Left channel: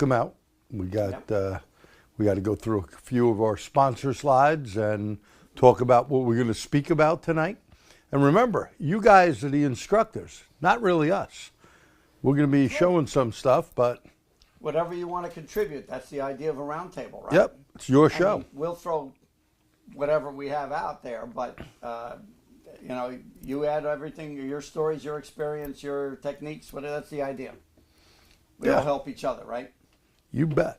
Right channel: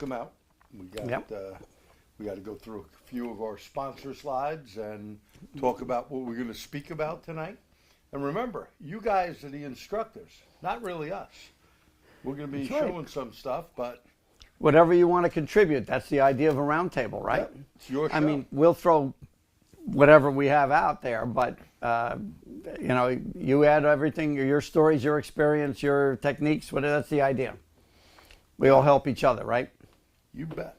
them out. We got to go through a few of our sponsor slides and talk about what we're going to speak about tonight. And remember, you guys are the instructors, not really us. We're going to be showing some stuff, but whatever you want to contribute, that's the idea of a roundtable, right? Yep, it's your show. I mean, we'll throw whatever we have out there, but you know, you add everything, your stories, your experience, your techniques, whatever. That's the idea. We all help each other, right? You bet.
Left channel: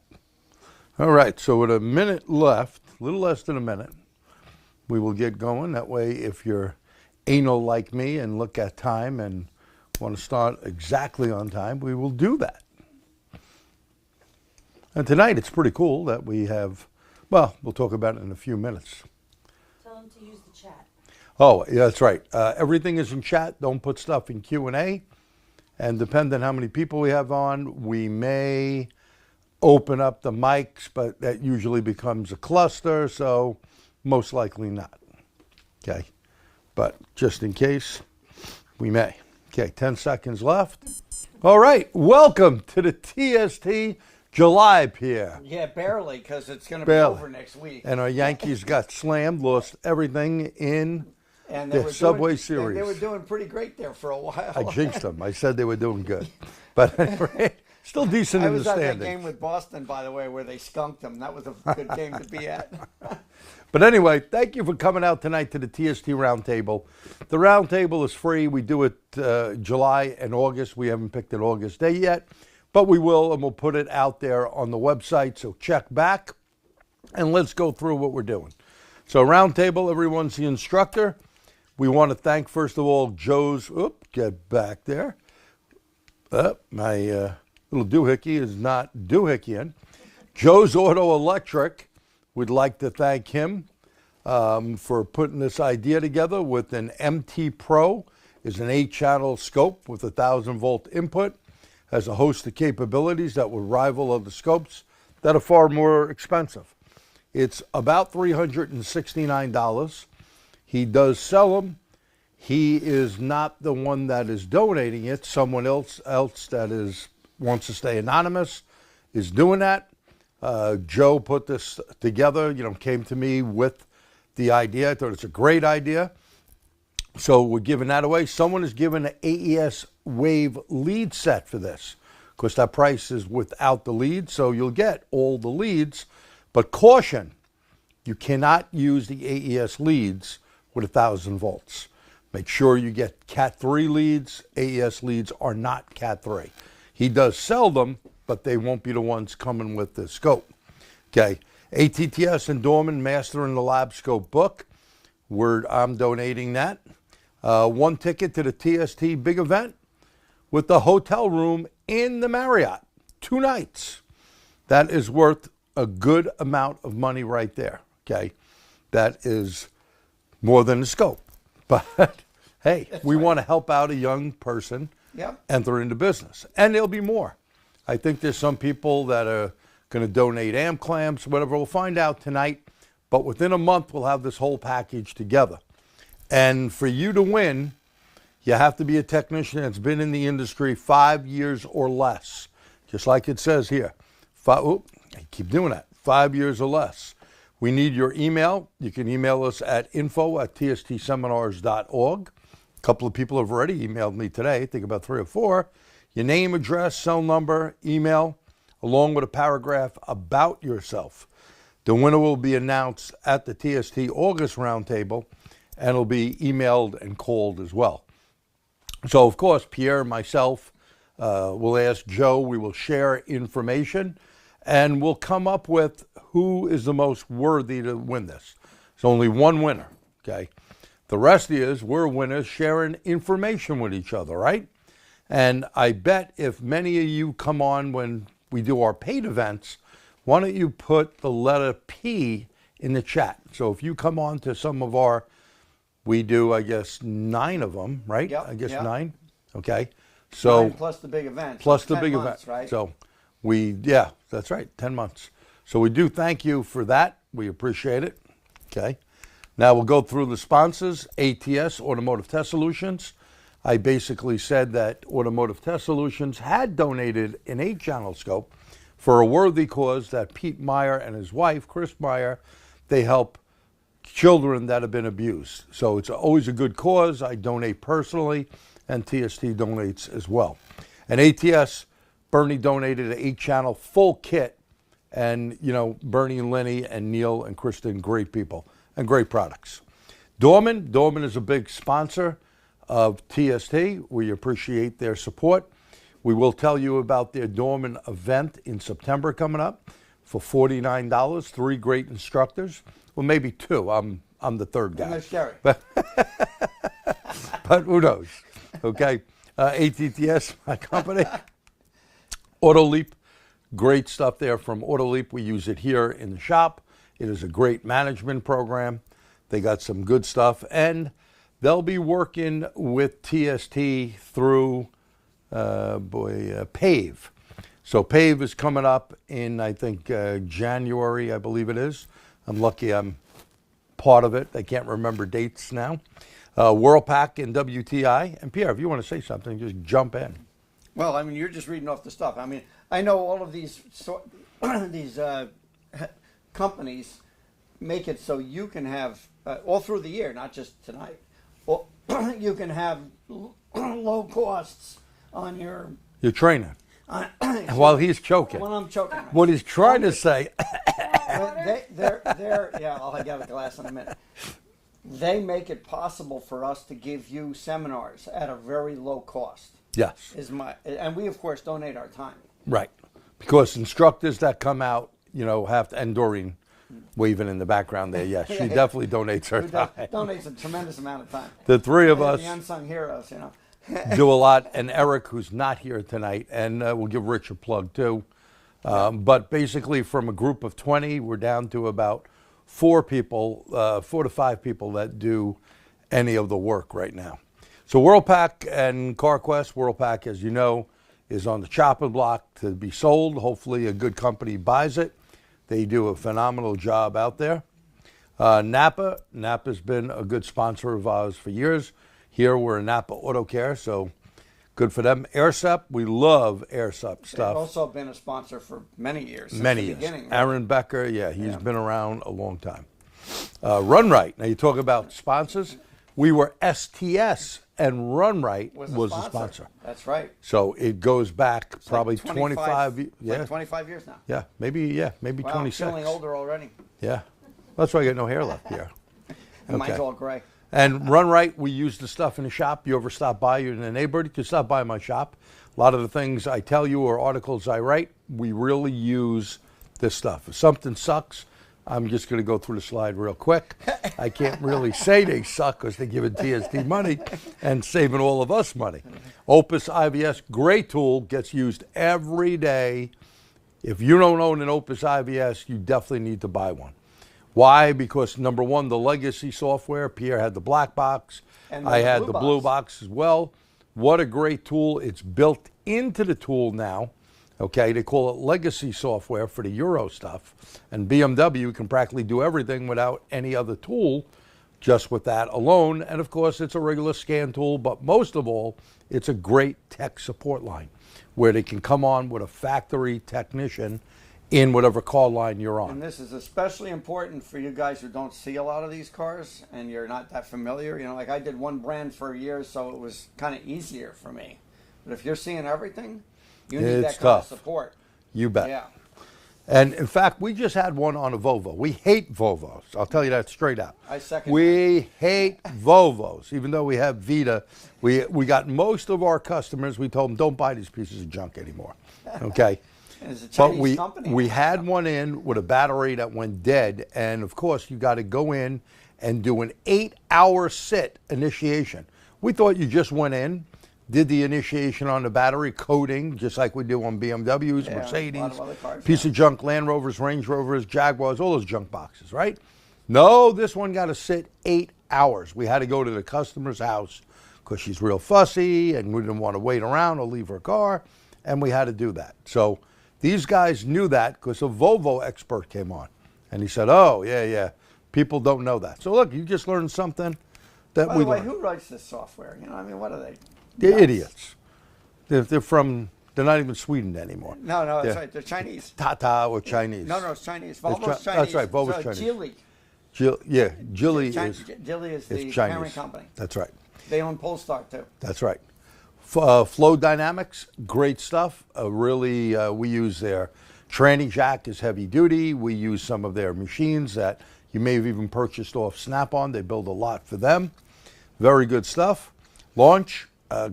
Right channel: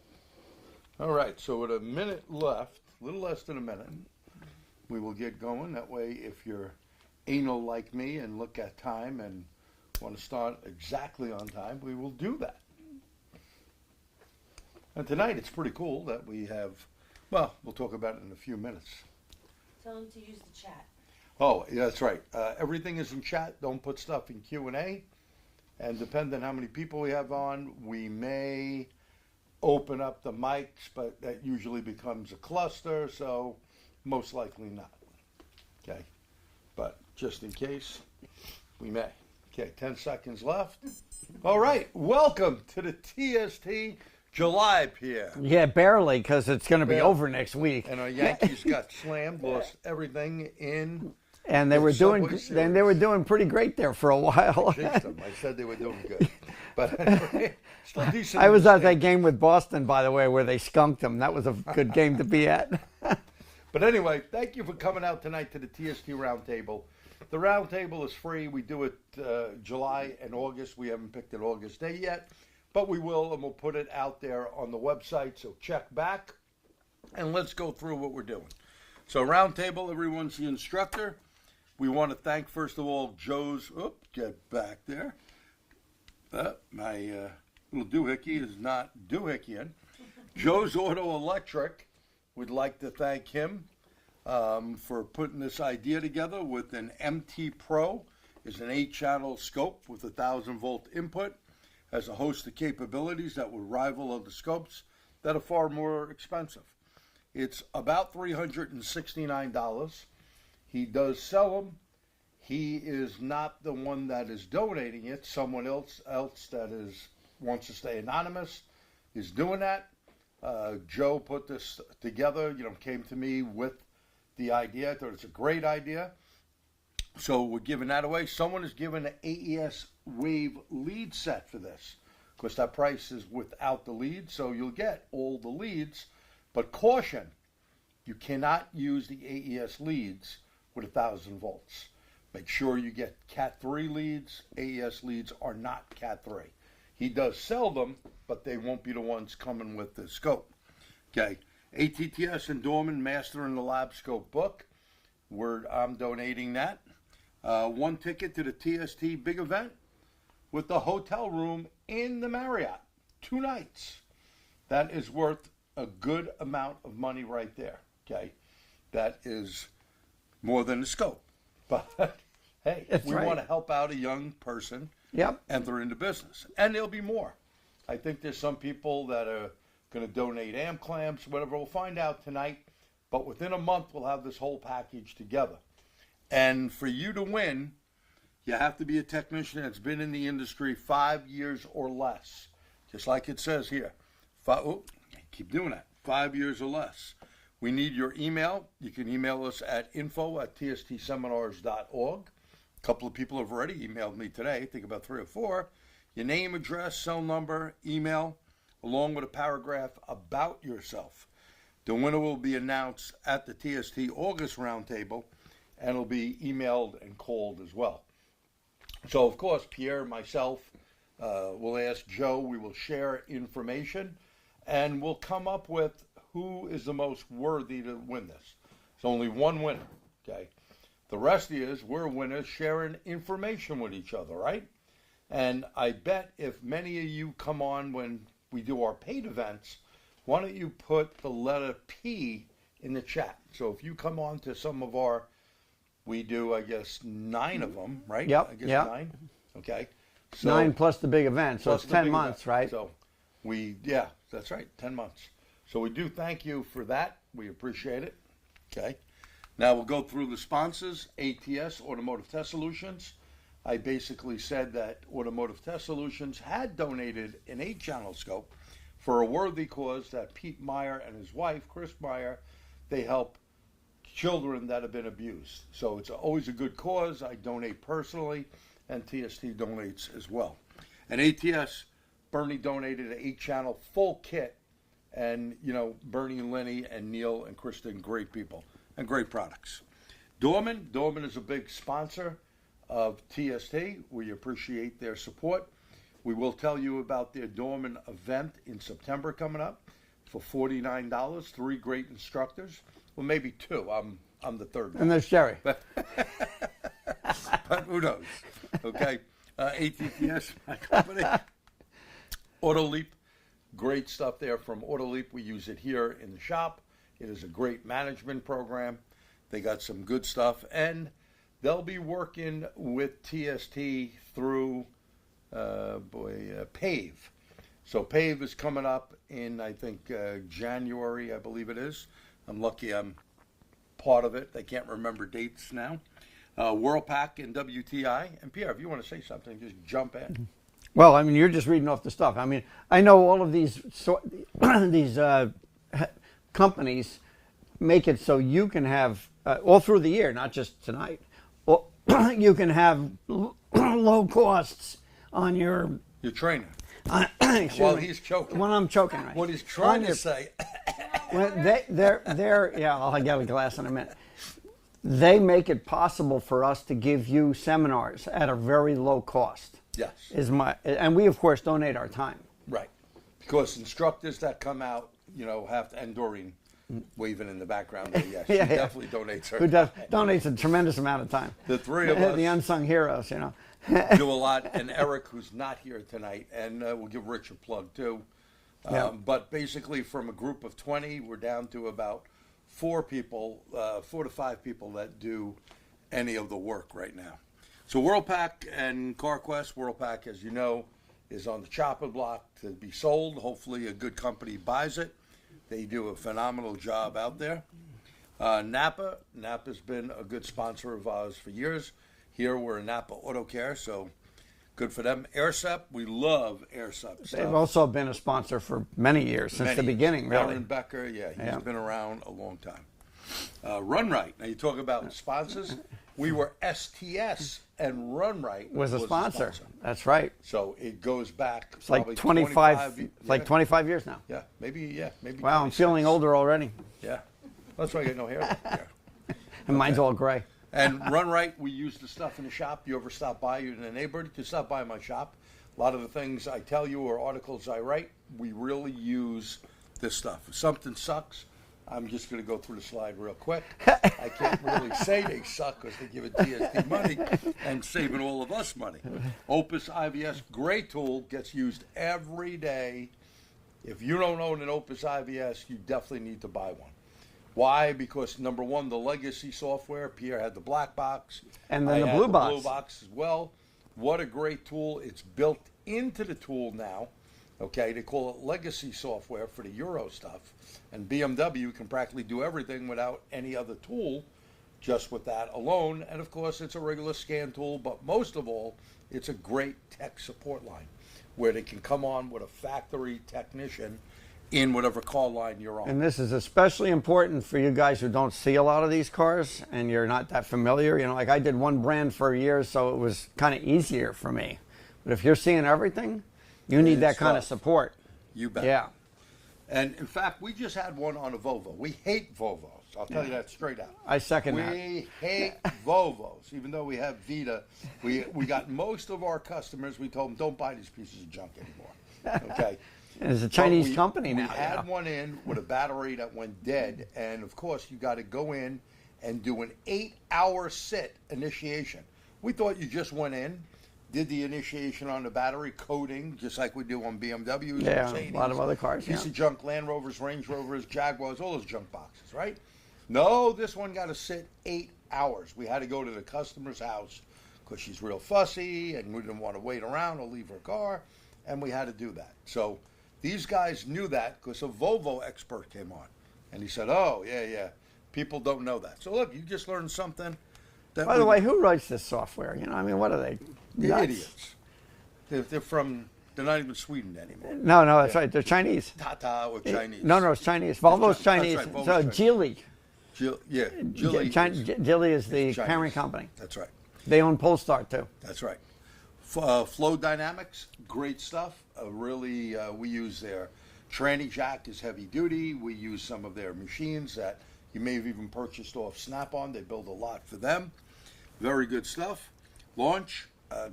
All right, so with a minute left, a little less than a minute, we will get going. That way, if you're anal like me and look at time and want to start exactly on time, we will do that. And tonight, it's pretty cool that we have, well, we'll talk about it in a few minutes. Tell them to use the chat. Oh, yeah, that's right. Everything is in chat. Don't put stuff in Q&A. And depending on how many people we have on, we may open up the mics, but that usually becomes a cluster, so most likely not. Okay, but just in case, we may. Okay, 10 seconds left. All right, welcome to the TST July, Pierre. Yeah, barely, because it's going to be over next week. And our Yankees got slammed, lost everything in and they were Subway Series. And they were doing pretty great there for a while. I jinxed them. I said they were doing good. But anyway, still decent. I was at that game with Boston, by the way, where they skunked them. That was a good game to be at. But anyway, thank you for coming out tonight to the TST Round Table. The Round Table is free. We do it July and August. We haven't picked an August day yet, but we will, and we'll put it out there on the website. So check back, and let's go through what we're doing. So Round Table, everyone's the instructor. We want to thank, first of all, Joe's, get back there. My little doohickey is not doohickeying. Joe's Auto Electric, we'd like to thank him for putting this idea together with an MT Pro. Is an 8-channel scope with 1,000-volt input. Has a host of capabilities that will rival other scopes that are far more expensive. It's about $369. He does sell them. He is not the one that is donating it. Someone else that wants to stay anonymous is doing that. Joe put this together, came to me with the idea. I thought it's a great idea. So we're giving that away. Someone is giving an AES Wave lead set for this. Of course, that price is without the leads, so you'll get all the leads. But caution, you cannot use the AES leads with 1,000 volts. Make sure you get Cat 3 leads. AES leads are not Cat 3. He does sell them, but they won't be the ones coming with the scope. Okay, ATTS and Dorman, Mastering the Labscope book. I'm donating that. 1 ticket to the TST Big Event with the hotel room in the Marriott. 2 nights. That is worth a good amount of money right there. Okay, that is more than the scope. But hey, we want to help out a young person enter into business. And there'll be more. I think there's some people that are going to donate amp clamps, whatever. We'll find out tonight. But within a month, we'll have this whole package together. And for you to win, you have to be a technician that's been in the industry 5 years or less. Just like it says here. I keep doing that. 5 years or less. We need your email. You can email us at info@tstseminars.org. A couple of people have already emailed me today, I think about 3 or 4. Your name, address, cell number, email, along with a paragraph about yourself. The winner will be announced at the TST August Roundtable, and it'll be emailed and called as well. So, of course, Pierre and myself will ask Joe. We will share information, and we'll come up with who is the most worthy to win this. There's only one winner, okay? The rest is we're winners sharing information with each other, right? And I bet if many of you come on when we do our paid events, why don't you put the letter P in the chat? So if you come on to some of our, we do, I guess, 9 of them, right? Yep. I guess 9. Okay. So 9 plus the big event. Plus so the big months, event, right? So that's right, 10 months. So we do thank you for that. We appreciate it. Okay. Now we'll go through the sponsors. ATS, Automotive Test Solutions. I basically said that Automotive Test Solutions had donated an 8-channel scope for a worthy cause that Pete Meyer and his wife, Chris Meyer, they help children that have been abused. So it's always a good cause. I donate personally, and TST donates as well. And ATS, Bernie donated an 8-channel full kit. And, you know, Bernie and Lenny and Neil and Kristen, great people and great products. Dorman is a big sponsor of TST. We appreciate their support. We will tell you about their Dorman event in September coming up for $49. 3 great instructors. Well, maybe 2. I'm the third guy. And there's Jerry. But who knows? Okay. ATTS, my company. Autoleap. Great stuff there from Autoleap. We use it here in the shop. It is a great management program. They got some good stuff. And they'll be working with TST through, PAVE. So PAVE is coming up in, I think, January, I believe it is. I'm lucky I'm part of it. I can't remember dates now. WorldPack and WTI. And Pierre, if you want to say something, just jump in. Well, I mean, you're just reading off the stuff. I mean, I know all of these companies make it so you can have all through the year, not just tonight. You can have low costs on your trainer. While he's choking. When I'm choking. Right? What he's trying to say. they're yeah. I'll get a glass in a minute. They make it possible for us to give you seminars at a very low cost. Yes. And we, of course, donate our time. Right. Because instructors that come out, you know, have to, and Doreen waving in the background there, yes, she definitely donates her time. Donates a tremendous amount of time. The 3 of us. The unsung heroes, you know. Do a lot. And Eric, who's not here tonight, and we'll give Rich a plug too. But basically from a group of 20, we're down to about 4 people, 4 to 5 people that do any of the work right now. So WorldPack and CarQuest, WorldPack, as you know, is on the chopping block to be sold. Hopefully a good company buys it. They do a phenomenal job out there. Napa's been a good sponsor of ours for years. Here we're in Napa Auto Care, so good for them. AirSep, we love AirSep stuff. They've also been a sponsor for many years, since the beginning. Really. Aaron Becker, he's been around a long time. Run Right, now you talk about sponsors. We were STS, and Run Right was a sponsor. That's right. So it goes back probably 25 years. Like 25 years now. Yeah, maybe wow, 26. I'm feeling older already. Yeah. That's why I got no hair left here. And mine's all gray. And Run Right, we use the stuff in the shop. You ever stop by, you're in the neighborhood, you can stop by my shop. A lot of the things I tell you or articles I write, we really use this stuff. If something sucks, I'm just going to go through the slide real quick. I can't really say they suck because they give TST money and saving all of us money. Opus IVS, great tool, gets used every day. If you don't own an Opus IVS, you definitely need to buy one. Why? Because number one, the legacy software. Pierre had the black box. And I had the blue box as well. What a great tool. It's built into the tool now. Okay, they call it legacy software for the Euro stuff. And BMW can practically do everything without any other tool, just with that alone. And of course, it's a regular scan tool, but most of all, it's a great tech support line where they can come on with a factory technician in whatever car line you're on. And this is especially important for you guys who don't see a lot of these cars and you're not that familiar. You know, like I did one brand for a year, so it was kind of easier for me. But if you're seeing everything, you need that kind of support. You bet. Yeah. And in fact, we just had one on a Volvo. We hate Volvos. I'll tell you that straight out. I second We hate Volvos, even though we have Vita. We got most of our customers, we told them, don't buy these pieces of junk anymore. Okay? It's a Chinese company. We had one in with a battery that went dead. And of course, you got to go in and do an 8-hour sit initiation. We thought you just went in, did the initiation on the battery, coding, just like we do on BMWs, Mercedes, a lot of other cars. Piece of junk, Land Rovers, Range Rovers, Jaguars, all those junk boxes, right? No, this one got to sit 8 hours. We had to go to the customer's house because she's real fussy and we didn't want to wait around or leave her car, and we had to do that. So these guys knew that because a Volvo expert came on, and he said, oh, yeah, people don't know that. So look, you just learned something. That By the way, who writes this software? You know, I mean, what are they? They're Nuts. idiots. They're from They're not even Sweden anymore. No, that's Yeah. right. They're Chinese. Tata or Chinese. No, it's Chinese. Volvo's Chi- Chinese. that's right, Volvo's Chinese. Geely. Geely Geely is the is parent Chinese. company. That's right. They own Polestar too. That's right. Flow Dynamics, great stuff. Really, we use their tranny jack is heavy duty. We use some of their machines that you may have even purchased off Snap-on. They build a lot for them. Very good stuff. Launch,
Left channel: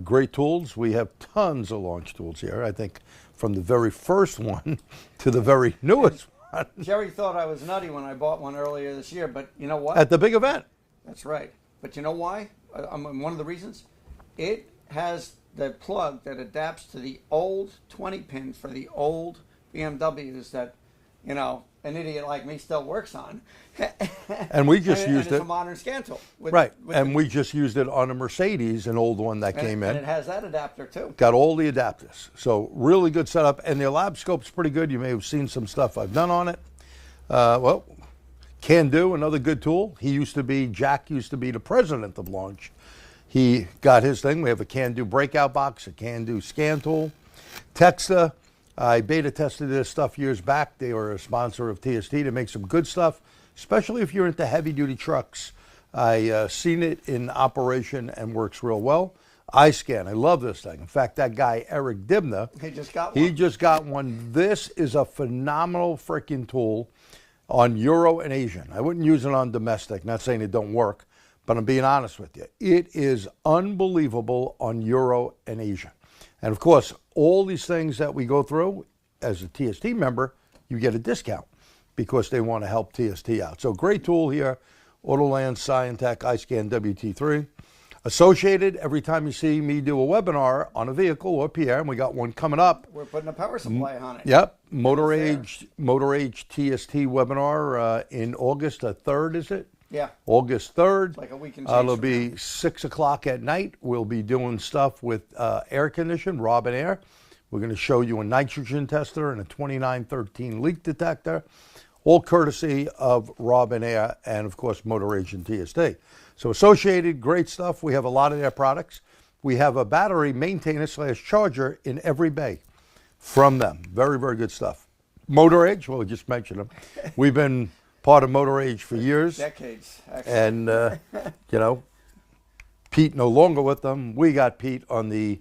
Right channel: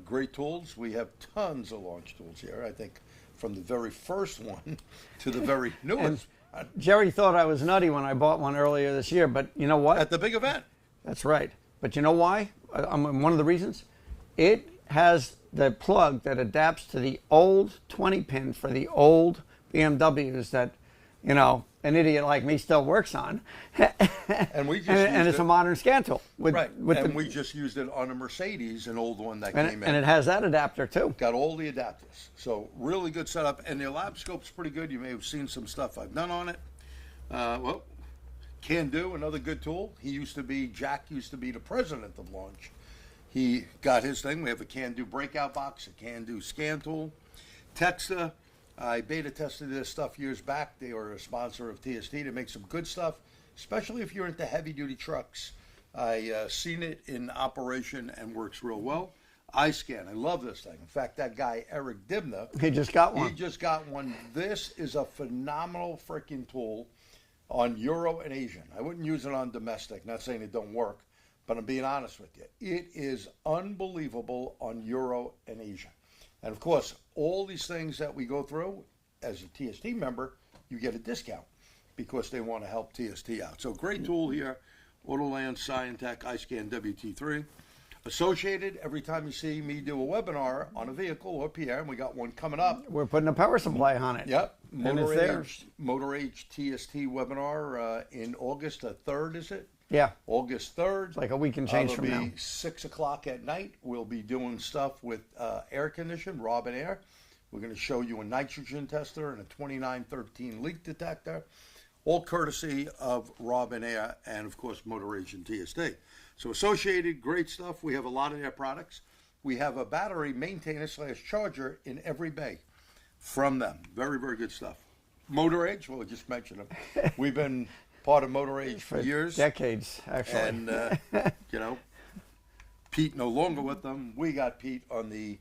great tools. We have tons of launch tools here. I think from the very first one to the very newest one. Jerry thought I was nutty when I bought one earlier this year, but you know what? At the big event. That's right. But you know why? One of the reasons? It has the plug that adapts to the old 20 pin for the old BMWs that, you know, an idiot like me still works on. And we just and used it's it. a modern scan tool. Right. And we just used it on a Mercedes, an old one that came in. And it has that adapter too. Got all the adapters. So really good setup. And the Labscope's pretty good. You may have seen some stuff I've done on it. Well, Can Do, another good tool. Jack used to be the president of Launch. He got his thing. We have a Can Do breakout box, a Can Do scan tool. Texa, I beta tested this stuff years back. They were a sponsor of TST to make some good stuff, especially if you're into heavy duty trucks. I seen it in operation and works real well. iScan, I love this thing. In fact, that guy, Eric Dibna, He just got one. he just got one. This is a phenomenal freaking tool on Euro and Asian. I wouldn't use it on domestic, not saying it don't work, but I'm being honest with you. It is unbelievable on Euro and Asian. And of course, all these things that we go through, as a TST member, you get a discount because they want to help TST out. So great tool here, Autoland, Scientech, iScan WT3. Associated, every time you see me do a webinar on a vehicle or Pierre, and we got one coming up. We're putting a power supply on it. Yep, And Motor it's Age TST webinar in August the 3rd, is it? Yeah. August 3rd. Like a week and change It'll from be now. 6 o'clock at night. We'll be doing stuff with air condition, Robin Air. We're going to show you a nitrogen tester and a 2913 leak detector, all courtesy of Robin Air and, of course, Motor Age and TST. So Associated, great stuff. We have a lot of their products. We have a battery maintainer / charger in every bay from them. Very, very good stuff. Motor Age, well, we just mentioned them. We've been part of Motor Age for years. Decades, actually. And, you know, Pete no longer with them. We got Pete on the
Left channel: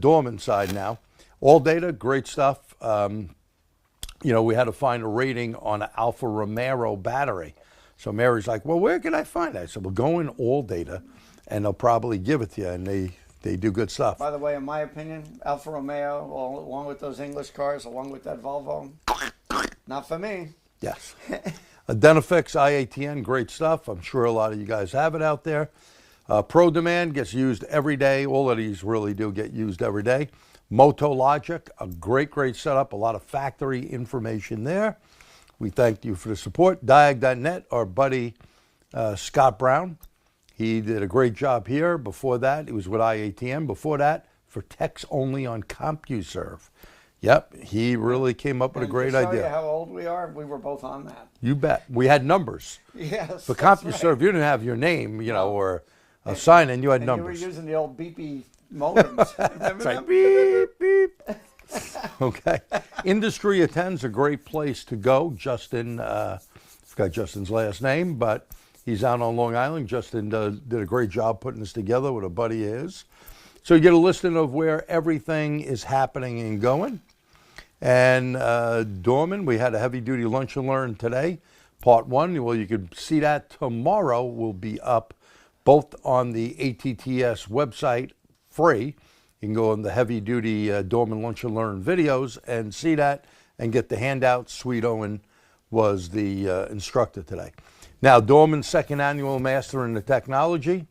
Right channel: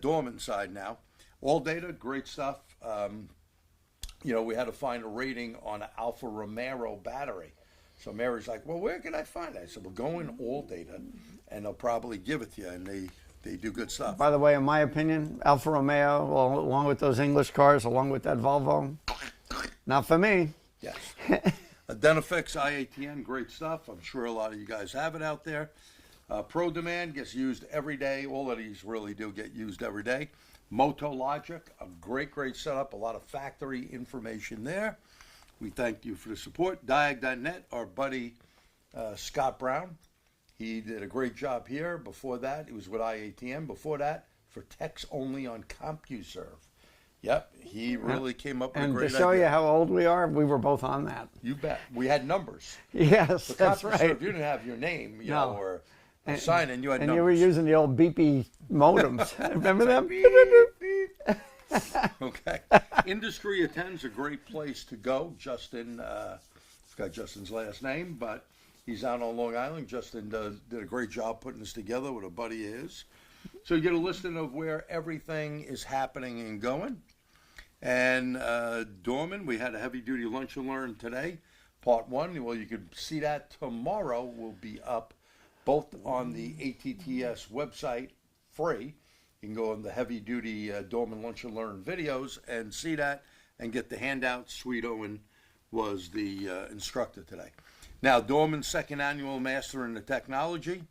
Dorman side now. All data, great stuff. You know, we had to find a rating on an Alfa Romero battery. So Mary's like, well, where can I find that? I said, well, go in All Data, and they'll probably give it to you, and they do good stuff. By the way, in my opinion, Alfa Romeo, well, along with those English cars, along with that Volvo, not for me. Yes. Identifix IATN, great stuff. I'm sure a lot of you guys have it out there. Pro Demand gets used every day. All of these really do get used every day. Moto Logic, a great setup. A lot of factory information there. We thank you for the support. Diag.net, our buddy Scott Brown. He did a great job here. Before that, he was with IATN. Before that, for techs only on CompuServe. Yep, he really came up with a great to show idea. you how old we are, we were both on that. You bet. We had numbers. Yes, For that's CompuServe, right. you didn't have your name, you know, No. or a sign, and you had And numbers. you were using the old beepy modems. Remember that? Beep, beep. Okay. Industry Attend's a great place to go. Justin, forgot Justin's last name, but he's out on Long Island. Justin did a great job putting this together with a buddy of his. So you get a listing of where everything is happening and going. And Dorman, we had a heavy-duty lunch and learn today, part 1. Well, you can see that tomorrow will be up both on the ATTS website, free. You can go on the heavy-duty Dorman Lunch and Learn videos and see that and get the handout. Sweet Owen was the instructor today. Now, Dorman's second annual Master in the Technology,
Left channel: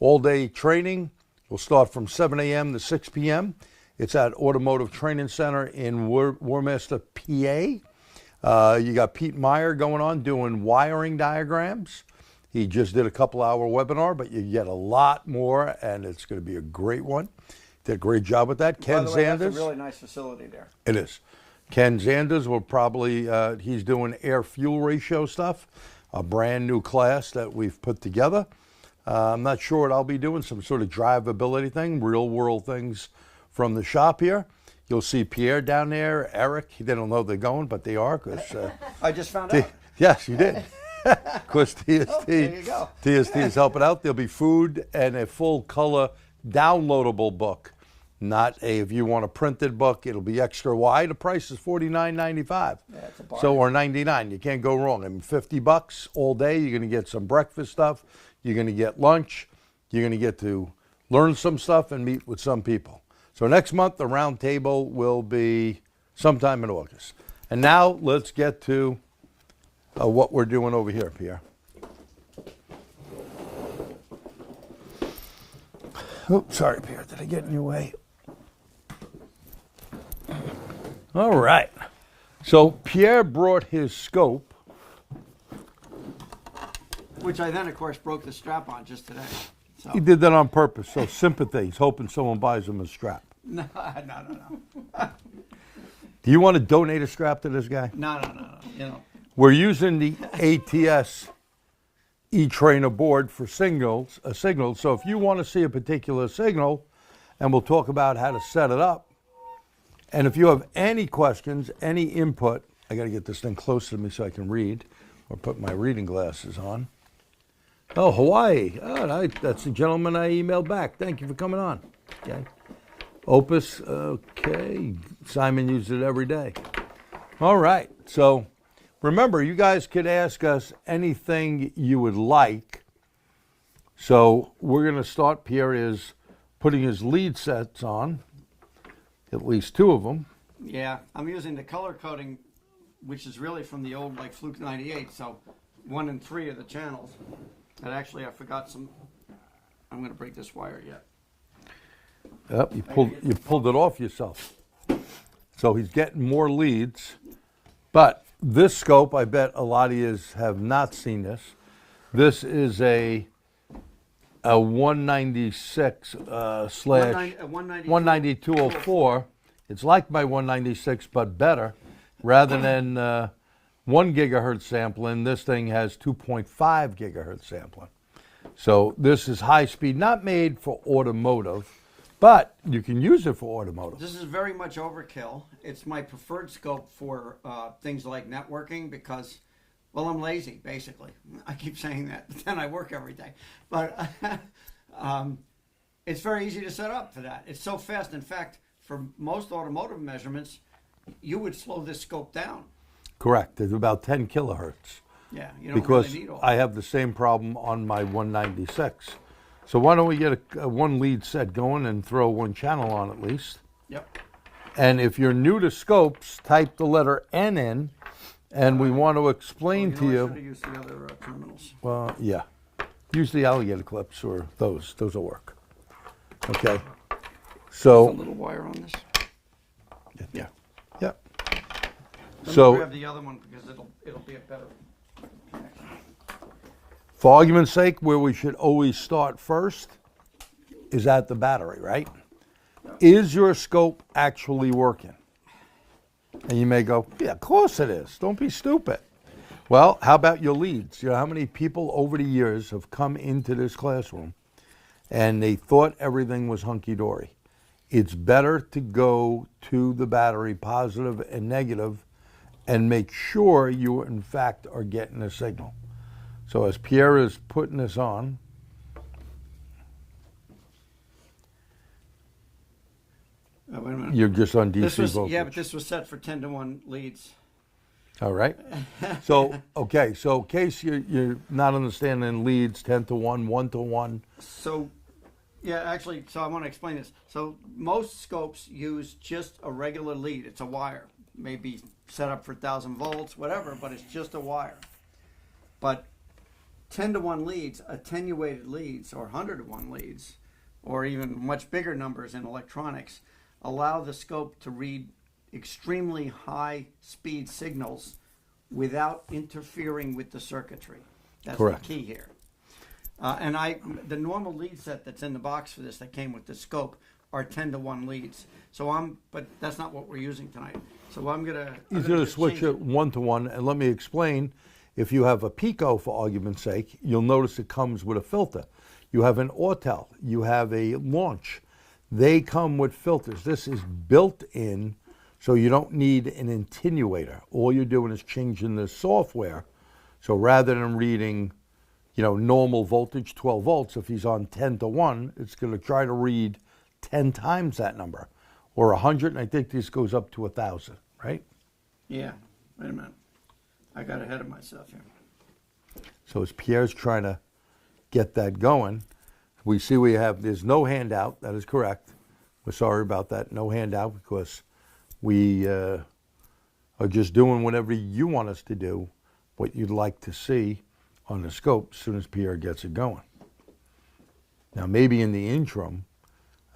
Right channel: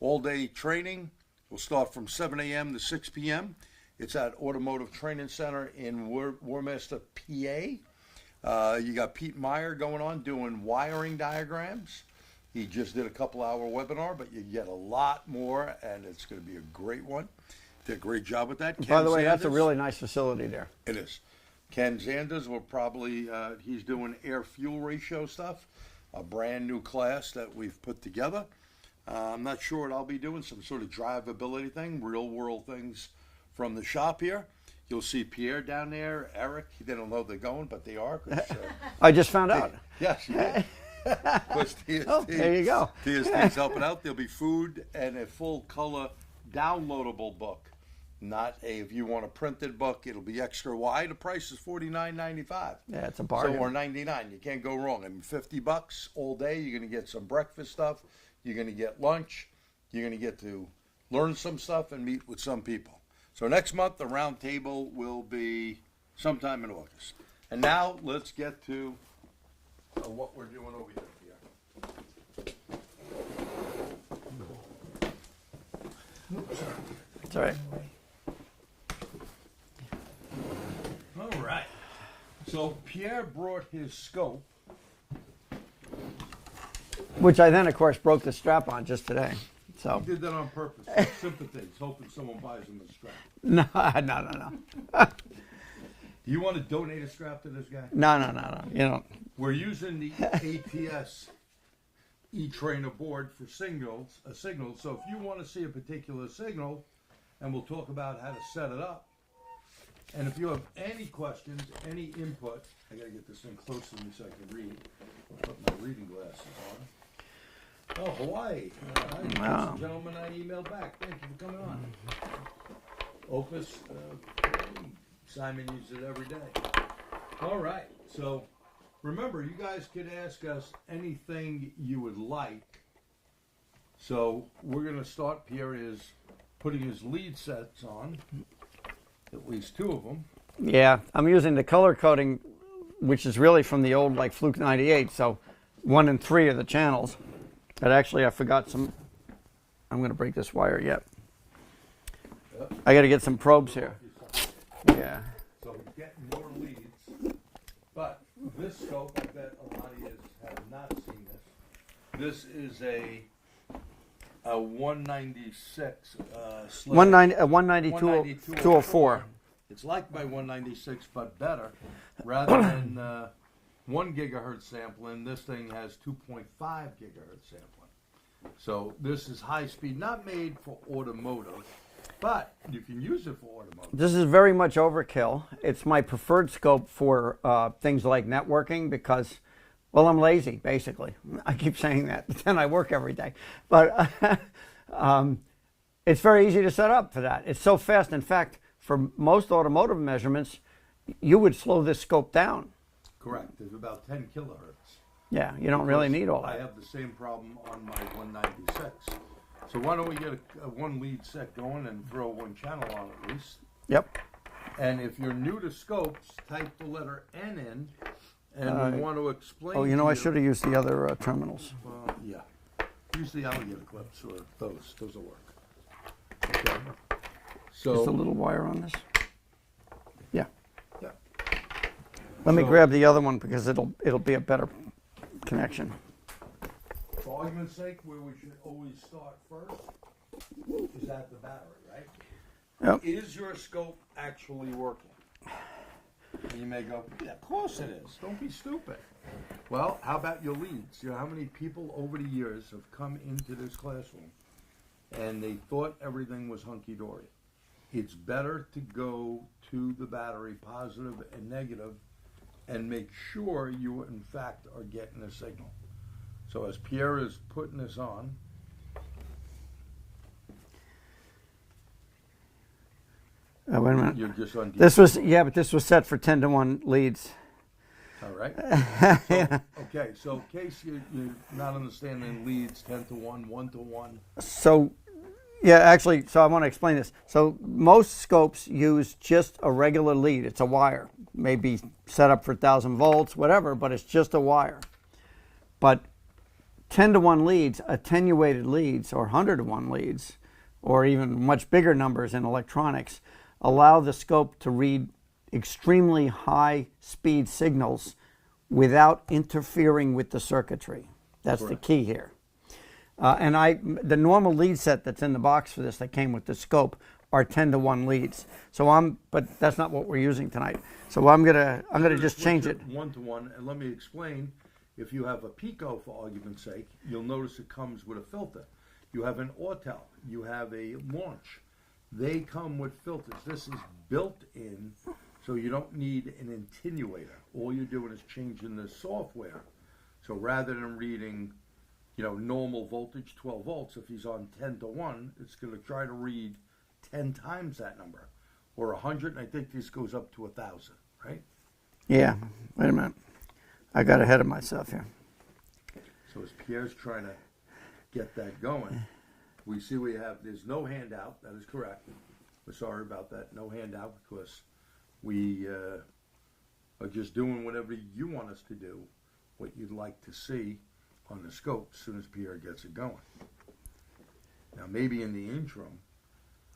all-day training. Will start from 7 a.m. to 6 p.m. It's at Automotive Training Center in Warminster, PA. You got Pete Meyer going on doing wiring diagrams. He just did a couple-hour webinar, but you get a lot more, and it's going to be a great one. Did a great job with that. Ken By the way, that's a Zanders. really nice facility there. It is. Ken Zanders will probably, he's doing air-fuel ratio stuff, a brand new class that we've put together. I'm not sure what I'll be doing, some sort of drivability thing, real-world things from the shop here. You'll see Pierre down there, Eric. They don't know they're going, but they are. Cause, I just found out. yes, you did. Because TST, Oh, there you go. TST is helping out. There'll be food and a full color downloadable book. Not a, if you want a printed book, it'll be extra wide. The price is $49.95. Yeah, it's a bargain. So, or $99. You can't go wrong. I mean, $50 all day. You're going to get some breakfast stuff. You're going to get lunch. You're going to get to learn some stuff and meet with some people. So next month, the round table will be sometime in August. And now let's get to what we're doing over here, Pierre. Oh, sorry, Pierre. Did I get in your way? All right. So Pierre brought his scope. Which I then, of course, broke the strap on just today. So. He did that on purpose. So sympathy. He's hoping someone buys him a strap. No. Do you want to donate a strap to this guy? No. You know. We're using the ATTS E-Trainer board for signals. So if you want to see a particular signal, and we'll talk about how to set it up. And if you have any questions, any input, I got to get this thing close to me so I can read, or put my reading glasses on. Oh, Hawaii. Oh, that's the gentleman I emailed back. Thank you for coming on. Okay. Opus, okay. Simon uses it every day. All right. So remember, you guys could ask us anything you would like. So we're going to start. Pierre is putting his lead sets on, at least two of them. Yeah, I'm using the color coding, which is really from the old like Fluke 98. So 1 and 3 are the channels. But actually, I forgot some. I'm going to break this wire yet. Yep, I got to get some probes. You pulled it here. off yourself. Yeah. So he's getting more leads. But this scope, I bet a lot of you have not seen this. This is a 196 slash 192.04. It's like my 196, but better. Rather than 1 gigahertz sampling, this thing has 2.5 gigahertz sampling. So this is high speed, not made for automotive, but you can use it for automotive. This is very much overkill. It's my preferred scope for things like networking because, well, I'm lazy, basically. I keep saying that, but then I work every day. But it's very easy to set up for that. It's so fast. In fact, for most automotive measurements, you would slow this scope down. Correct. It's about 10 kilohertz. Yeah, you don't Because really need all I have the same problem on my 196. So why don't we get a one lead set going and throw one channel on at least? Yep. And if you're new to scopes, type the letter N in, and we want to explain Oh, to you. I should have used the other terminals. Well, yeah. Use the alligator clips or those. Those will work. Okay. Just a So, little wire on this. Yeah. yeah. Let So- me grab the other one because it'll be a better connection. For argument's sake, where we should always start first is at the battery, right? Yep. Is your scope actually working? And you may go, yeah, of course it is. Don't be stupid. Well, how about your leads? You know how many people over the years have come into this classroom and they thought everything was hunky-dory? It's better to go to the battery, positive and negative, and make sure you, in fact, are getting a signal. So as Pierre is putting this on, Wait a minute. you're just on DC This was voltage. yeah, but this was set for 10-to-1 leads. All right. So, okay, so in case you're not understanding leads, 10-to-1, 1-to-1. So, yeah, actually, so I want to explain this. So most scopes use just a regular lead. It's a wire, maybe set up for 1,000 volts, whatever, but it's just a wire. But 10-to-1 leads, attenuated leads, or 100-to-1 leads, or even much bigger numbers in electronics, allow the scope to read extremely high speed signals without interfering with the circuitry. That's Correct. the key here. And the normal lead set that's in the box for this that came with the scope are 10-to-1 leads. So but that's not what we're using tonight. So I'm gonna just switch change it. 1-to-1, and let me explain. If you have a Pico, for argument's sake, you'll notice it comes with a filter. You have an Autel, you have a launch. they come with filters. This is built in, so you don't need an attenuator. All you're doing is changing the software. So rather than reading, normal voltage, 12 volts, if he's on 10 to 1, it's going to try to read 10 times that number, or 100, and I think this goes up to 1,000, right? Yeah, wait a minute. I got ahead of myself here. So as Pierre's trying to get that going, we see there's no handout. That is correct. We're sorry about that. No handout, because we are just doing whatever you want us to do, what you'd like to see on the scope as soon as Pierre gets it going. Now, maybe in the interim,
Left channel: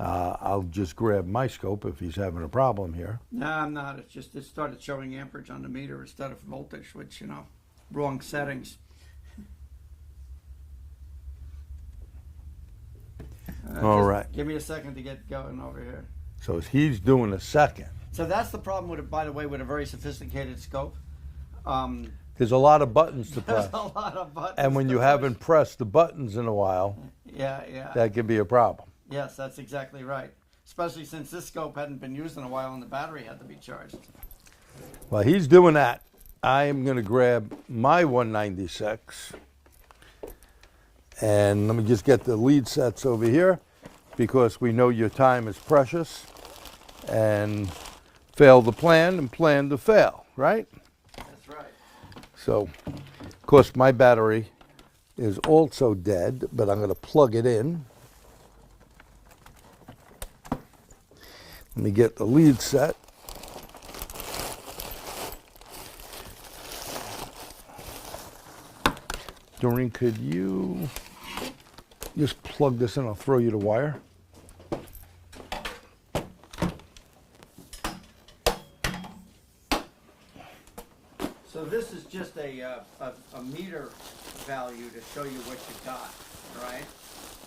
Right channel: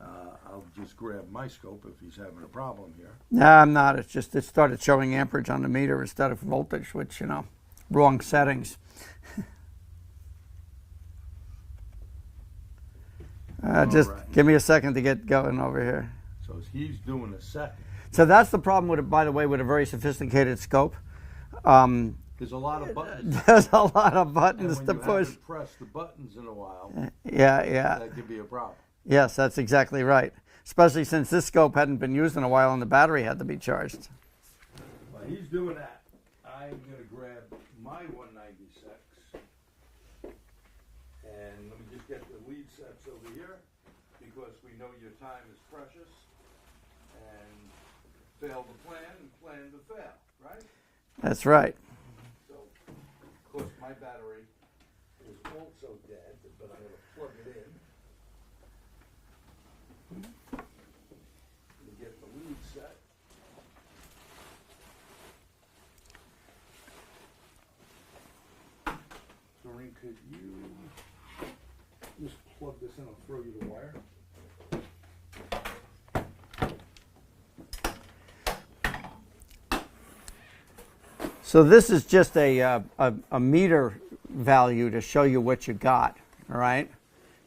I'll just grab my scope if he's having a problem here. No, I'm not. It's just it started showing amperage on the meter instead of voltage, which, wrong settings. Just right. give me a second to get going over here. So as he's doing a second, So that's the problem with it, by the way, with a very sophisticated scope. there's a lot of buttons to There's press. a lot of buttons. And when to you push. haven't pressed the buttons in a while, Yeah. that could be a problem. Yes, that's exactly right. Especially since this scope hadn't been used in a while and the battery had to be charged. While he's doing that, I am going to grab my 196. And let me just get the lead sets over here, because we know your time is precious. And fail to plan and plan to fail, right? That's right. So, of course, my battery is also dead, but I'm going to plug it in. Let me get the lead set. Doreen, could you just plug this in? I'll throw you the wire. So this is just a meter value to show you what you got, all right?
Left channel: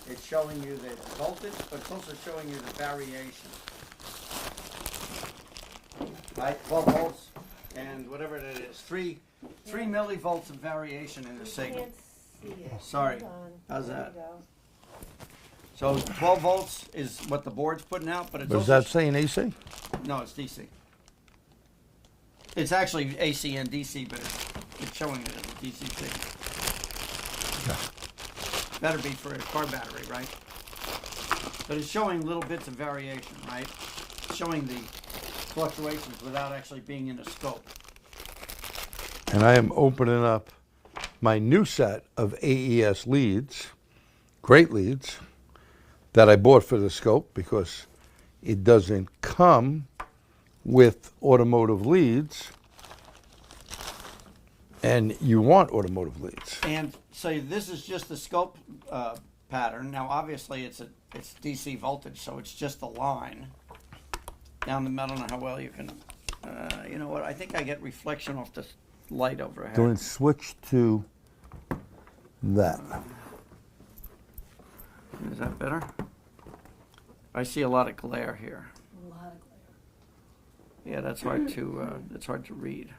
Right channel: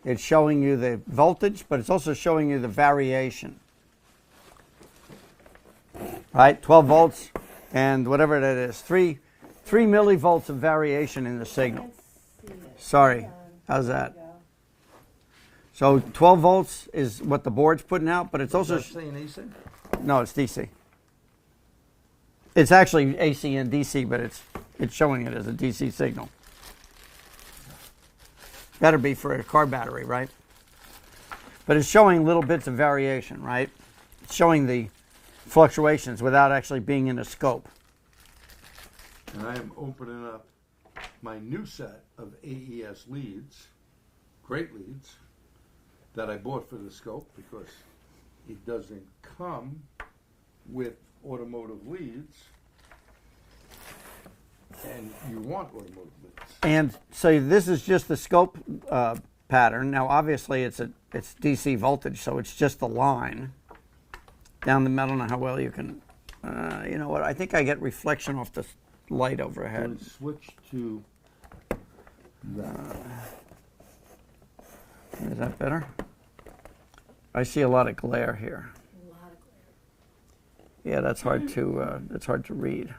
It's showing you the voltage, but it's also showing you the variation. All right, 12 volts and whatever that is, 3 millivolts of variation in the signal. Sorry, how's that? So 12 volts is what the board's putting out, but it's Is also... that saying AC? No, it's DC. It's actually AC and DC, but it's showing it as a DC signal. Better be for a car battery, right? But it's showing little bits of variation, right? It's showing the fluctuations without actually being in a scope. And I am opening up my new set of AES leads, great leads, that I bought for the scope because it doesn't come with automotive leads, and you want automotive leads. And so this is just the scope pattern. Now, obviously, it's DC voltage, so it's just a line down the middle. I don't know how well you can. You know what? I think I get reflection off the light overhead. Going to switch to that. Is that better? I see a lot of glare here. A lot of glare. Yeah, that's hard to read.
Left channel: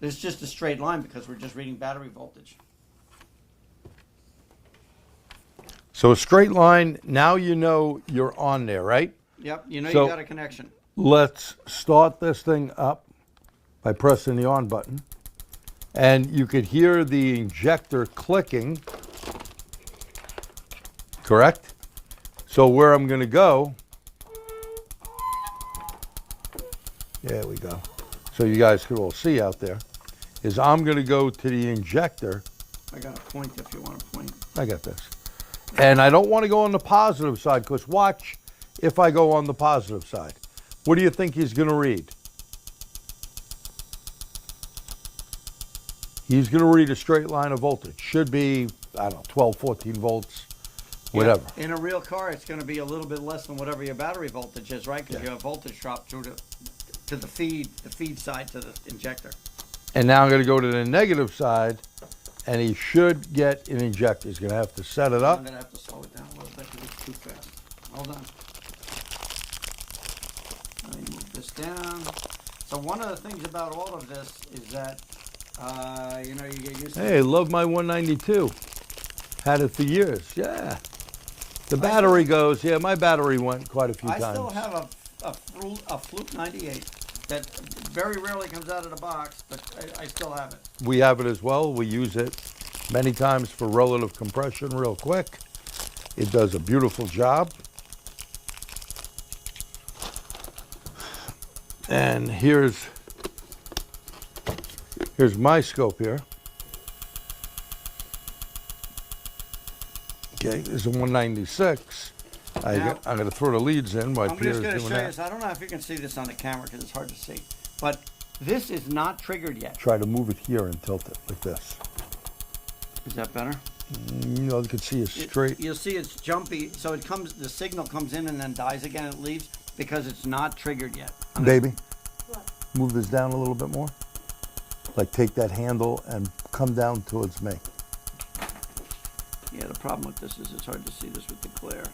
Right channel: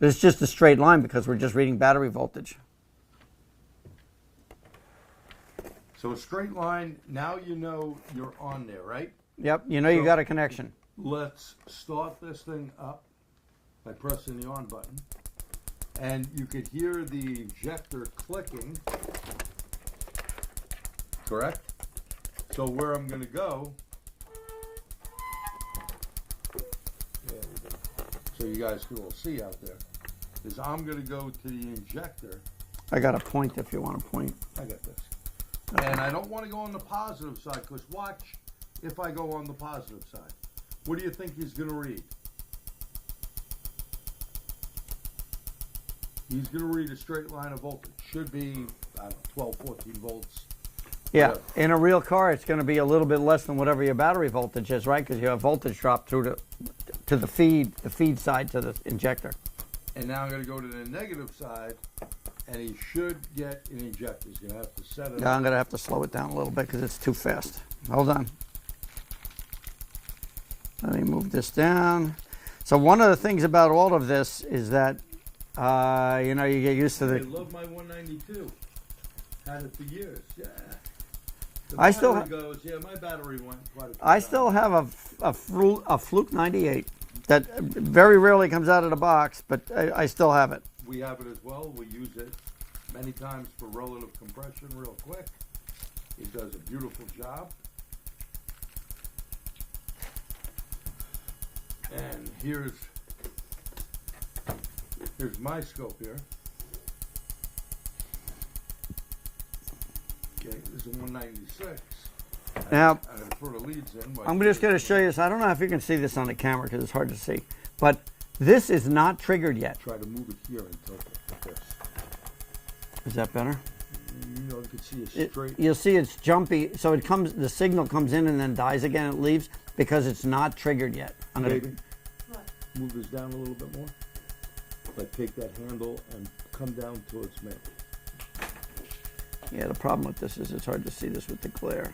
It's just a straight line because we're just reading battery voltage. So a straight line, now you know you're on there, right? Yep, you know So- you got a connection. Let's start this thing up by pressing the on button. And you could hear the injector clicking, correct? So where I'm going to go, there we go. So you guys can all see out there, is I'm going to go to the injector. I got a point if you want to point. I got this. And I don't want to go on the positive side, because watch if I go on the positive side. What do you think he's going to read? He's going to read a straight line of voltage. Should be, I don't know, 12, 14 volts, whatever. Yeah, in a real car, it's going to be a little bit less than whatever your battery voltage is, right? Because you have voltage drop through to the feed side to the injector. And now I'm going to go to the negative side, and he should get an injector. He's going to have to set it Now I'm up. going to have to slow it down a little bit because it's too fast. Hold on. Let me move this down. So one of the things about all of this is that, you know, you get used to Hey, love my 192. Had it for years. Yeah. The I still- battery goes, yeah, my battery went quite a few I times. still have a Fluke 98 that very rarely comes out of the box, but I still have it. We have it as well. We use it many times for relative compression real quick. It does a beautiful job. And here's my scope here. Okay, this is a 196. Now- I'm going to throw the leads in. while I'm Peter's just going to doing show you that. this. I don't know if you can see this on the camera because it's hard to see, but this is not triggered yet. Try to move it here and tilt it like this. Is that better? You know, you can see it's straight. You'll see it's jumpy, so it comes. The signal comes in and then dies again. It leaves because it's not triggered yet. Baby, What? move this down a little bit more. Like take that handle and come down towards me. Yeah, the problem with this is it's hard to see this with the glare.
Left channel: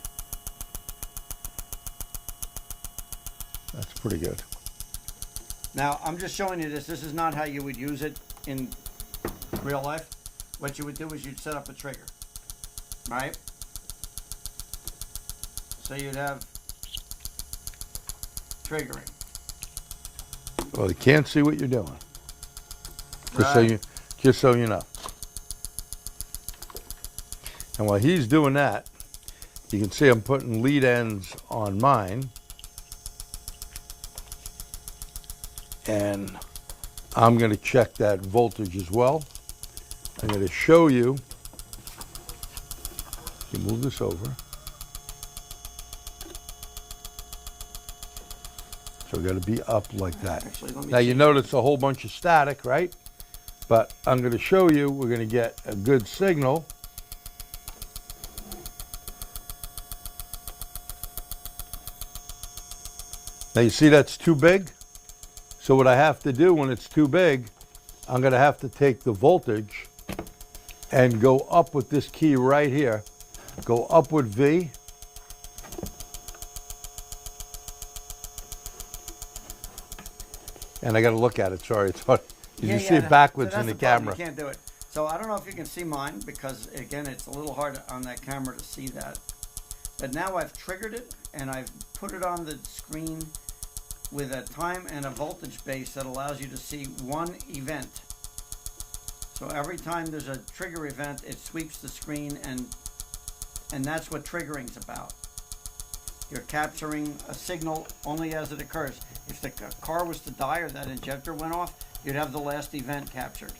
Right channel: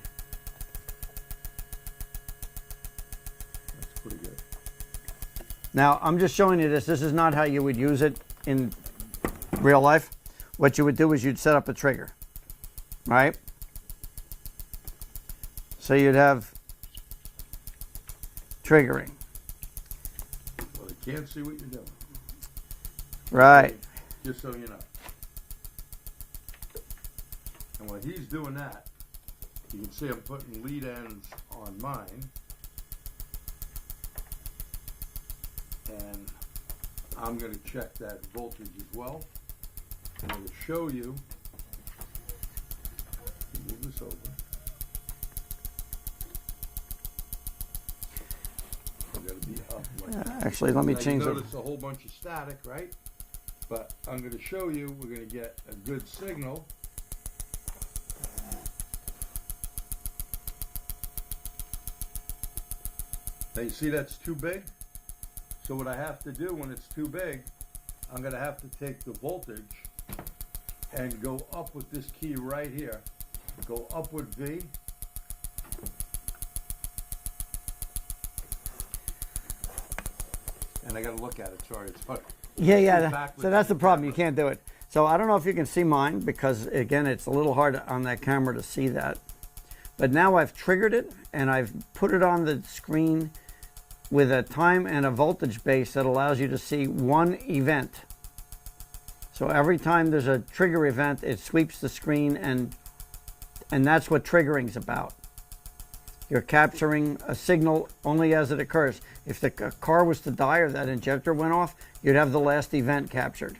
That's pretty good. Now, I'm just showing you this. This is not how you would use it in real life. What you would do is you'd set up a trigger, right? So you'd have triggering. Well, they can't see what you're doing. Right. Just so you know. And while he's doing that, you can see I'm putting lead ends on mine. And I'm going to check that voltage as well. I'm going to show you. You move this over. So we're going to be up like that. Actually, let me Now you change it. notice a whole bunch of static, right? But I'm going to show you, we're going to get a good signal. Now you see that's too big? So what I have to do when it's too big, I'm going to have to take the voltage and go up with this key right here. Go up with V. And I got to look at it. Sorry, it's hard. You can see it backwards so that's in the problem. camera. You can't do it. So I don't know if you can see mine because again, it's a little hard on that camera to see that. But now I've triggered it and I've put it on the screen with a time and a voltage base that allows you to see one event. So every time there's a trigger event, it sweeps the screen and that's what triggering's about. You're capturing a signal only as it occurs. If the car was to die or that injector went off, you'd have the last event captured.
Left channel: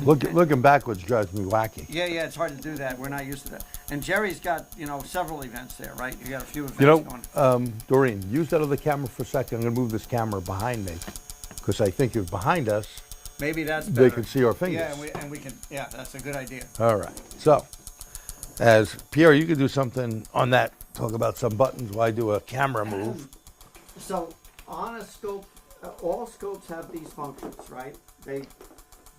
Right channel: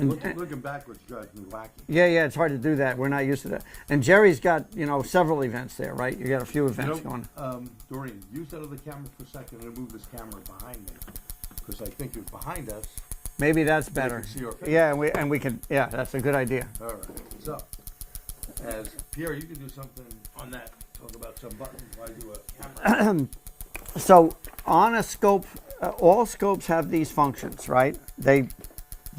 Looking backwards drives me wacky. Yeah, it's hard to do that. We're not used to that. And Jerry's got, several events there, right? You got a few events going. Doreen, use that other camera for a second. I'm going to move this camera behind me because I think if behind us, Maybe that's better. they can see our fingers. Yeah, and we can. Yeah, that's a good idea. All right. So, as Pierre, you could do something on that. Talk about some buttons while I do a camera move. So on a scope, all scopes have these functions, right?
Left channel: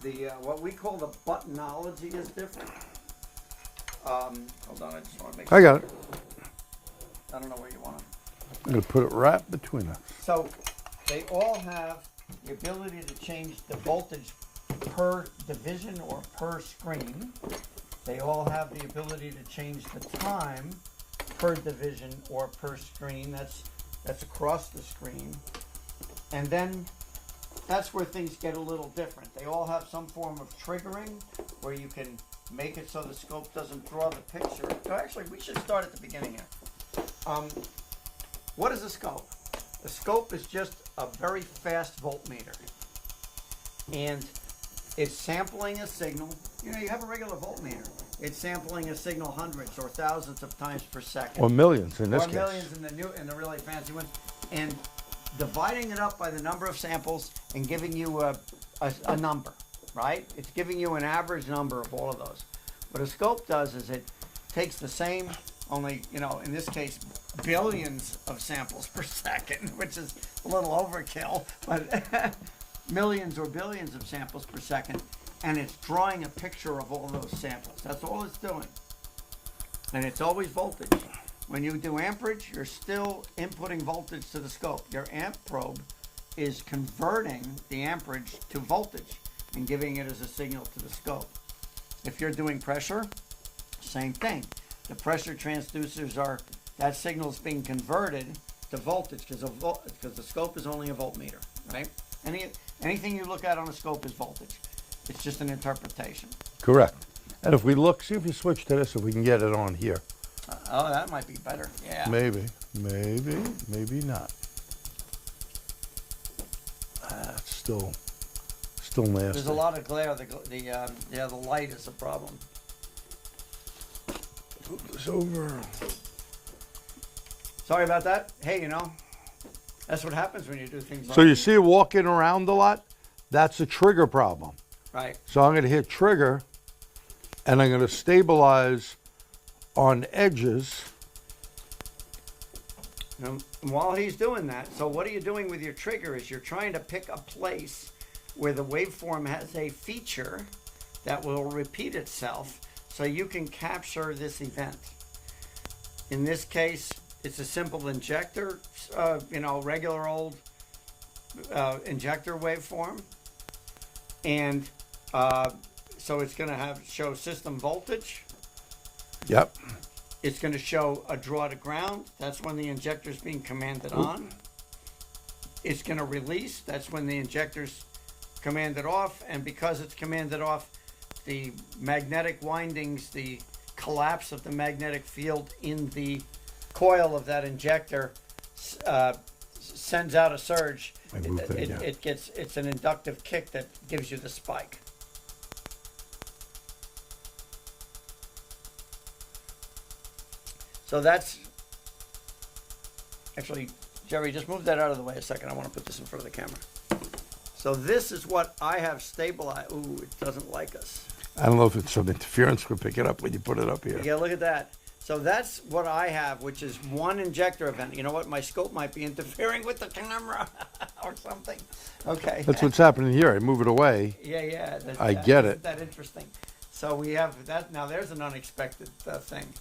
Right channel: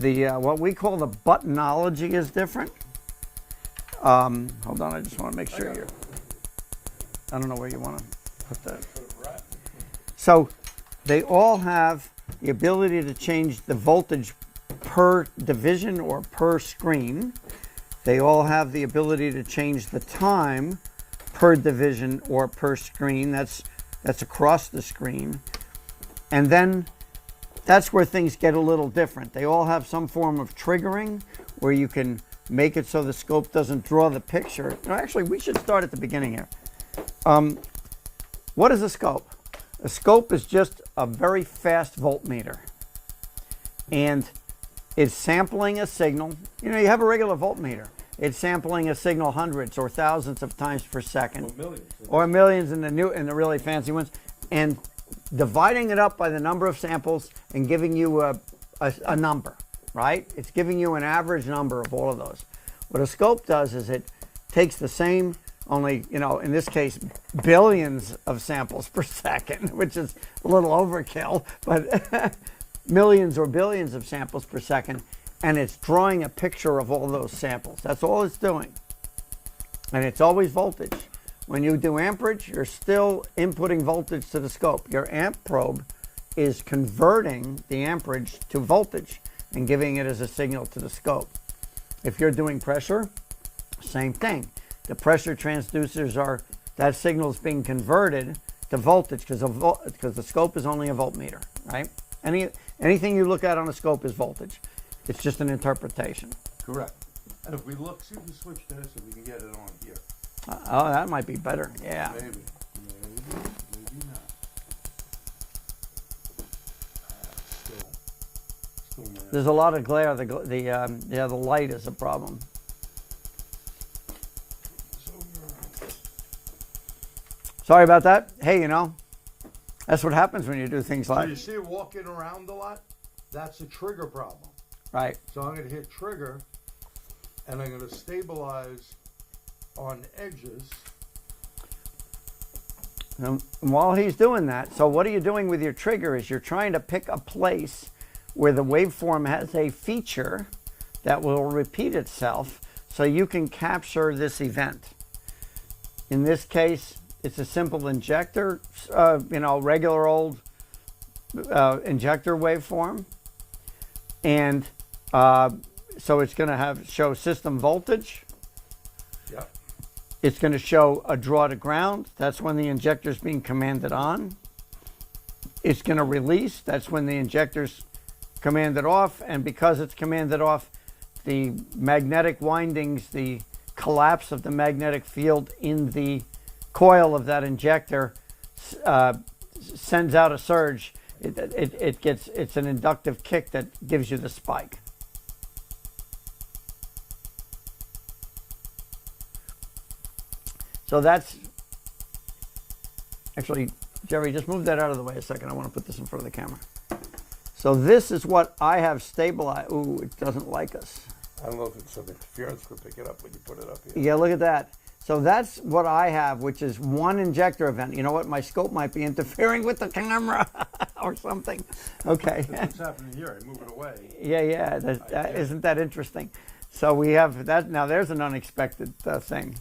What we call the buttonology is different. Hold on, I just want to make sure. I got it. I don't know where you want to. I'm going to put it right between us. So they all have the ability to change the voltage per division or per screen. They all have the ability to change the time per division or per screen. That's across the screen. And then that's where things get a little different. They all have some form of triggering where you can make it so the scope doesn't draw the picture. No, actually, we should start at the beginning here. What is a scope? A scope is just a very fast voltmeter. And it's sampling a signal. You have a regular voltmeter. It's sampling a signal hundreds or thousands of times per second. Or millions in this Or case. millions in the really fancy ones. And dividing it up by the number of samples and giving you a number, right? It's giving you an average number of all of those. What a scope does is it takes the same, only, in this case, billions of samples per second, which is a little overkill, but millions or billions of samples per second, and it's drawing a picture of all those samples. That's all it's doing. And it's always voltage. When you do amperage, you're still inputting voltage to the scope. Your amp probe is converting the amperage to voltage and giving it as a signal to the scope. If you're doing pressure, same thing. The pressure transducers are, that signal is being converted to voltage because the scope is only a voltmeter, right? Anything you look at on a scope is voltage. It's just an interpretation. Correct. And if we look, see if we switch to this, if we can get it on here. Oh, that might be better. Yeah. Maybe not. It's still nasty. There's a lot of glare. The light is a problem. Move this over. Sorry about that. Hey, that's what happens when you do things like So you see it walking around a lot? That's a trigger problem. right. So I'm going to hit trigger, and I'm going to stabilize on edges. And while he's doing that, so what are you doing with your trigger is you're trying to pick a place where the waveform has a feature that will repeat itself so you can capture this event. In this case, it's a simple injector, regular old injector waveform. And so it's going to show system voltage. Yep. It's going to show a draw to ground. That's when the injector is being commanded on. It's going to release. That's when the injector's commanded off. And because it's commanded off, the magnetic windings, the collapse of the magnetic field in the coil of that injector sends out a surge. It's an inductive kick that gives you the spike. So that's actually, Jerry, just move that out of the way a second. I want to put this in front of the camera. So this is what I have stabilized. Ooh, it doesn't like us. I don't know if it's some interference. We'll pick it up when you put it up here. Yeah, look at that. So that's what I have, which is one injector event. You know what? My scope might be interfering with the camera or something. Okay. That's what's happening here. I move it away. Yeah. I get it. Isn't that interesting? So we have that. Now there's an unexpected thing.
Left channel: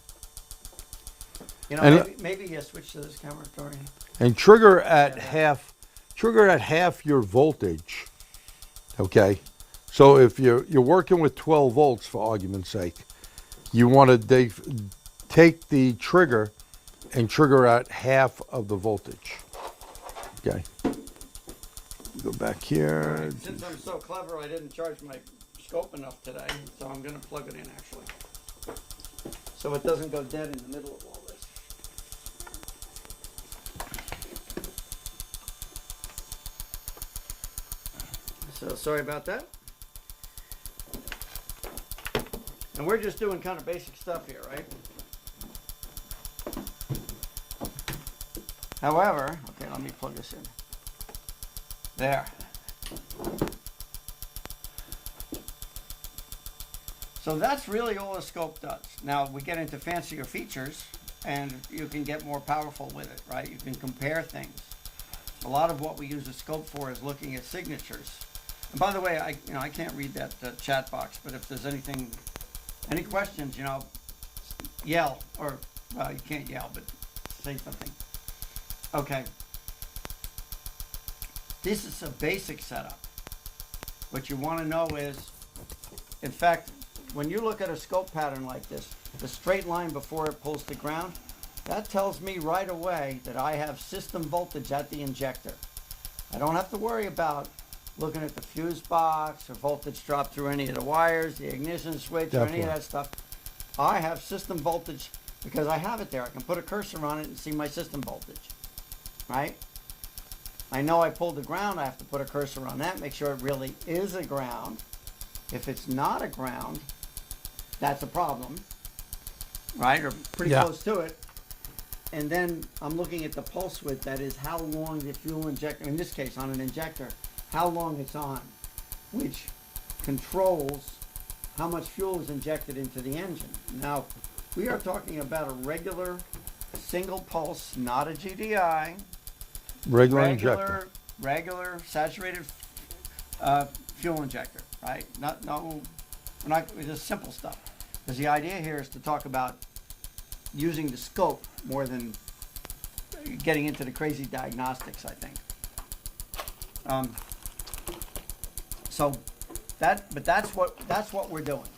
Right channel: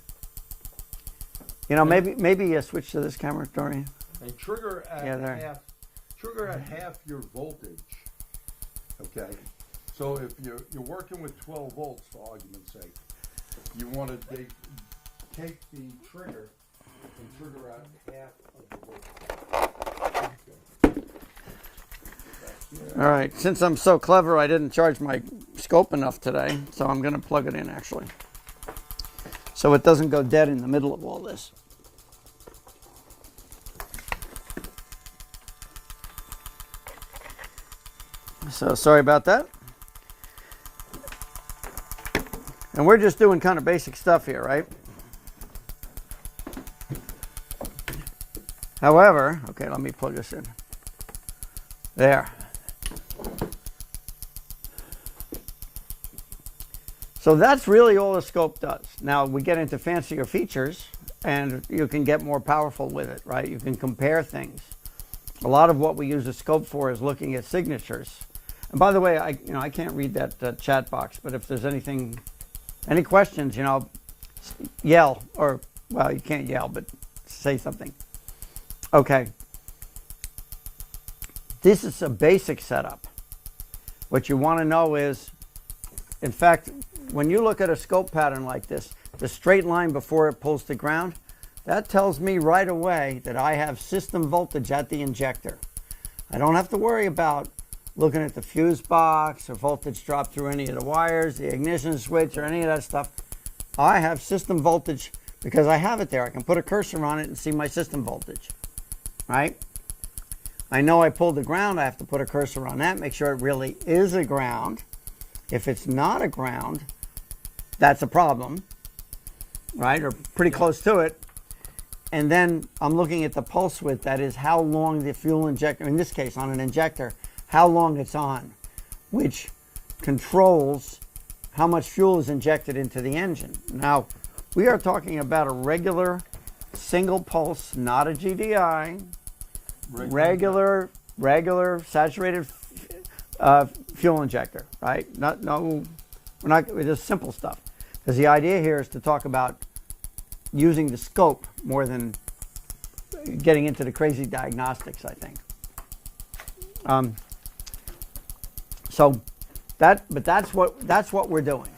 Maybe you switch to this camera, Dorian. And trigger at half your voltage. Okay. So if you're working with 12 volts, for argument's sake, you want to take the trigger and trigger at half of the voltage. Okay. Go back here. All right. Since I'm so clever, I didn't charge my scope enough today, so I'm going to plug it in actually, so it doesn't go dead in the middle of all this. So sorry about that. And we're just doing kind of basic stuff here, right? However, okay, let me plug this in. There. So that's really all the scope does. Now we get into fancier features and you can get more powerful with it, right? You can compare things. A lot of what we use a scope for is looking at signatures. And by the way, I can't read that chat box, but if there's any questions, yell, or, well, you can't yell, but say something. Okay. This is a basic setup. What you want to know is, in fact, when you look at a scope pattern like this, the straight line before it pulls to ground, that tells me right away that I have system voltage at the injector. I don't have to worry about looking at the fuse box or voltage drop through any of the wires, the ignition switch, or any of that stuff. I have system voltage because I have it there. I can put a cursor on it and see my system voltage, right? I know I pulled the ground. I have to put a cursor on that, make sure it really is a ground. If it's not a ground, that's a problem, right? Or pretty close to it. And then I'm looking at the pulse width, that is how long the fuel injector, in this case on an injector, how long it's on, which controls how much fuel is injected into the engine. Now, we are talking about a regular single pulse, not a GDI, regular saturated fuel injector, right? We're not, it's just simple stuff. Because the idea here is to talk about using the scope more than getting into the crazy diagnostics, I think. But that's what we're doing.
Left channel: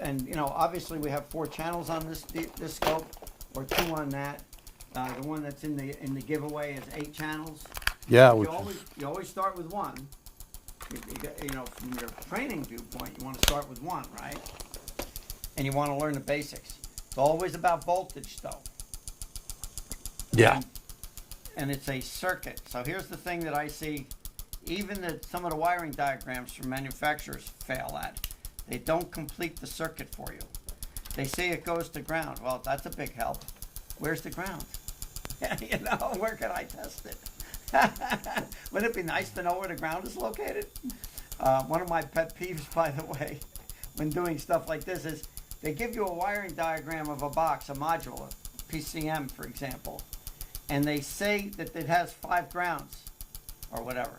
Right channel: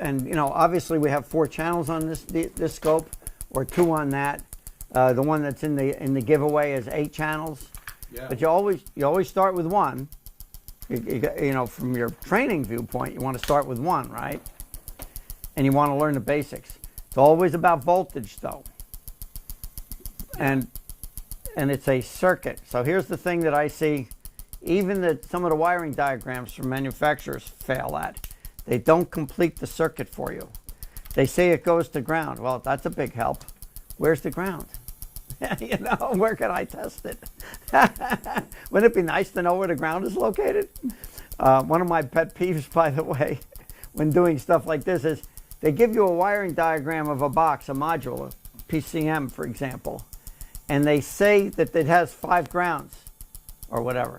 And you know, obviously we have 4 channels on this scope, or 2 on that. The one that's in the giveaway is 8 channels. Yeah. But you always start with 1. You know, from your training viewpoint, you want to start with 1, right? And you want to learn the basics. It's always about voltage, though. Yeah. And it's a circuit. So here's the thing that I see, even that some of the wiring diagrams from manufacturers fail at. They don't complete the circuit for you. They say it goes to ground. Well, that's a big help. Where's the ground? You know, where can I test it? Wouldn't it be nice to know where the ground is located? One of my pet peeves, by the way, when doing stuff like this is they give you a wiring diagram of a box, a module, a PCM, for example, and they say that it has 5 grounds or whatever.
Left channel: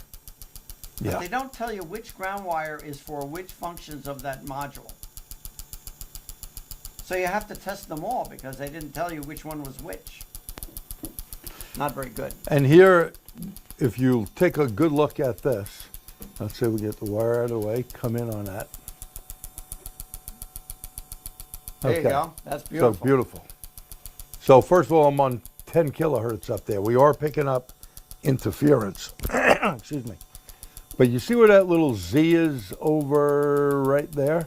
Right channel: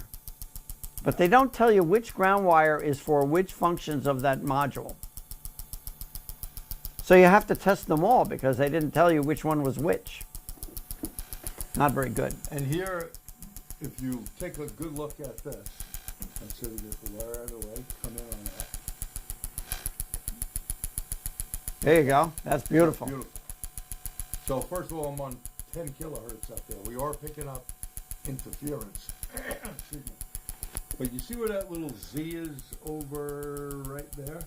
But they don't tell you which ground wire is for which functions of that module. So you have to test them all because they didn't tell you which one was which. Not very good. And here, if you take a good look at this, let's say we get the wire out of the way, come in on that. There you go. That's beautiful. So beautiful. So first of all, I'm on 10 kilohertz up there. We are picking up interference. Excuse me. But you see where that little Z is over right there?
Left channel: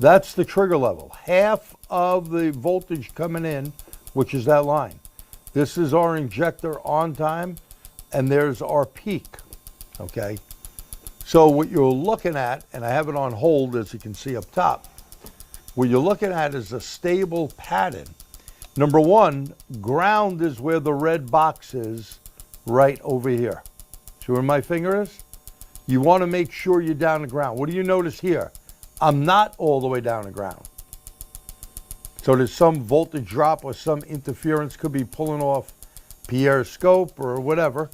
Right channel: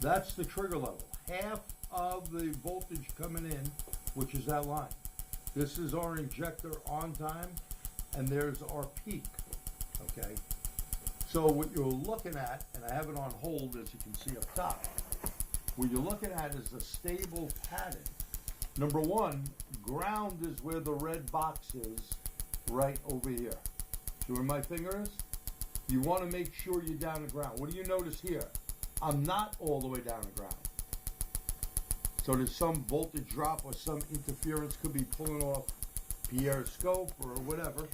That's the trigger level. Half of the voltage coming in, which is that line. This is our injector on time, and there's our peak, okay? So what you're looking at, and I have it on hold as you can see up top, what you're looking at is a stable pattern. Number 1, ground is where the red box is right over here. See where my finger is? You want to make sure you're down to ground. What do you notice here? I'm not all the way down to ground. So there's some voltage drop or some interference could be pulling off Pierre's scope or whatever.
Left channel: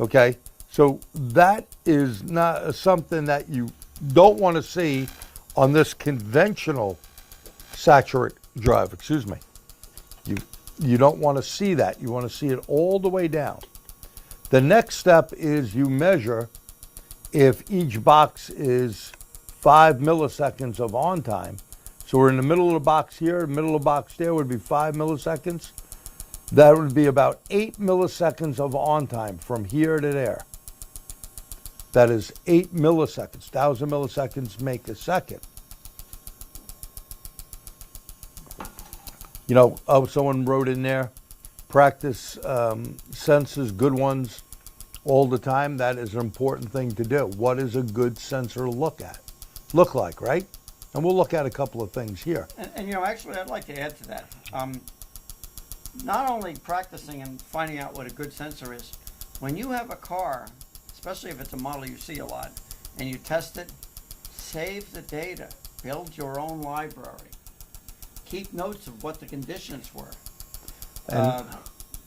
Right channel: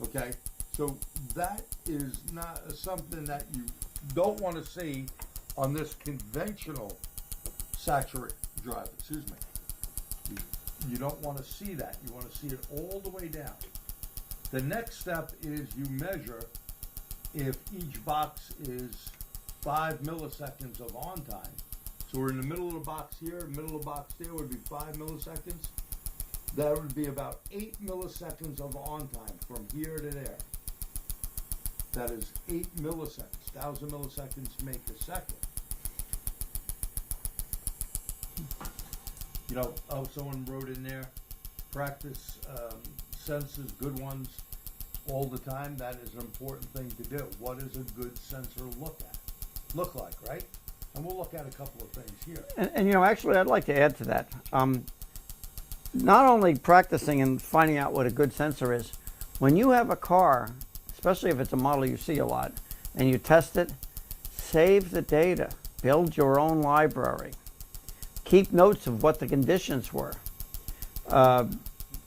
Okay, so that is not something that you don't want to see on this conventional saturate drive. Excuse me. You don't want to see that. You want to see it all the way down. The next step is you measure if each box is 5 milliseconds of on time. So we're in the middle of the box here, middle of the box there would be 5 milliseconds. That would be about 8 milliseconds of on time from here to there. That is 8 milliseconds. 1,000 milliseconds make a second. You know, someone wrote in there, practice sensors, good ones, all the time. That is an important thing to do. What is a good sensor look like, right? And we'll look at a couple of things here. And you know, actually, I'd like to add to that. Not only practicing and finding out what a good sensor is, when you have a car, especially if it's a model you see a lot, and you test it, save the data. Build your own library. Keep notes of what the conditions were.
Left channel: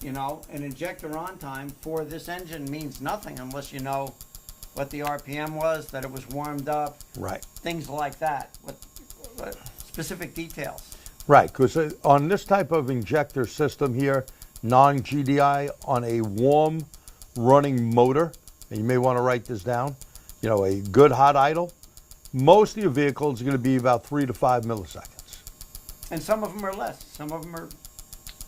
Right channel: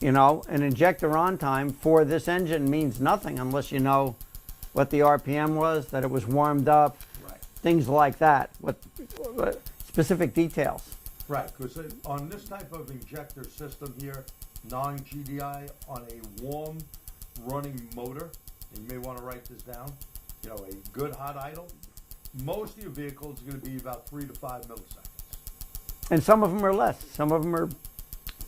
You know, an injector on time for this engine means nothing unless you know what the RPM was, that it was warmed up, right? Things like that. What specific details? Right, because on this type of injector system here, non-GDI on a warm running motor, and you may want to write this down, you know, a good hot idle, most of your vehicles are going to be about 3 to 5 milliseconds. And some of them are less. Some of them are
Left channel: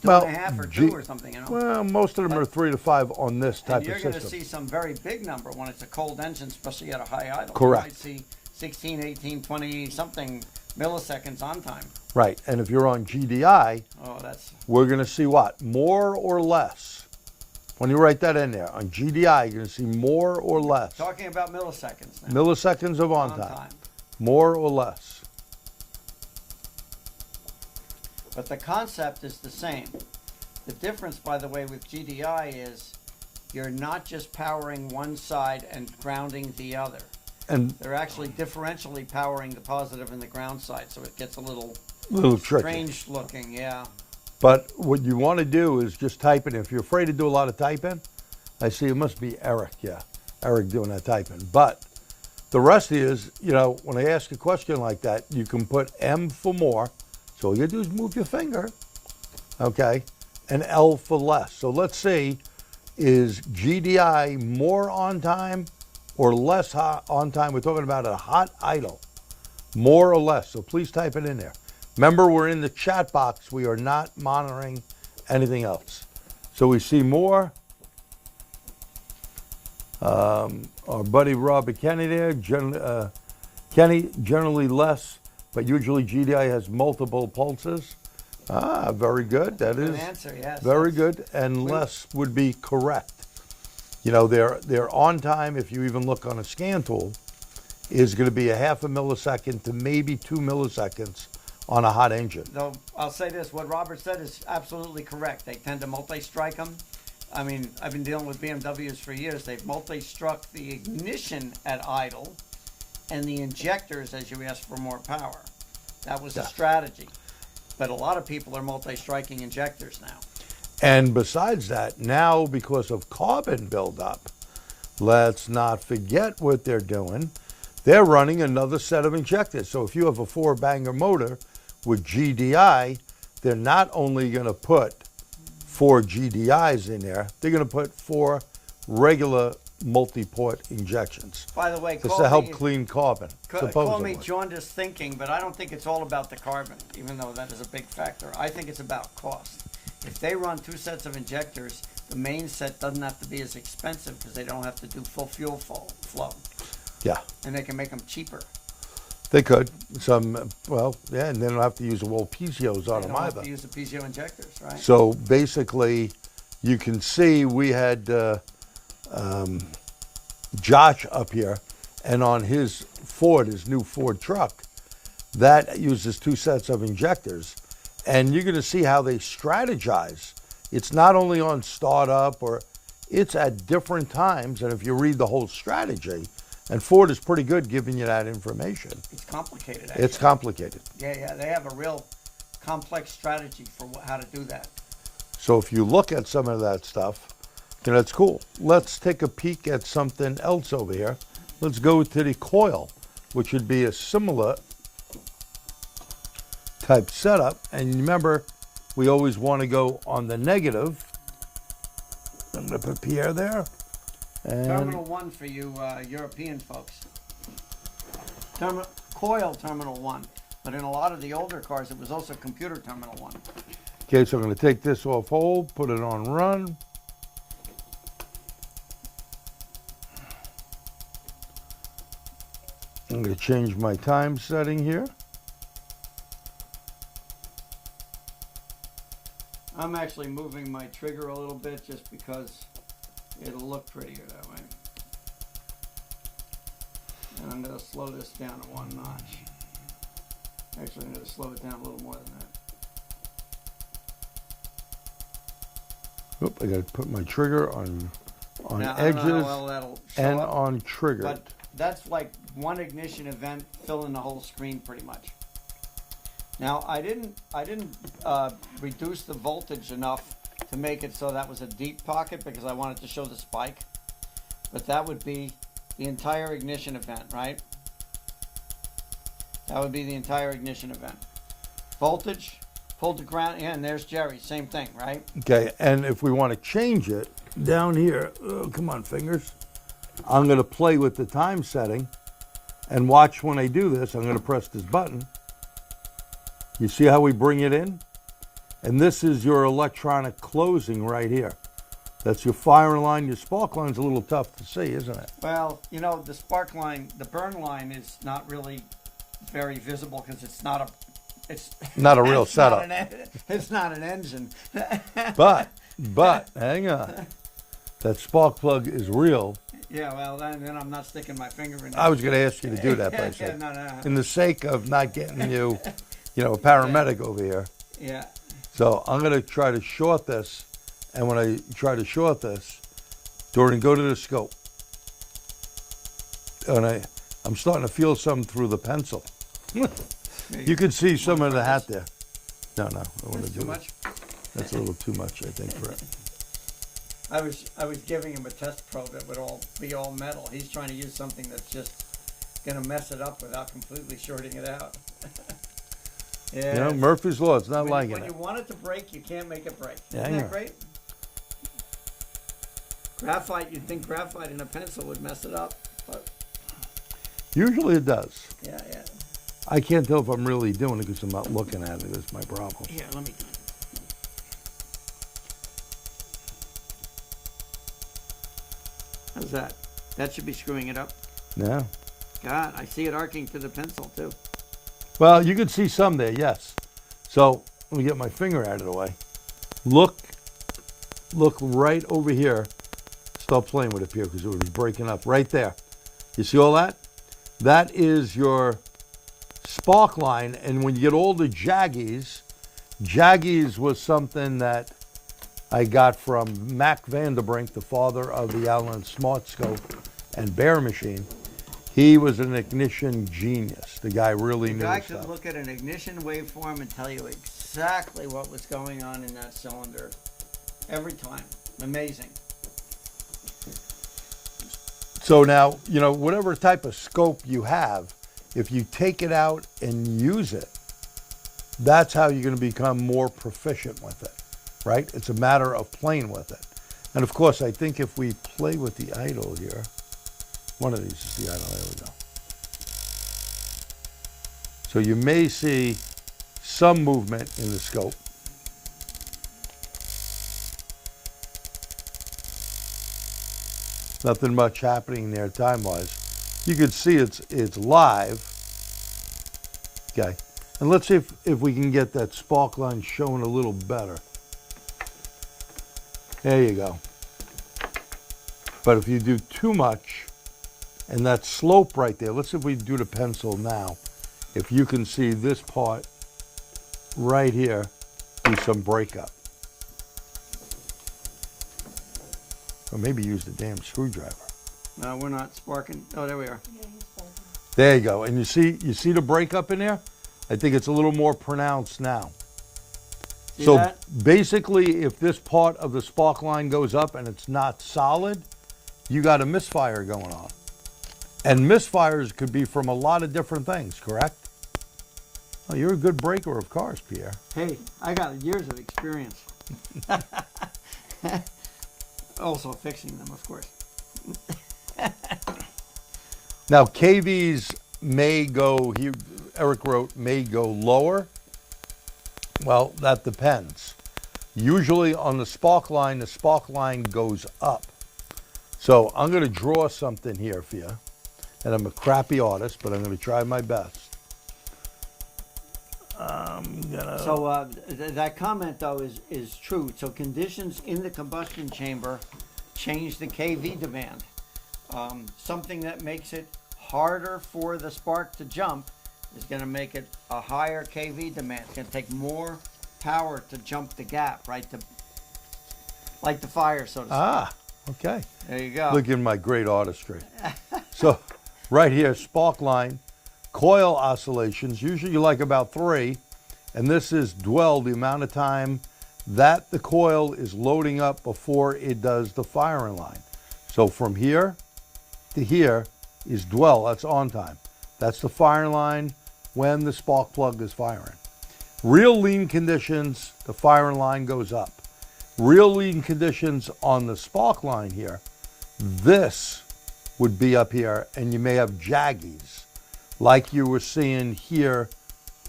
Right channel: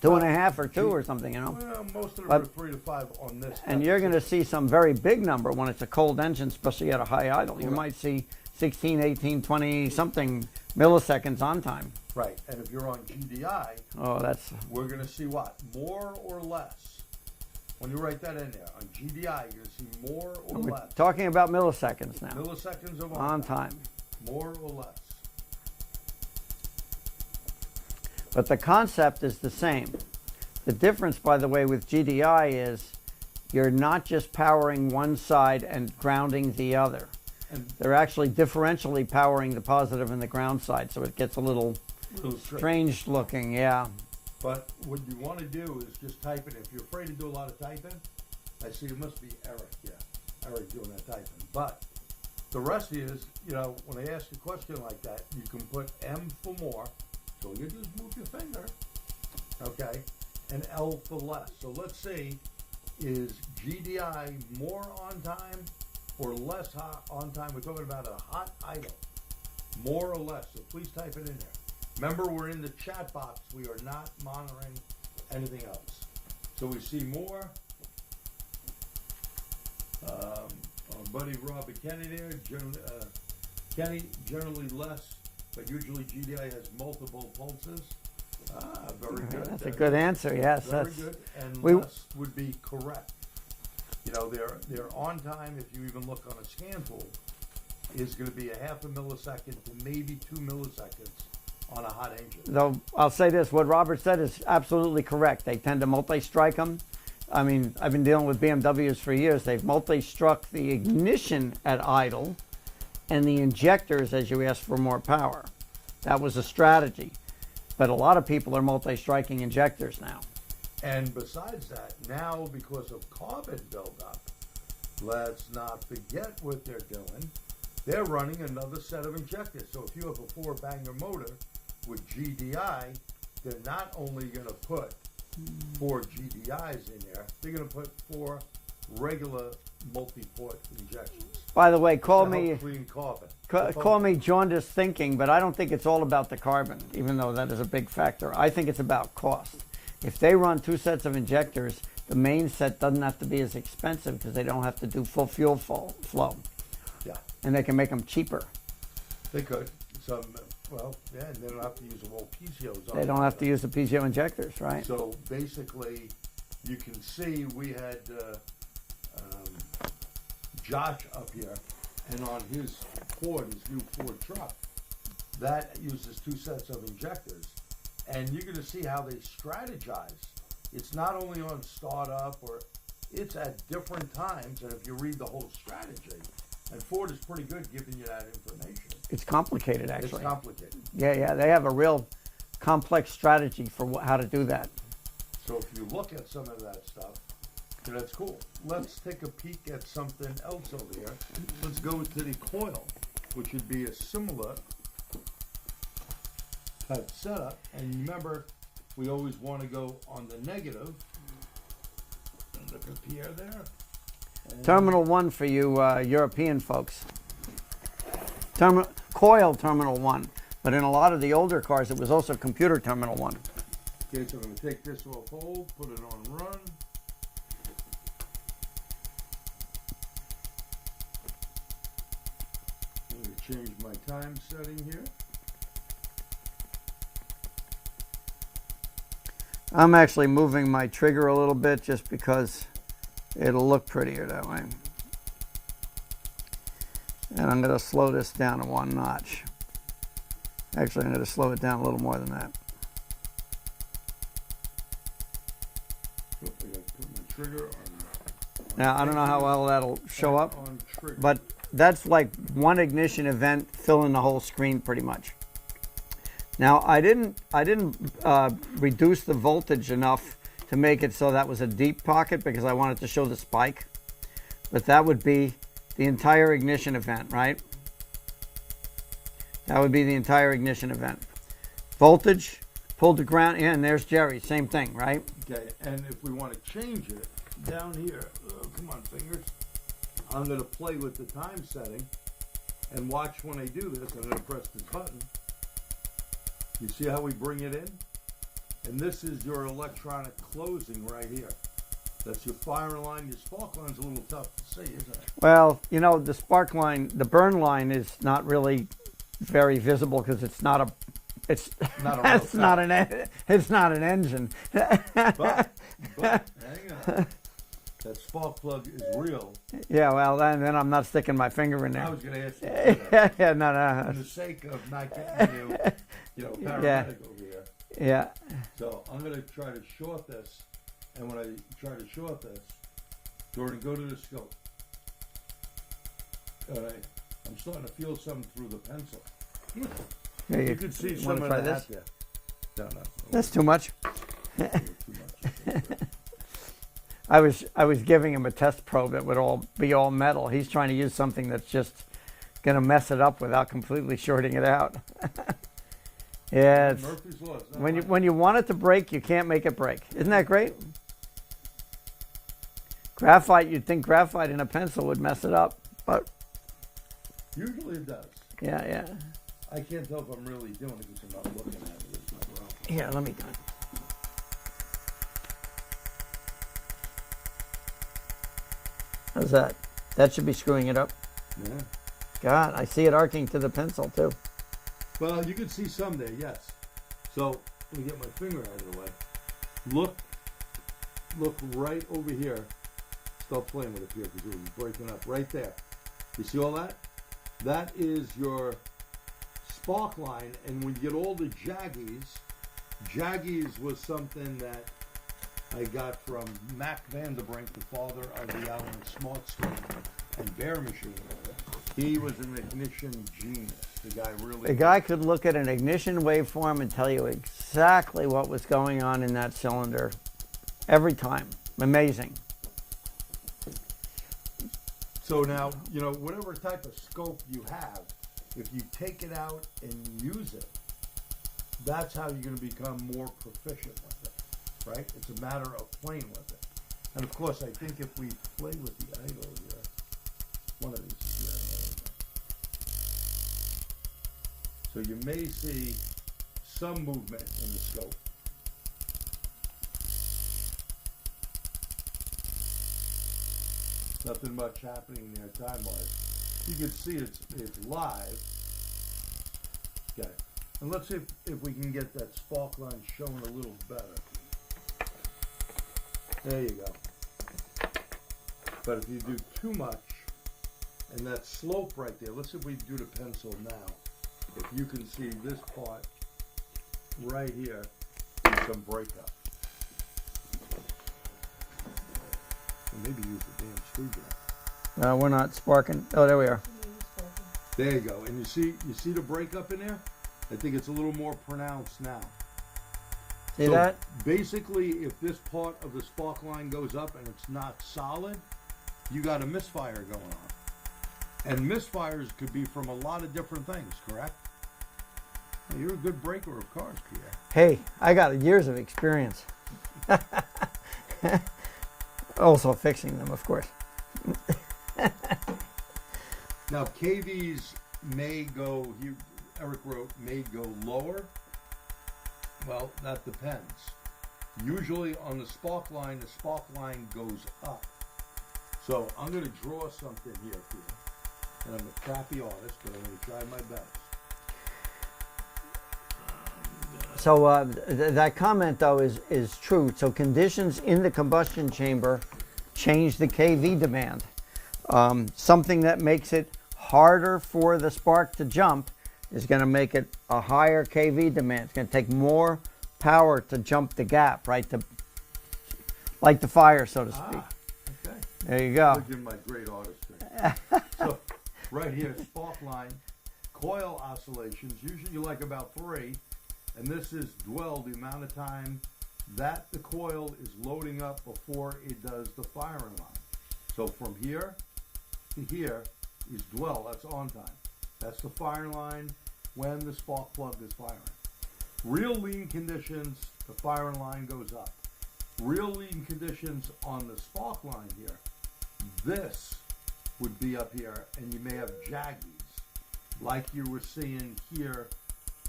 2.5 or 2 or something, you know. Well, most of them are 3 to 5 on this type of system. And you're going to see some very big number when it's a cold engine, especially at a high idle. Correct. You might see 16, 18, 20 something milliseconds on time. Right, and if you're on GDI, we're going to see what? More or less. When you write that in there, on GDI, you're going to see more or less. Talking about milliseconds now. Milliseconds of on time. More or less. But the concept is the same. The difference, by the way, with GDI is you're not just powering one side and grounding the other. And they're actually differentially powering the positive and the ground side, so it gets a little strange tricky looking, yeah. But what you want to do is just type it. If you're afraid to do a lot of typing, I see it must be Eric, yeah. Eric doing that typing. But the rest is, you know, when I ask a question like that, you can put M for more. So all you do is move your finger, okay, and L for less. So let's see, is GDI more on time or less hot on time? We're talking about a hot idle. more or less. So please type it in there. Remember, we're in the chat box. We are not monitoring anything else. So we see more. Our buddy Rob Kenny there. Kenny, generally less, but usually GDI has multiple pulses. Ah, very good. That's a good answer, yes. Very good, and less would be correct. You know, their on time, if you even look on a scan tool, is going to be a half a millisecond to maybe 2 milliseconds on a hot engine. Though I'll say this, what Robert said is absolutely correct. They tend to multi-strike them. I mean, I've been dealing with BMWs for years. They've multi-struck the ignition at idle and the injectors as you ask for more power. That was a strategy. But a lot of people are multi-striking injectors now. And besides that, now because of carbon buildup, let's not forget what they're doing. They're running another set of injectors. So if you have a 4-banger motor with GDI, they're not only going to put 4 GDIs in there, they're going to put 4 regular multi-port injections. By the way, Just call to help me, clean carbon. call me supposedly. jaundiced thinking, but I don't think it's all about the carbon, even though that is a big factor. I think it's about cost. If they run 2 sets of injectors, the main set doesn't have to be as expensive because they don't have to do full fuel flow. Yeah, And they can make them cheaper. they could. Well, yeah, and they don't have to use the whole PCOs on They them don't have either. to use the PGO injectors, right? So basically, you can see we had Josh up here, and on his Ford, his new Ford truck, that uses 2 sets of injectors. And you're going to see how they strategize. It's not only on startup, or it's at different times. And if you read the whole strategy, and Ford is pretty good giving you that information. It's complicated, actually. It's complicated. Yeah, they have a real complex strategy for how to do that. So if you look at some of that stuff, you know, it's cool. Let's take a peek at something else over here. Let's go to the coil, which would be a similar type setup. And remember, we always want to go on the negative. I'm going to put Pierre there. And Terminal 1 for you European folks. Coil Terminal 1. But in a lot of the older cars, it was also computer Terminal 1. Okay, so I'm going to take this off hold, put it on run. I'm going to change my time setting here. I'm actually moving my trigger a little bit just because it'll look prettier that way. And I'm going to slow this down to 1 notch. Actually, I'm going to slow it down a little more than that. Oop, I got to put my trigger on Now, I edges don't know how well that'll show and up, on trigger. but that's like one ignition event filling the whole screen pretty much. Now, I didn't reduce the voltage enough to make it so that was a deep pocket because I wanted to show the spike. But that would be the entire ignition event, right? That would be the entire ignition event. Voltage, pulled to ground, and there's Jerry, same thing, right? Okay, and if we want to change it, down here, oh, come on, fingers. I'm going to play with the time setting, and watch when I do this. I'm going to press this button. You see how we bring it in? And this is your electronic closing right here. That's your fire line. Your spark line's a little tough to see, isn't it? Well, you know, the spark line, the burn line is not really very visible because it's not a, it's Not a real it's not setup. it's not an engine. But, hang on. That spark plug is real. Yeah, well, then I'm not sticking my finger in there. I was going to ask you to do that. by yeah, the way. no. In the sake of not getting you, a paramedic over here. Yeah. So I'm going to try to short this. And when I try to short this, Dorman, go to the scope. And I'm starting to feel some through the pencil. You can see some of the hat there. No. I That's wanna too do- much. That's a little too much, I think, for it. I was giving him a test probe that would be all metal. He's trying to use something that's just going to mess it up without completely shorting it out. You Yeah. know, it's- Murphy's Law, it's not like when you want it to break, you can't make it break. Yeah, Isn't I that know. great? Graphite, you'd think graphite in a pencil would mess it up, but Usually it does. yeah. I can't tell if I'm really doing it because I'm not looking at it. Is my problem. Yeah, let me. How's that? That should be screwing it up. Yeah. God, I see it arcing to the pencil too. Well, you can see some there, yes. So let me get my finger out of the way. Look right over here. Stop playing with it here because it was breaking up right there. You see all that? That is your spark line. And when you get all the jaggies was something that I got from Mac Vanderbrink, the father of the Allen Smartscope and Bear Machine. He was an ignition genius. The guy really The knew guy his could stuff. look at an ignition waveform and tell you exactly what was going on in that cylinder every time. Amazing. So now, you know, whatever type of scope you have, if you take it out and use it, that's how you're going to become more proficient with it, right? It's a matter of playing with it. And of course, I think if we play with the idle here, one of these is the idle, there we go. So you may see some movement in the scope. Nothing much happening there time-wise. You can see it's live. Okay, and let's see if we can get that spark line showing a little better. There you go. But if you do too much, and that slope right there, let's see if we do the pencil now. If you can see this part right here, do some breakup. Or maybe use the damn screwdriver. No, we're not sparking. Oh, there we are. There you go. And you see the breakup in there? I think it's a little more pronounced now. See So that? basically, if this part of the spark line goes up and it's not solid, you got a misfire going on. And misfires could be from a lot of different things, correct? Oh, you're a good breaker of cars, Pierre. Hey, I got years of experience. Also fixing them, of course. Now, KVs may go, Eric wrote, may go lower. Well, that depends. Usually on the spark line goes up. So I'm going to draw something here for you. And I'm a crappy artist, but I'm going to try my best. So that comment, though, is true. So conditions in the combustion chamber change the kV demand. Something that makes it harder for the spark to jump is going to make it a higher kV demand. It's going to take more power to jump the gap, right? To like the fire, so to speak. Ah, okay. There you go. Look at my great artistry. So right here, spark line, coil oscillations, usually you like about 3. And this is dwell, the amount of time that the coil is loading up before it does the firing line. So from here to here is dwell, that's on time. That's the firing line when the spark plug is firing. Real lean conditions, the firing line goes up. Real lean conditions on the spark line here, this would be up here, and you may have jaggies like you were seeing here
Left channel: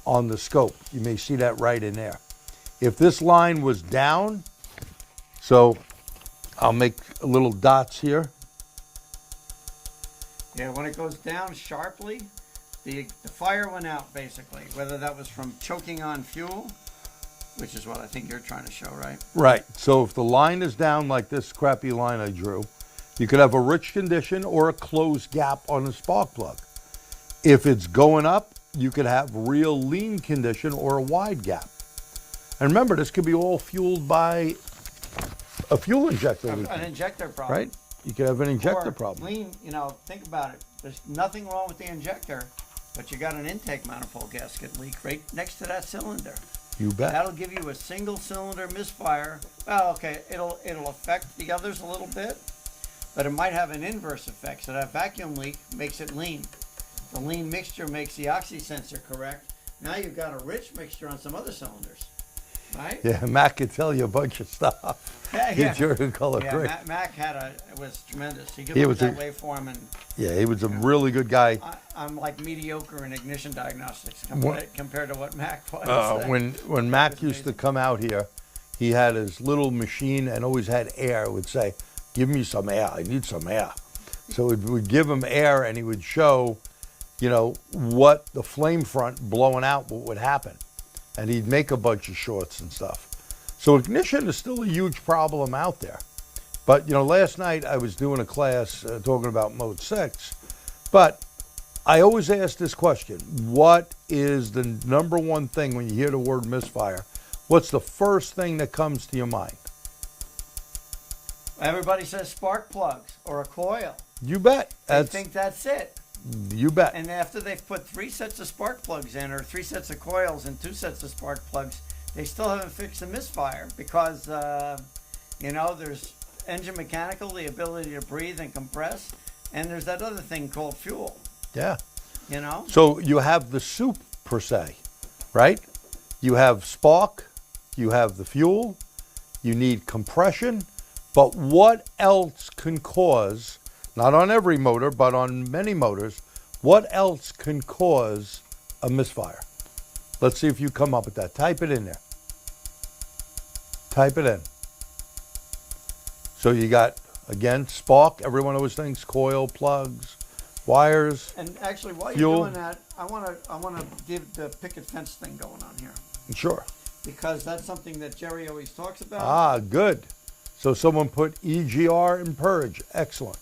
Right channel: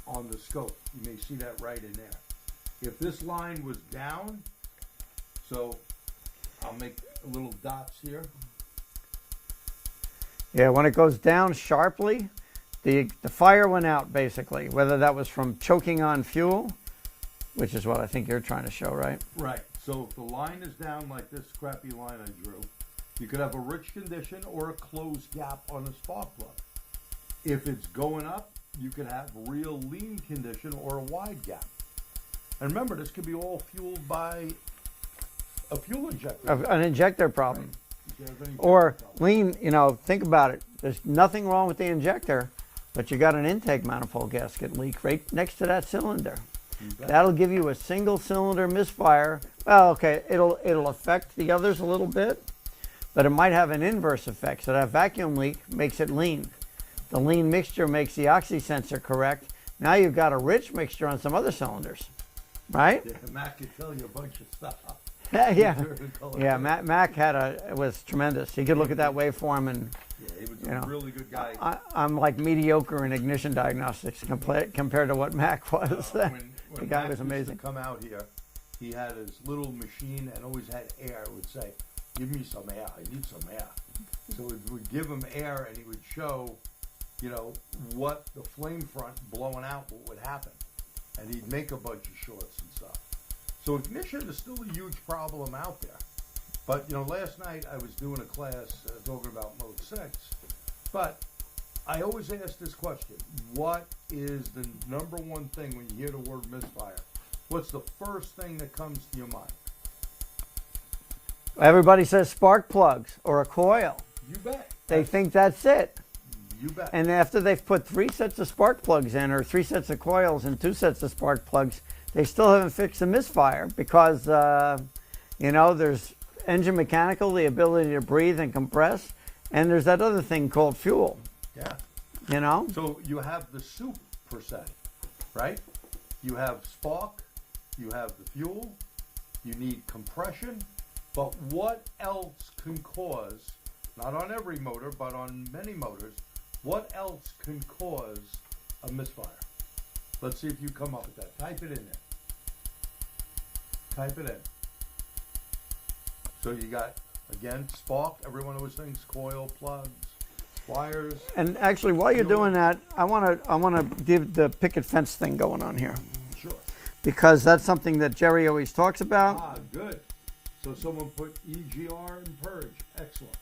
on the scope. You may see that right in there. If this line was down, so I'll make little dots here. Yeah, when it goes down sharply, the fire went out, basically, whether that was from choking on fuel, which is what I think you're trying to show, right? Right. So if the line is down like this crappy line I drew, you could have a rich condition or a closed gap on the spark plug. If it's going up, you could have real lean condition or a wide gap. And remember, this could be all fueled by a fuel injector. An injector problem. Right? You could have an injector Or problem. lean, you know, think about it. There's nothing wrong with the injector, but you got an intake manifold gasket leak right next to that cylinder. You bet. That'll give you a single cylinder misfire. Well, okay, it'll affect the others a little bit, but it might have an inverse effect. So that vacuum leak makes it lean. The lean mixture makes the oxy sensor correct. Now you've got a rich mixture on some other cylinders, right? Yeah, Matt could tell you a bunch of stuff. Yeah. Injector color Yeah, gray. Mac was tremendous. He could He look was at that a- waveform, and Yeah, he was a really good guy. I'm like mediocre in ignition diagnostics compared to what Mac was. When That Mac was used to amazing. come out here, he had his little machine and always had air. It would say, "Give me some air. I need some air." So we'd give him air, and he would show, what the flame front blowing out, what would happen, and he'd make a bunch of shorts and stuff. So ignition is still a huge problem out there. But last night I was doing a class talking about Mode 6, but I always ask this question: what is the number one thing when you hear the word misfire? What's the first thing that comes to your mind? Everybody says spark plugs or a coil. You bet. They think that's it. You bet. And after they've put 3 sets of spark plugs in, or 3 sets of coils and 2 sets of spark plugs, they still haven't fixed the misfire because, there's engine mechanical, the ability to breathe and compress, and there's that other thing called fuel. Yeah. So you have the soup per se, right? You have spark, you have the fuel, you need compression, but what else can cause, not on every motor, but on many motors, what else can cause a misfire? Let's see if you come up with that. Type it in there. Type it in. So you got, again, spark. Everyone always thinks coil, plugs, wires. And actually, while you're Fuel. doing that, I want to give the picket fence thing going on here, Sure. because that's something that Jerry always talks about. Good. So someone put EGR and purge. Excellent.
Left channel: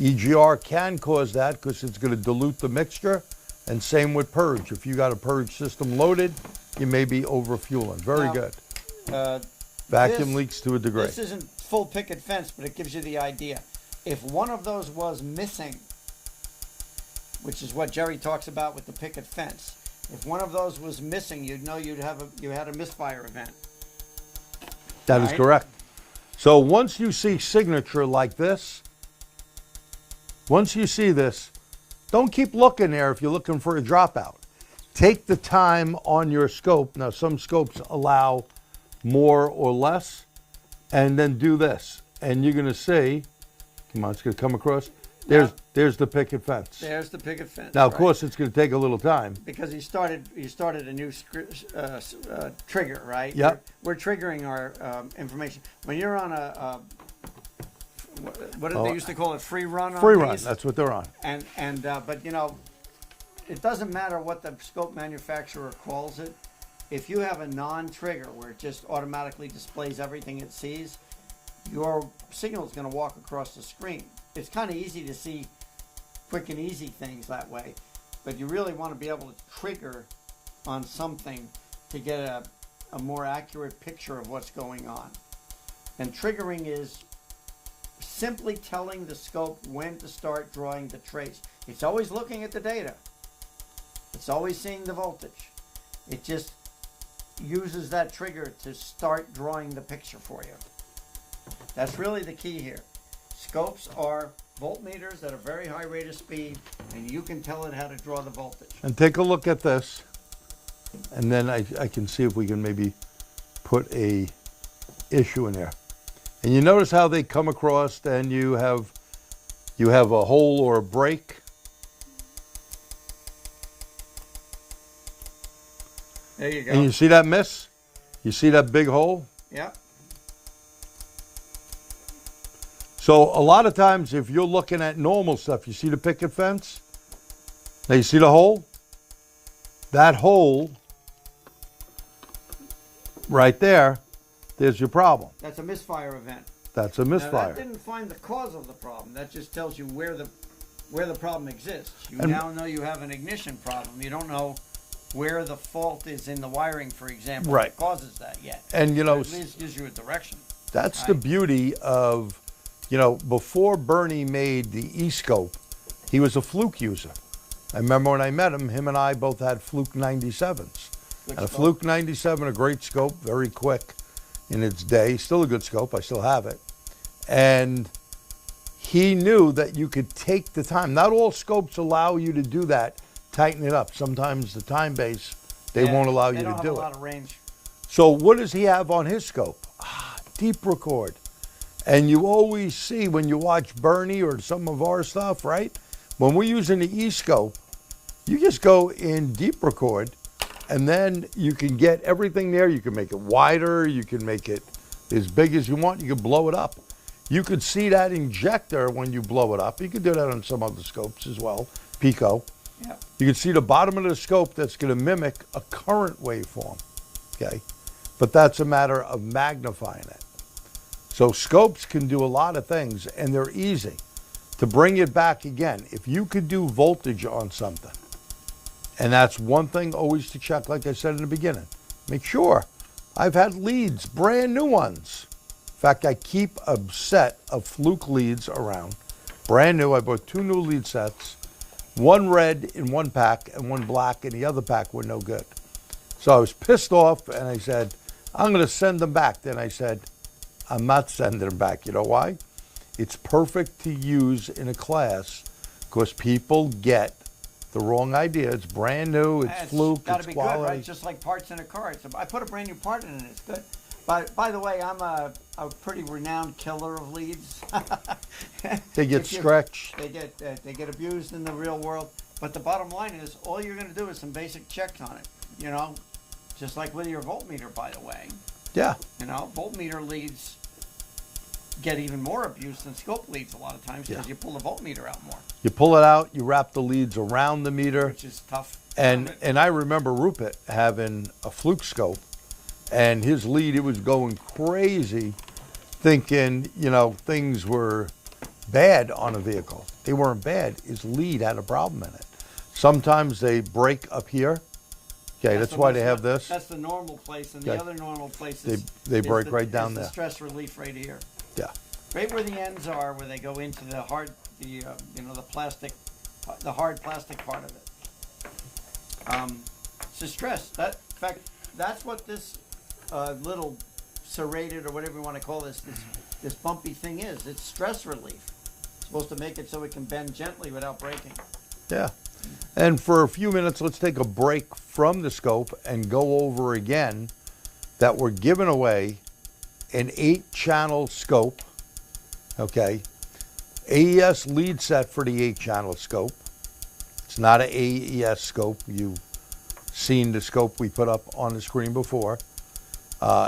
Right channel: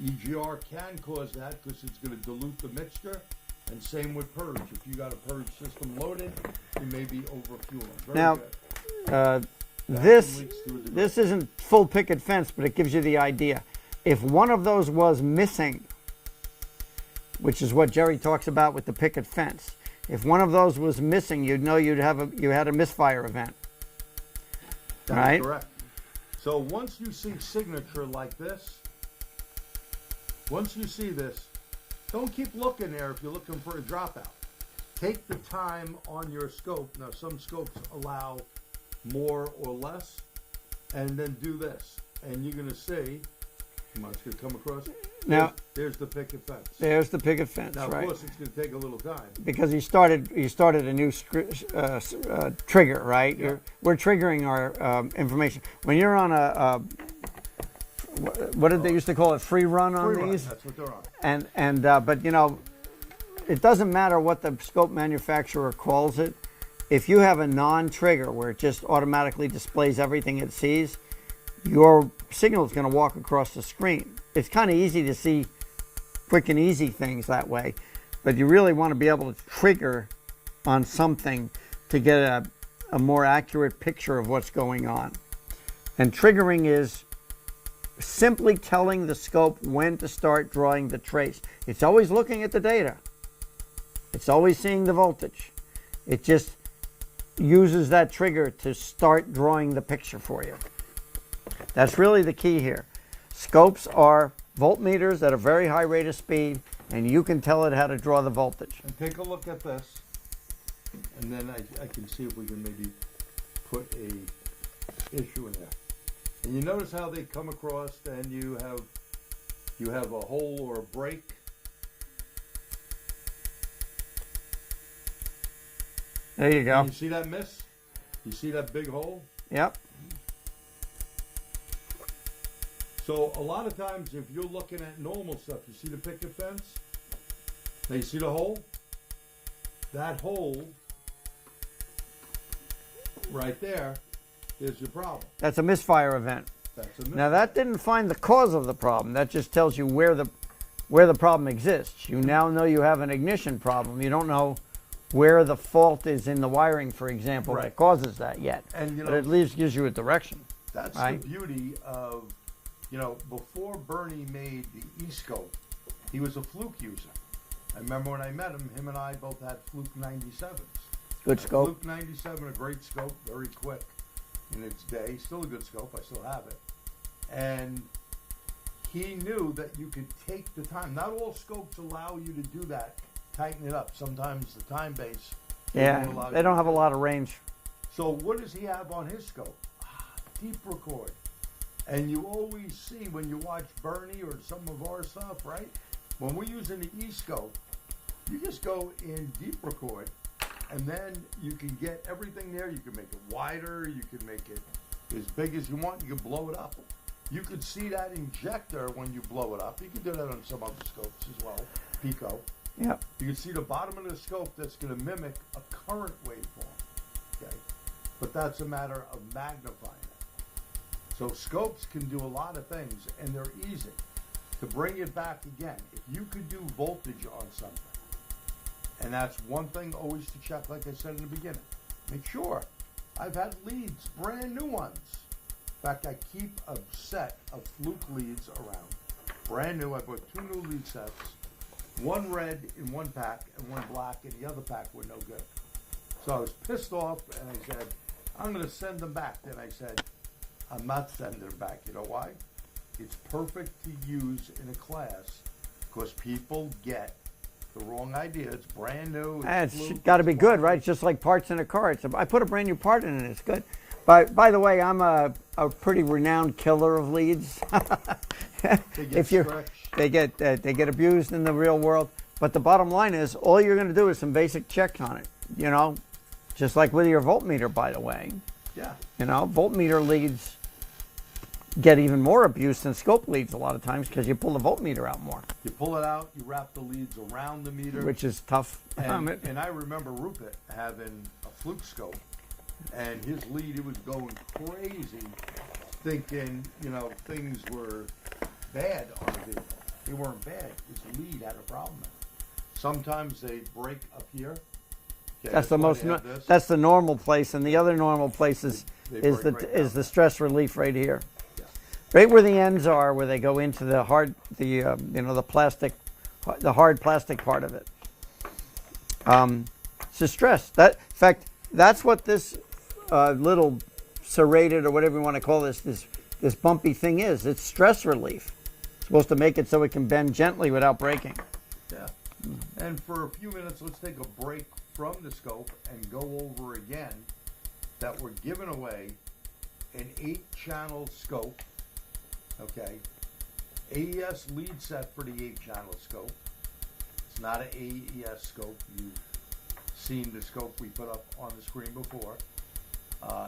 EGR can cause that because it's going to dilute the mixture, and same with purge. If you got a purge system loaded, you may be over-fueling. Very Now, good. This- Vacuum leaks to a degree. This isn't full picket fence, but it gives you the idea. If one of those was missing, which is what Jerry talks about with the picket fence, if one of those was missing, you'd know you had a misfire event. That is right? correct. So once you see signature like this, once you see this, don't keep looking there if you're looking for a dropout. Take the time on your scope. Now, some scopes allow more or less, and then do this. And you're going to see, come on, it's going to come across. There's the picket fence. There's the picket fence. Now, of right? course, it's going to take a little time. Because he started a new trigger, right? Yep. We're triggering our information. When you're on what did they used to call it? Free run. Free on run, these? that's what they're on. But it doesn't matter what the scope manufacturer calls it. If you have a non-trigger where it just automatically displays everything it sees, your signal is going to walk across the screen. It's kind of easy to see quick and easy things that way, but you really want to be able to trigger on something to get a more accurate picture of what's going on. And triggering is simply telling the scope when to start drawing the trace. It's always looking at the data. It's always seeing the voltage. It just uses that trigger to start drawing the picture for you. That's really the key here. Scopes are voltmeters at a very high rate of speed, and you can tell it how to draw the voltage. And take a look at this, and then I can see if we can maybe put a issue in there. And you notice how they come across, and you have a hole or a break. There you go. And you see that miss? You see that big hole? Yep. So a lot of times if you're looking at normal stuff, you see the picket fence? Now you see the hole? That hole right there, there's your problem. That's a misfire event. That's a misfire. Now that didn't find the cause of the problem. That just tells you where the problem exists. You now know you have an ignition problem. You don't know where the fault is in the wiring, for example, Right. that causes that yet. And But at least gives you a direction. That's the Right. beauty of, before Bernie made the E-scope, he was a Fluke user. I remember when I met him and I both had Fluke 97s. Good A scope. Fluke 97, a great scope, very quick in its day. Still a good scope, I still have it. And he knew that you could take the time. Not all scopes allow you to do that, tighten it up. Sometimes the time base, they won't allow you to do it. They don't have a lot of range. So what does he have on his scope? deep record. And you always see when you watch Bernie or some of our stuff, right? When we're using the E-scope, you just go in deep record, and then you can get everything there. You can make it wider. You can make it as big as you want. You can blow it up. You could see that injector when you blow it up. You could do that on some other scopes as well, Pico. Yeah. You can see the bottom of the scope that's going to mimic a current waveform, okay? But that's a matter of magnifying it. So scopes can do a lot of things, and they're easy. To bring it back again, if you could do voltage on something, and that's one thing always to check, like I said in the beginning, make sure. I've had leads, brand new ones. In fact, I keep a set of fluke leads around, brand new. I bought 2 new lead sets, one red in one pack and one black in the other pack were no good. So I was pissed off, and I said, I'm going to send them back. Then I said, I'm not sending them back. You know why? It's perfect to use in a class because people get the wrong idea. It's brand new. It's fluke. Got to it's be quality. good, right? Just like parts in a car. I put a brand new part in it. It's good. By the way, I'm a pretty renowned killer of leads. They get stretched. They get abused in the real world. But the bottom line is, all you're going to do is some basic checks on it. You know, just like with your voltmeter, by the way. Yeah. You know, voltmeter leads get even more abuse than scope leads a lot of times because you pull the voltmeter out more, You pull it out, you wrap the leads around the meter. which is tough. And I remember Rupert having a fluke scope, and his lead, it was going crazy, thinking, you know, things were bad on a vehicle. They weren't bad. His lead had a problem in it. Sometimes they break up here. Okay, that's why they have this. That's the normal place, and the Yeah. other normal place is, They break right down is the there. stress relief right here. Yeah. Right where the ends are, where they go into the hard, you know, the plastic, the hard plastic part of it. It's the stress. In fact, that's what this little serrated or whatever you want to call this bumpy thing is. It's stress relief. It's supposed to make it so it can bend gently without breaking. Yeah. And for a few minutes, let's take a break from the scope and go over again that we're giving away an 8-channel scope, okay? AES lead set for the 8-channel scope. It's not an AES scope. You've seen the scope we put up on the screen before.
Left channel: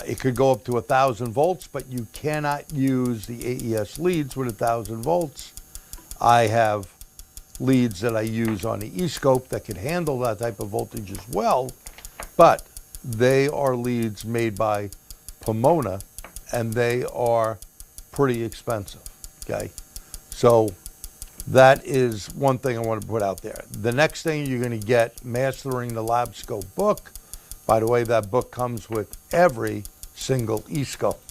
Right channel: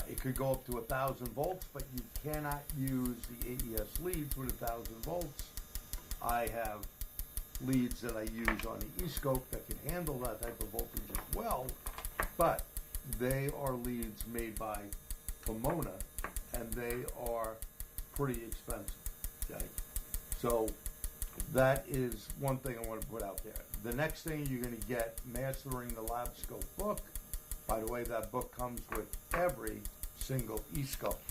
It could go up to 1,000 volts, but you cannot use the AES leads with 1,000 volts. I have leads that I use on the E-scope that can handle that type of voltage as well, but they are leads made by Pomona, and they are pretty expensive, okay? So that is one thing I want to put out there. The next thing you're going to get, Mastering the Labscope book. By the way, that book comes with every single E-scope.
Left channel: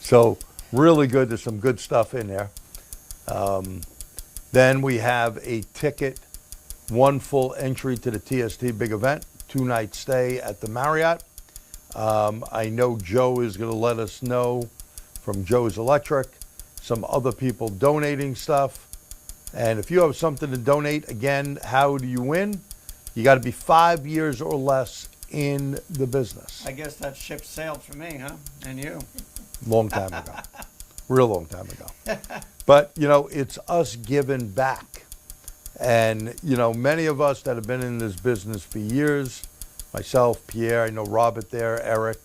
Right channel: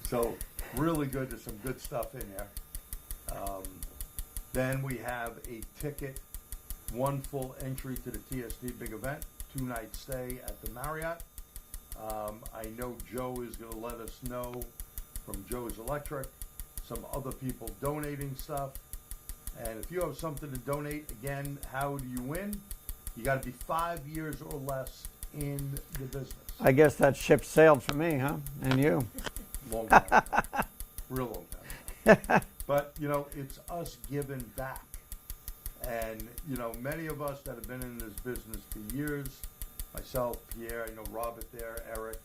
So really good. There's some good stuff in there. Then we have a ticket, 1 full entry to the TST Big Event, 2-night stay at the Marriott. I know Joe is going to let us know from Joe's Electric, some other people donating stuff. And if you have something to donate, again, how do you win? You got to be 5 years or less in the business. I guess that ship sailed for me, huh? And you. Long time ago. Real long time ago. But, you know, it's us giving back. And, you know, many of us that have been in this business for years, myself, Pierre, I know Robert there, Eric.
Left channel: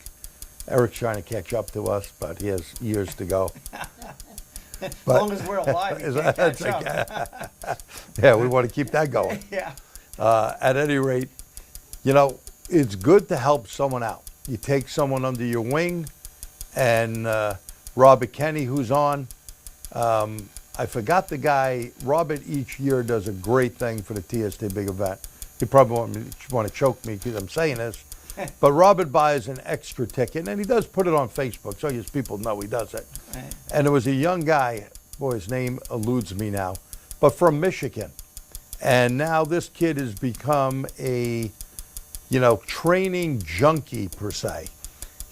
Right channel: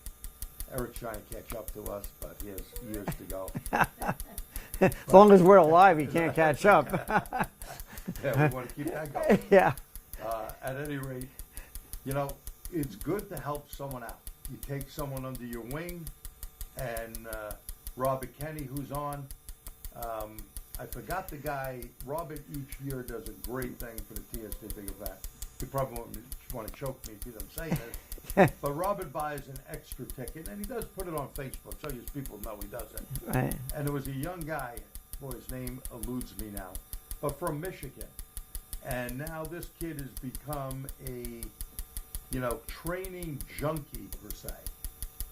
Eric's trying to catch up to us, but he has years to go. As long as we're alive, he can't catch up. Yeah, we want to keep that going. Yeah. At any rate, you know, it's good to help someone out. You take someone under your wing, and Robert Kenny, who's on, I forgot the guy. Robert each year does a great thing for the TST Big Event. You probably want to choke me because I'm saying this, but Robert buys an extra ticket, and he does put it on Facebook so his people know he does it. Right. And there was a young guy, boy, his name eludes me now, but from Michigan. And now this kid has become a, you know, training junkie per se.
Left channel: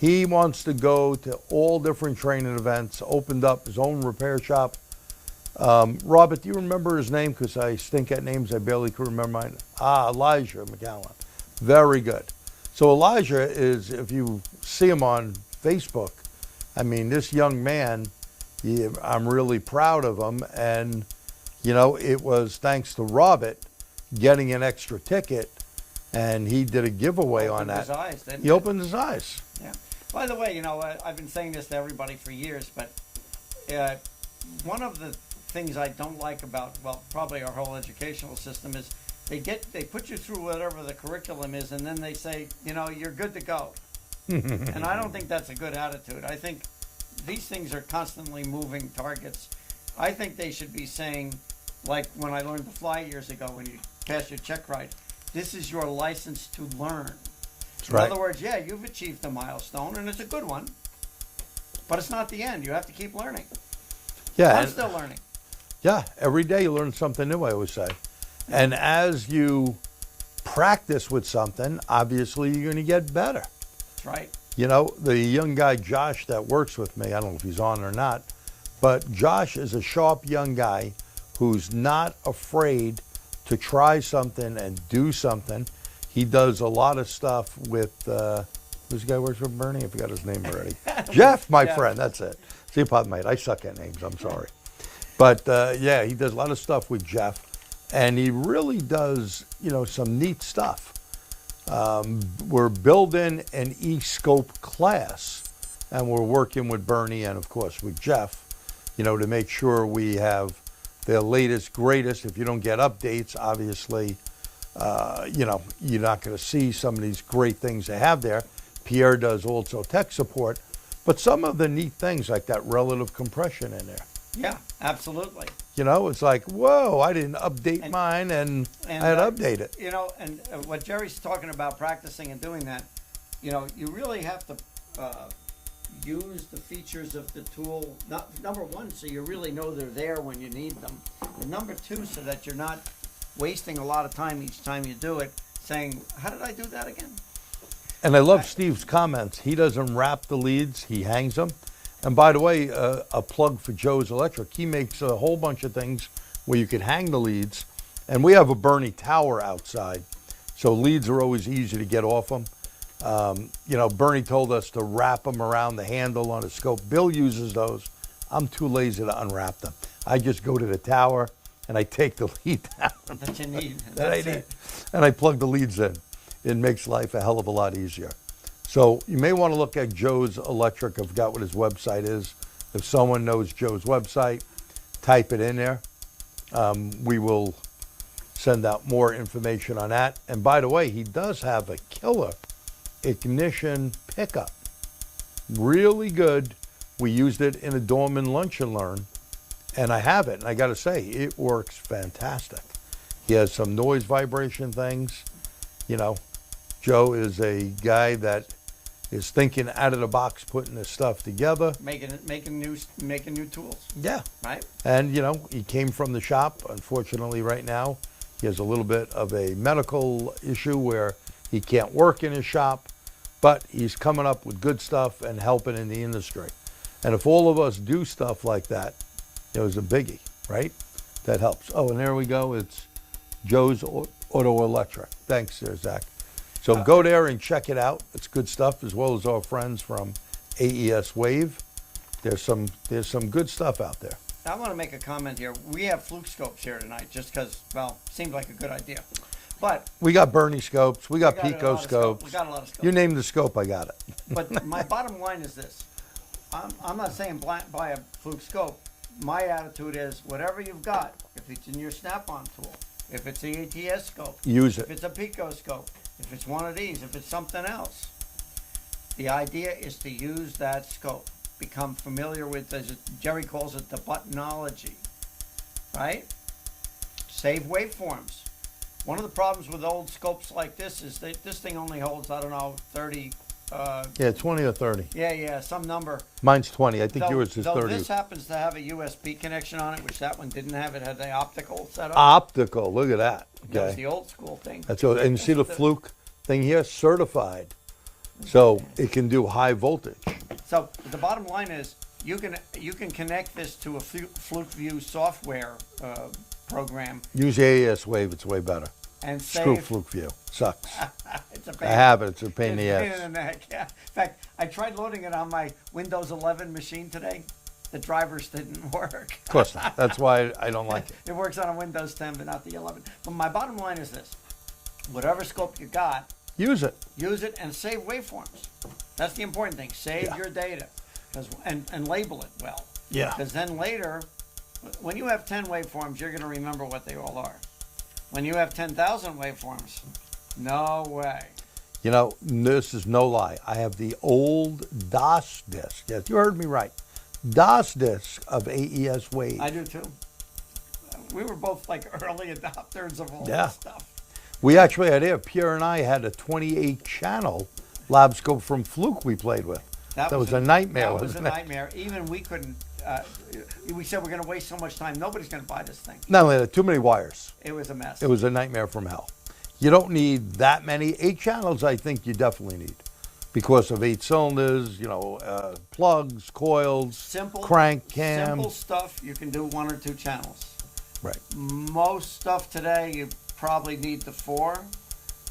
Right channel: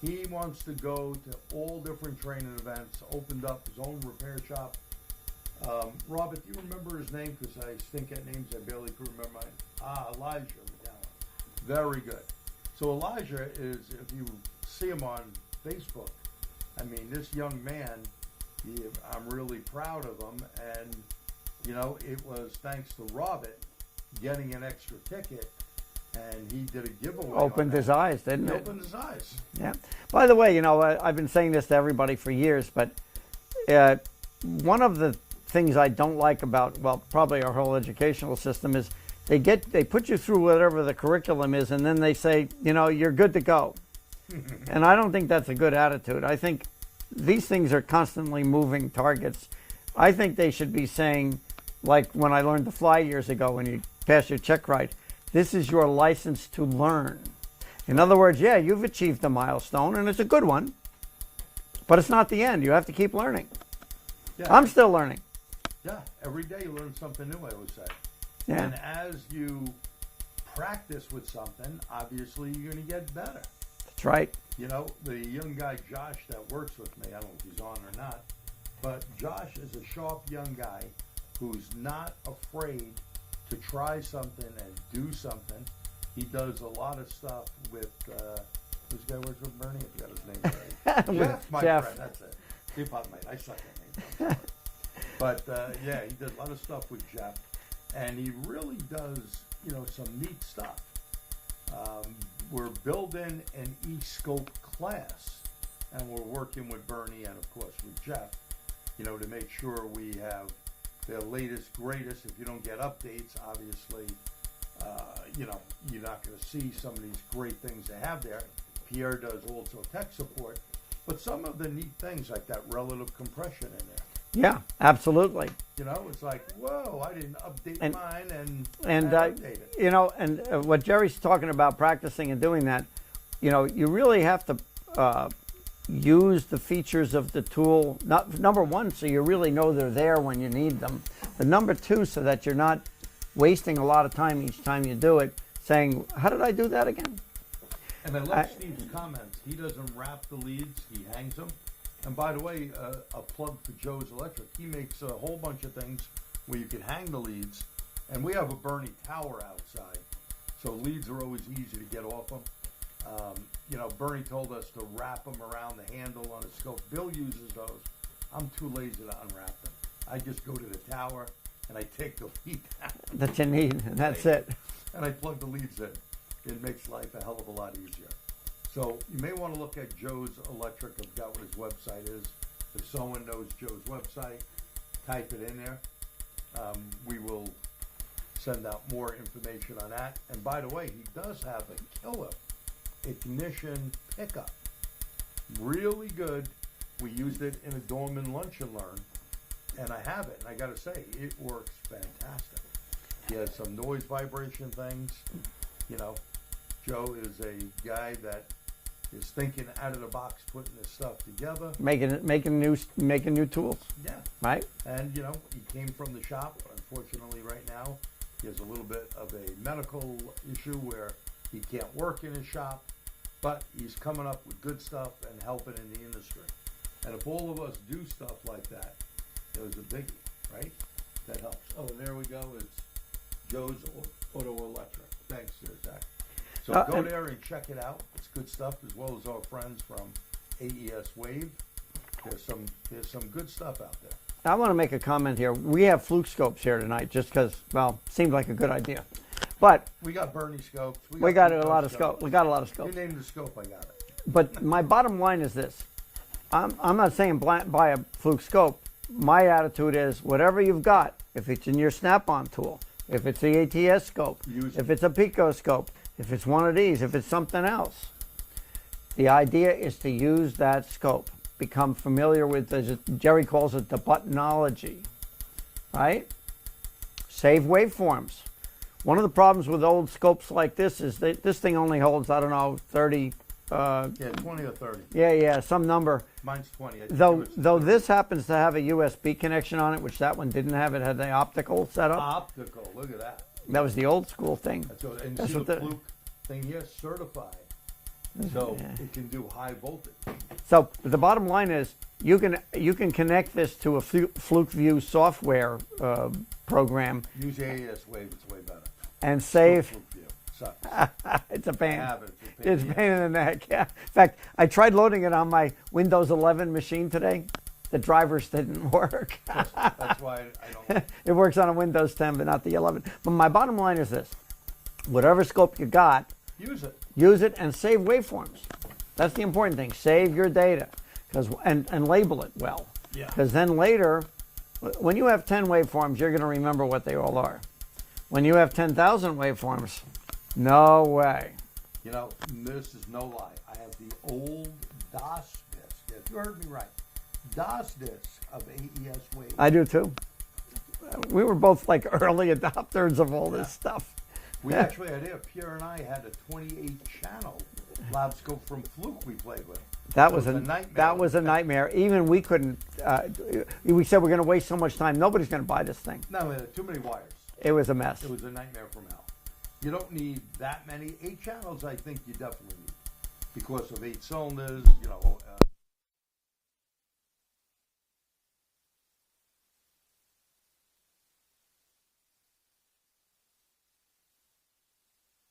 He wants to go to all different training events, opened up his own repair shop. Robert, do you remember his name? Because I stink at names, I barely can remember mine. Elijah McAllen. Very good. So Elijah is, if you see him on Facebook. I mean, this young man, I'm really proud of him. And, you know, it was thanks to Robert getting an extra ticket, and he did a giveaway on that. Opened his eyes, didn't He it? opened his eyes. Yeah. By the way, you know, I've been saying this to everybody for years, but one of the things I don't like about, well, probably our whole educational system is they put you through whatever the curriculum is, and then they say, you know, you're good to go. And I don't think that's a good attitude. I think these things are constantly moving targets. I think they should be saying, like when I learned to fly years ago, when you pass your check ride, this is your license to learn. In right. other words, yeah, you've achieved a milestone, and it's a good one, but it's not the end. You have to keep learning. Yeah, I'm still learning. Yeah, every day you learn something new, I always say. Yeah. And as you practice with something, obviously you're going to get better. That's right. You know, the young guy, Josh, that works with me, I don't know if he's on or not, but Josh is a sharp young guy who's not afraid to try something and do something. He does a lot of stuff with, who's the guy who works with Bernie? I forgot his name already. Jeff, my Jeff. friend, that's it. See, pardon me, I suck at names, I'm sorry. But yeah, he does a lot of stuff with Jeff, and he really does, you know, some neat stuff. We're building an E-scope class, and we're working with Bernie and, of course, with Jeff, you know, to make sure we have the latest, greatest. If you don't get updates, obviously, you know, you're not going to see some of these great things they have there. Pierre does also tech support, but some of the neat things like that relative compression in there. Yeah, absolutely. You know, it's like, whoa, I didn't update mine, and I had to update it. You know, and what Jerry's talking about, practicing and doing that, you know, you really have to use the features of the tool, number one, so you really know they're there when you need them. But number two, so that you're not wasting a lot of time each time you do it, saying, how did I do that again? And I love Steve's comments. He doesn't wrap the leads, he hangs them. And by the way, a plug for Joe's Electric. He makes a whole bunch of things where you could hang the leads. And we have a Bernie tower outside, so leads are always easy to get off them. You know, Bernie told us to wrap them around the handle on a scope. Bill uses those. I'm too lazy to unwrap them. I just go to the tower and I take the lead out. That you need. That's it. And I plug the leads in. It makes life a hell of a lot easier. So you may want to look at Joe's Electric. I forgot what his website is. If someone knows Joe's website, type it in there. We will send out more information on that. And by the way, he does have a killer ignition pickup. Really good. We used it in a Dorman Lunch and Learn, and I have it, and I got to say, it works fantastic. He has some noise vibration things. You know, Joe is a guy that is thinking out of the box, putting this stuff together. Making new tools. Yeah. Right. And, you know, he came from the shop. Unfortunately, right now, he has a little bit of a medical issue where he can't work in his shop, but he's coming up with good stuff and helping in the industry. And if all of us do stuff like that, it was a biggie, right? That helps. Oh, and there we go. It's Joe's Auto Electric. Thanks there, Zach. So go there and check it out. It's good stuff, as well as our friends from AES Wave. There's some good stuff out there. I want to make a comment here. We have fluke scopes here tonight just because, well, seemed like a good idea. But we got Bernie scopes. We got Pico scopes. We got a lot of scopes. You name the scope, I got it. But my bottom line is this. I'm not saying buy a fluke scope. My attitude is whatever you've got, if it's in your snap-on tool, if it's the ATTS scope, use it. If it's a Pico scope, if it's one of these, if it's something else. The idea is to use that scope. Become familiar with, as Jerry calls it, the buttonology, right? Save waveforms. One of the problems with old scopes like this is that this thing only holds, I don't know, 30. Yeah, 20 or 30. Yeah, some number. Mine's 20. I think yours is 30. Though this happens to have a USB connection on it, which that one didn't have. It had the optical setup. Optical, look at that. That was the old school thing. That's what, and you see the fluke thing here, certified. So it can do high voltage. So the bottom line is you can connect this to a Fluke View software program. Use AES Wave, it's way better. and Screw save. Fluke View. Sucks. It's a pain. I have it. It's a pain in It's the a pain ass. in the neck. Yeah. In fact, I tried loading it on my Windows 11 machine today. The drivers didn't work. Of course not. That's why I don't like it. It works on a Windows 10, but not the 11. But my bottom line is this: whatever scope you got, Use it. use it and save waveforms. That's the important thing. Save your data, and label it well. Yeah. Because then later, when you have 10 waveforms, you're going to remember what they all are. When you have 10,000 waveforms, no way. You know, this is no lie. I have the old DOS disc. Yes, you heard me right. DOS disc of AES Wave. I do too. We were both like early adopters of all Yeah. this stuff. We actually had here, Pierre and I had a 28 channel Labscope from Fluke we played with. That was a nightmare. That was a nightmare. Even we couldn't. We said we're going to waste so much time. Nobody's going to buy this thing. Not only that, too many wires. It was a mess. It was a nightmare from hell. You don't need that many. 8 channels, I think you definitely need, because of 8 cylinders. You know, plugs, coils, simple crank, cam. Simple stuff. You can do 1 or 2 channels. Right. Most stuff today, you probably need the 4.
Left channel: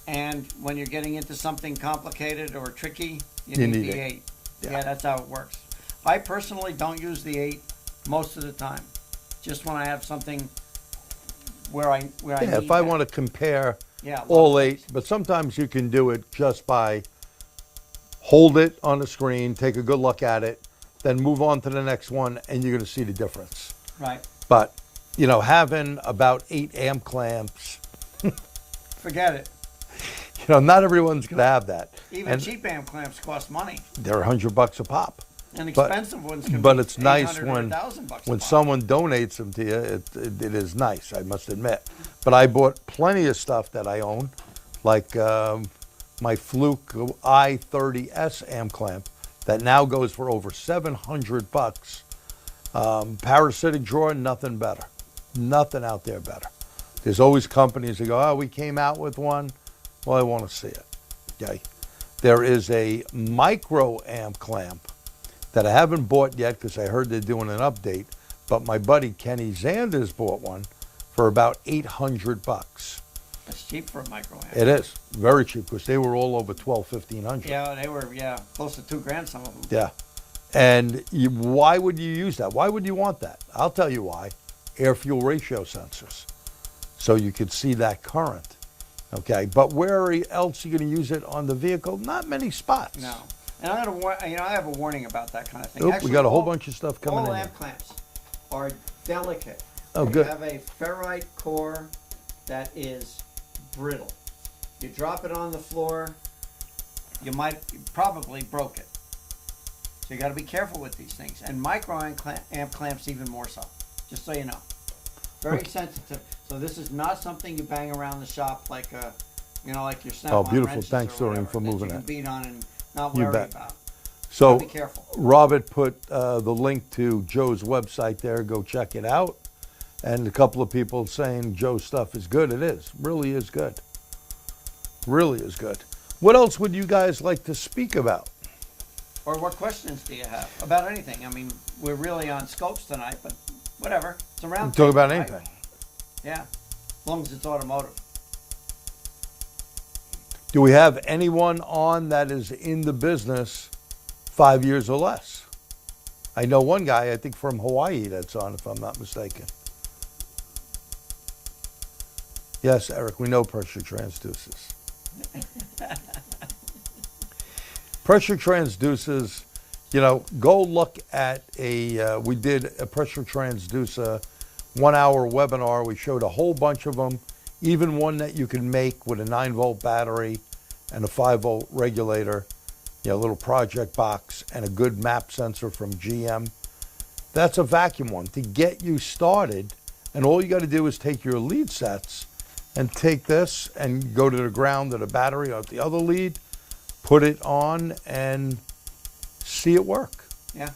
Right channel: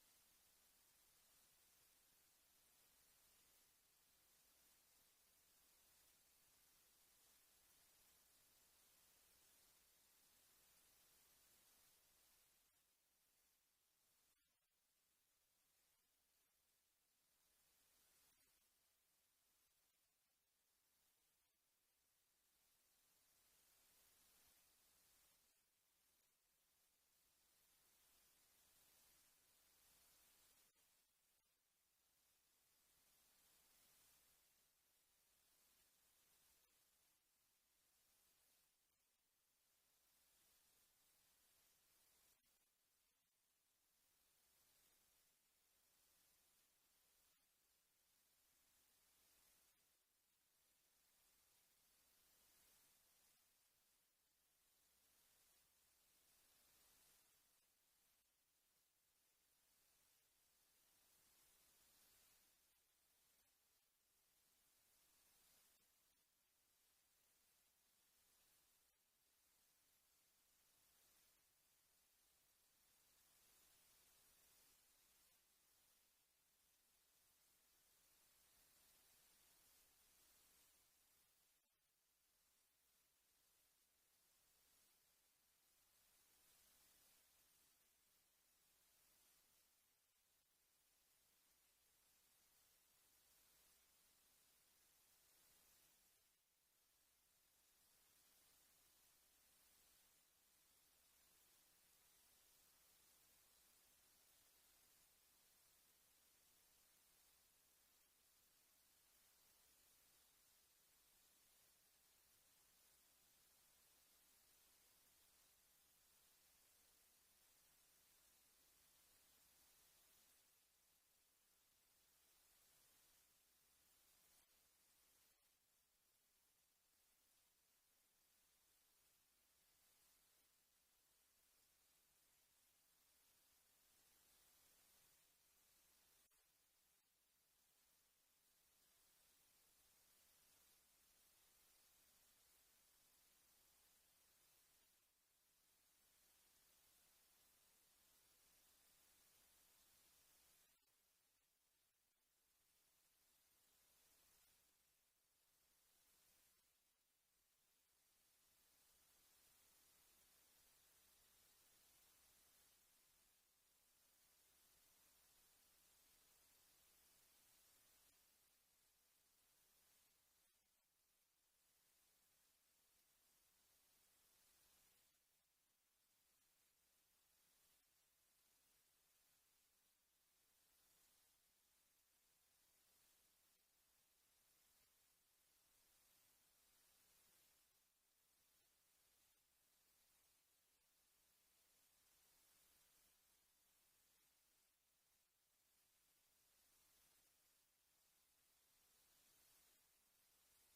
And when you're getting into something complicated or tricky, you need the 8. Yeah, that's how it works. I personally don't use the 8 most of the time. Just when I have something where I need If I that. want to compare Yeah, all 8, but sometimes you can do it just by hold it on the screen, take a good look at it, then move on to the next one, and you're going to see the difference. Right. But, you know, having about 8 amp clamps, Forget it. you know, not everyone's going to have that. Even And cheap amp clamps cost money. they're $100 a pop. And But- expensive ones can But be it's nice 800 or when 1,000 bucks a when pop. someone donates them to you. It is nice, I must admit. But I bought plenty of stuff that I own, like my Fluke i30S amp clamp that now goes for over $700. Parasitic drawer, nothing better. Nothing out there better. There's always companies that go, oh, we came out with one. Well, I want to see it. Okay. There is a micro amp clamp that I haven't bought yet because I heard they're doing an update, but my buddy Kenny Zanders bought one for about $800. That's cheap for a micro amp. It is very cheap because they were all over $1,200-$1,500. Yeah, they were, close to $2,000, some of them. Yeah. And why would you use that? Why would you want that? I'll tell you why. Air fuel ratio sensors. So you could see that current. Okay. But where else are you going to use it on the vehicle? Not many spots. No. And I'm gonna, I have a warning about that kind of thing. Oop, Actually, we got a whole all- bunch of stuff coming all in. amp clamps are delicate. Oh, They good. have a ferrite core that is brittle. You drop it on the floor, you probably broke it. So you got to be careful with these things. And micro amp clamps even more so. Just so you know, very sensitive. So this is not something you bang around the shop like like your snap-on beautiful. wrenches Thanks, or Dorman, whatever for that moving you can that. beat on and not You worry bet. about. So Be careful. Robert put the link to Joe's website there. Go check it out. And a couple of people saying Joe's stuff is good. It is. Really is good. Really is good. What else would you guys like to speak about? Or what questions do you have about anything? I mean, we're really on scopes tonight, but whatever. It's a round Talk table, about right? anything. Yeah, as long as it's automotive. Do we have anyone on that is in the business 5 years or less? I know one guy, I think from Hawaii, that's on, if I'm not mistaken. Yes, Eric, we know pressure transducers. Pressure transducers, go look at we did a pressure transducer 1 hour webinar. We showed a whole bunch of them, even one that you can make with a 9-volt battery and a 5-volt regulator, a little project box and a good map sensor from GM. That's a vacuum one to get you started. And all you got to do is take your lead sets and take this and go to the ground of the battery or the other lead, put it on and see it work. Yeah.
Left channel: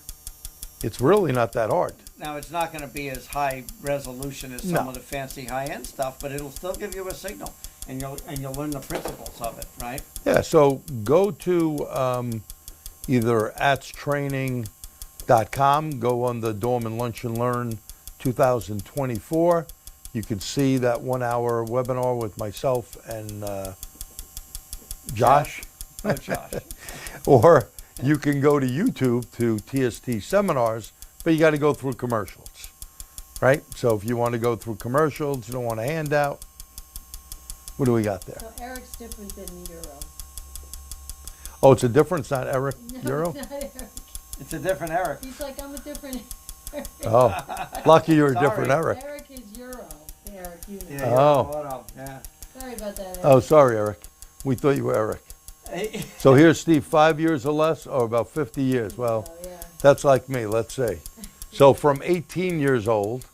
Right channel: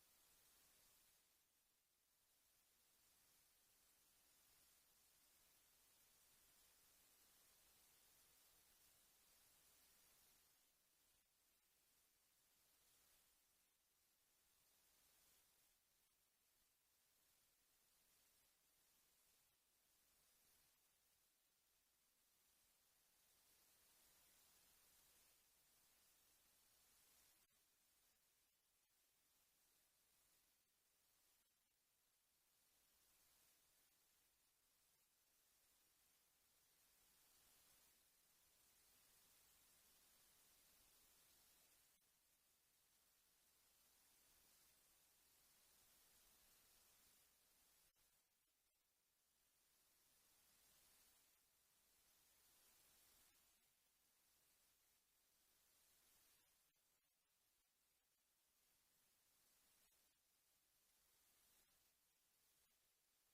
It's really not that hard. Now, it's not going to be as high resolution as some of the fancy high-end stuff, but it'll still give you a signal, and you'll learn the principles of it, right? Yeah, so go to either atstraining.com, go on the Dorman Lunch and Learn 2024, You can see that 1 hour webinar with myself and Josh. Oh, Josh. Or you can go to YouTube to TST seminars, but you got to go through commercials, right? So if you want to go through commercials, you don't want a handout. What do we got there? So Eric's different than Euro. Oh, it's a difference, not Eric No, Euro? it's not Eric. It's a different Eric. He's like, I'm a different Eric. Oh, lucky you're a Sorry. different Eric. Eric is Euro. The Eric you know. Yeah, Oh. Yeah. Sorry about that, Eric. Oh, sorry, Eric. We thought you were Eric. Hey. So here's Steve, 5 years or less, or about 50 years. Well, Oh, yeah. that's like me, let's see. So from 18 years old,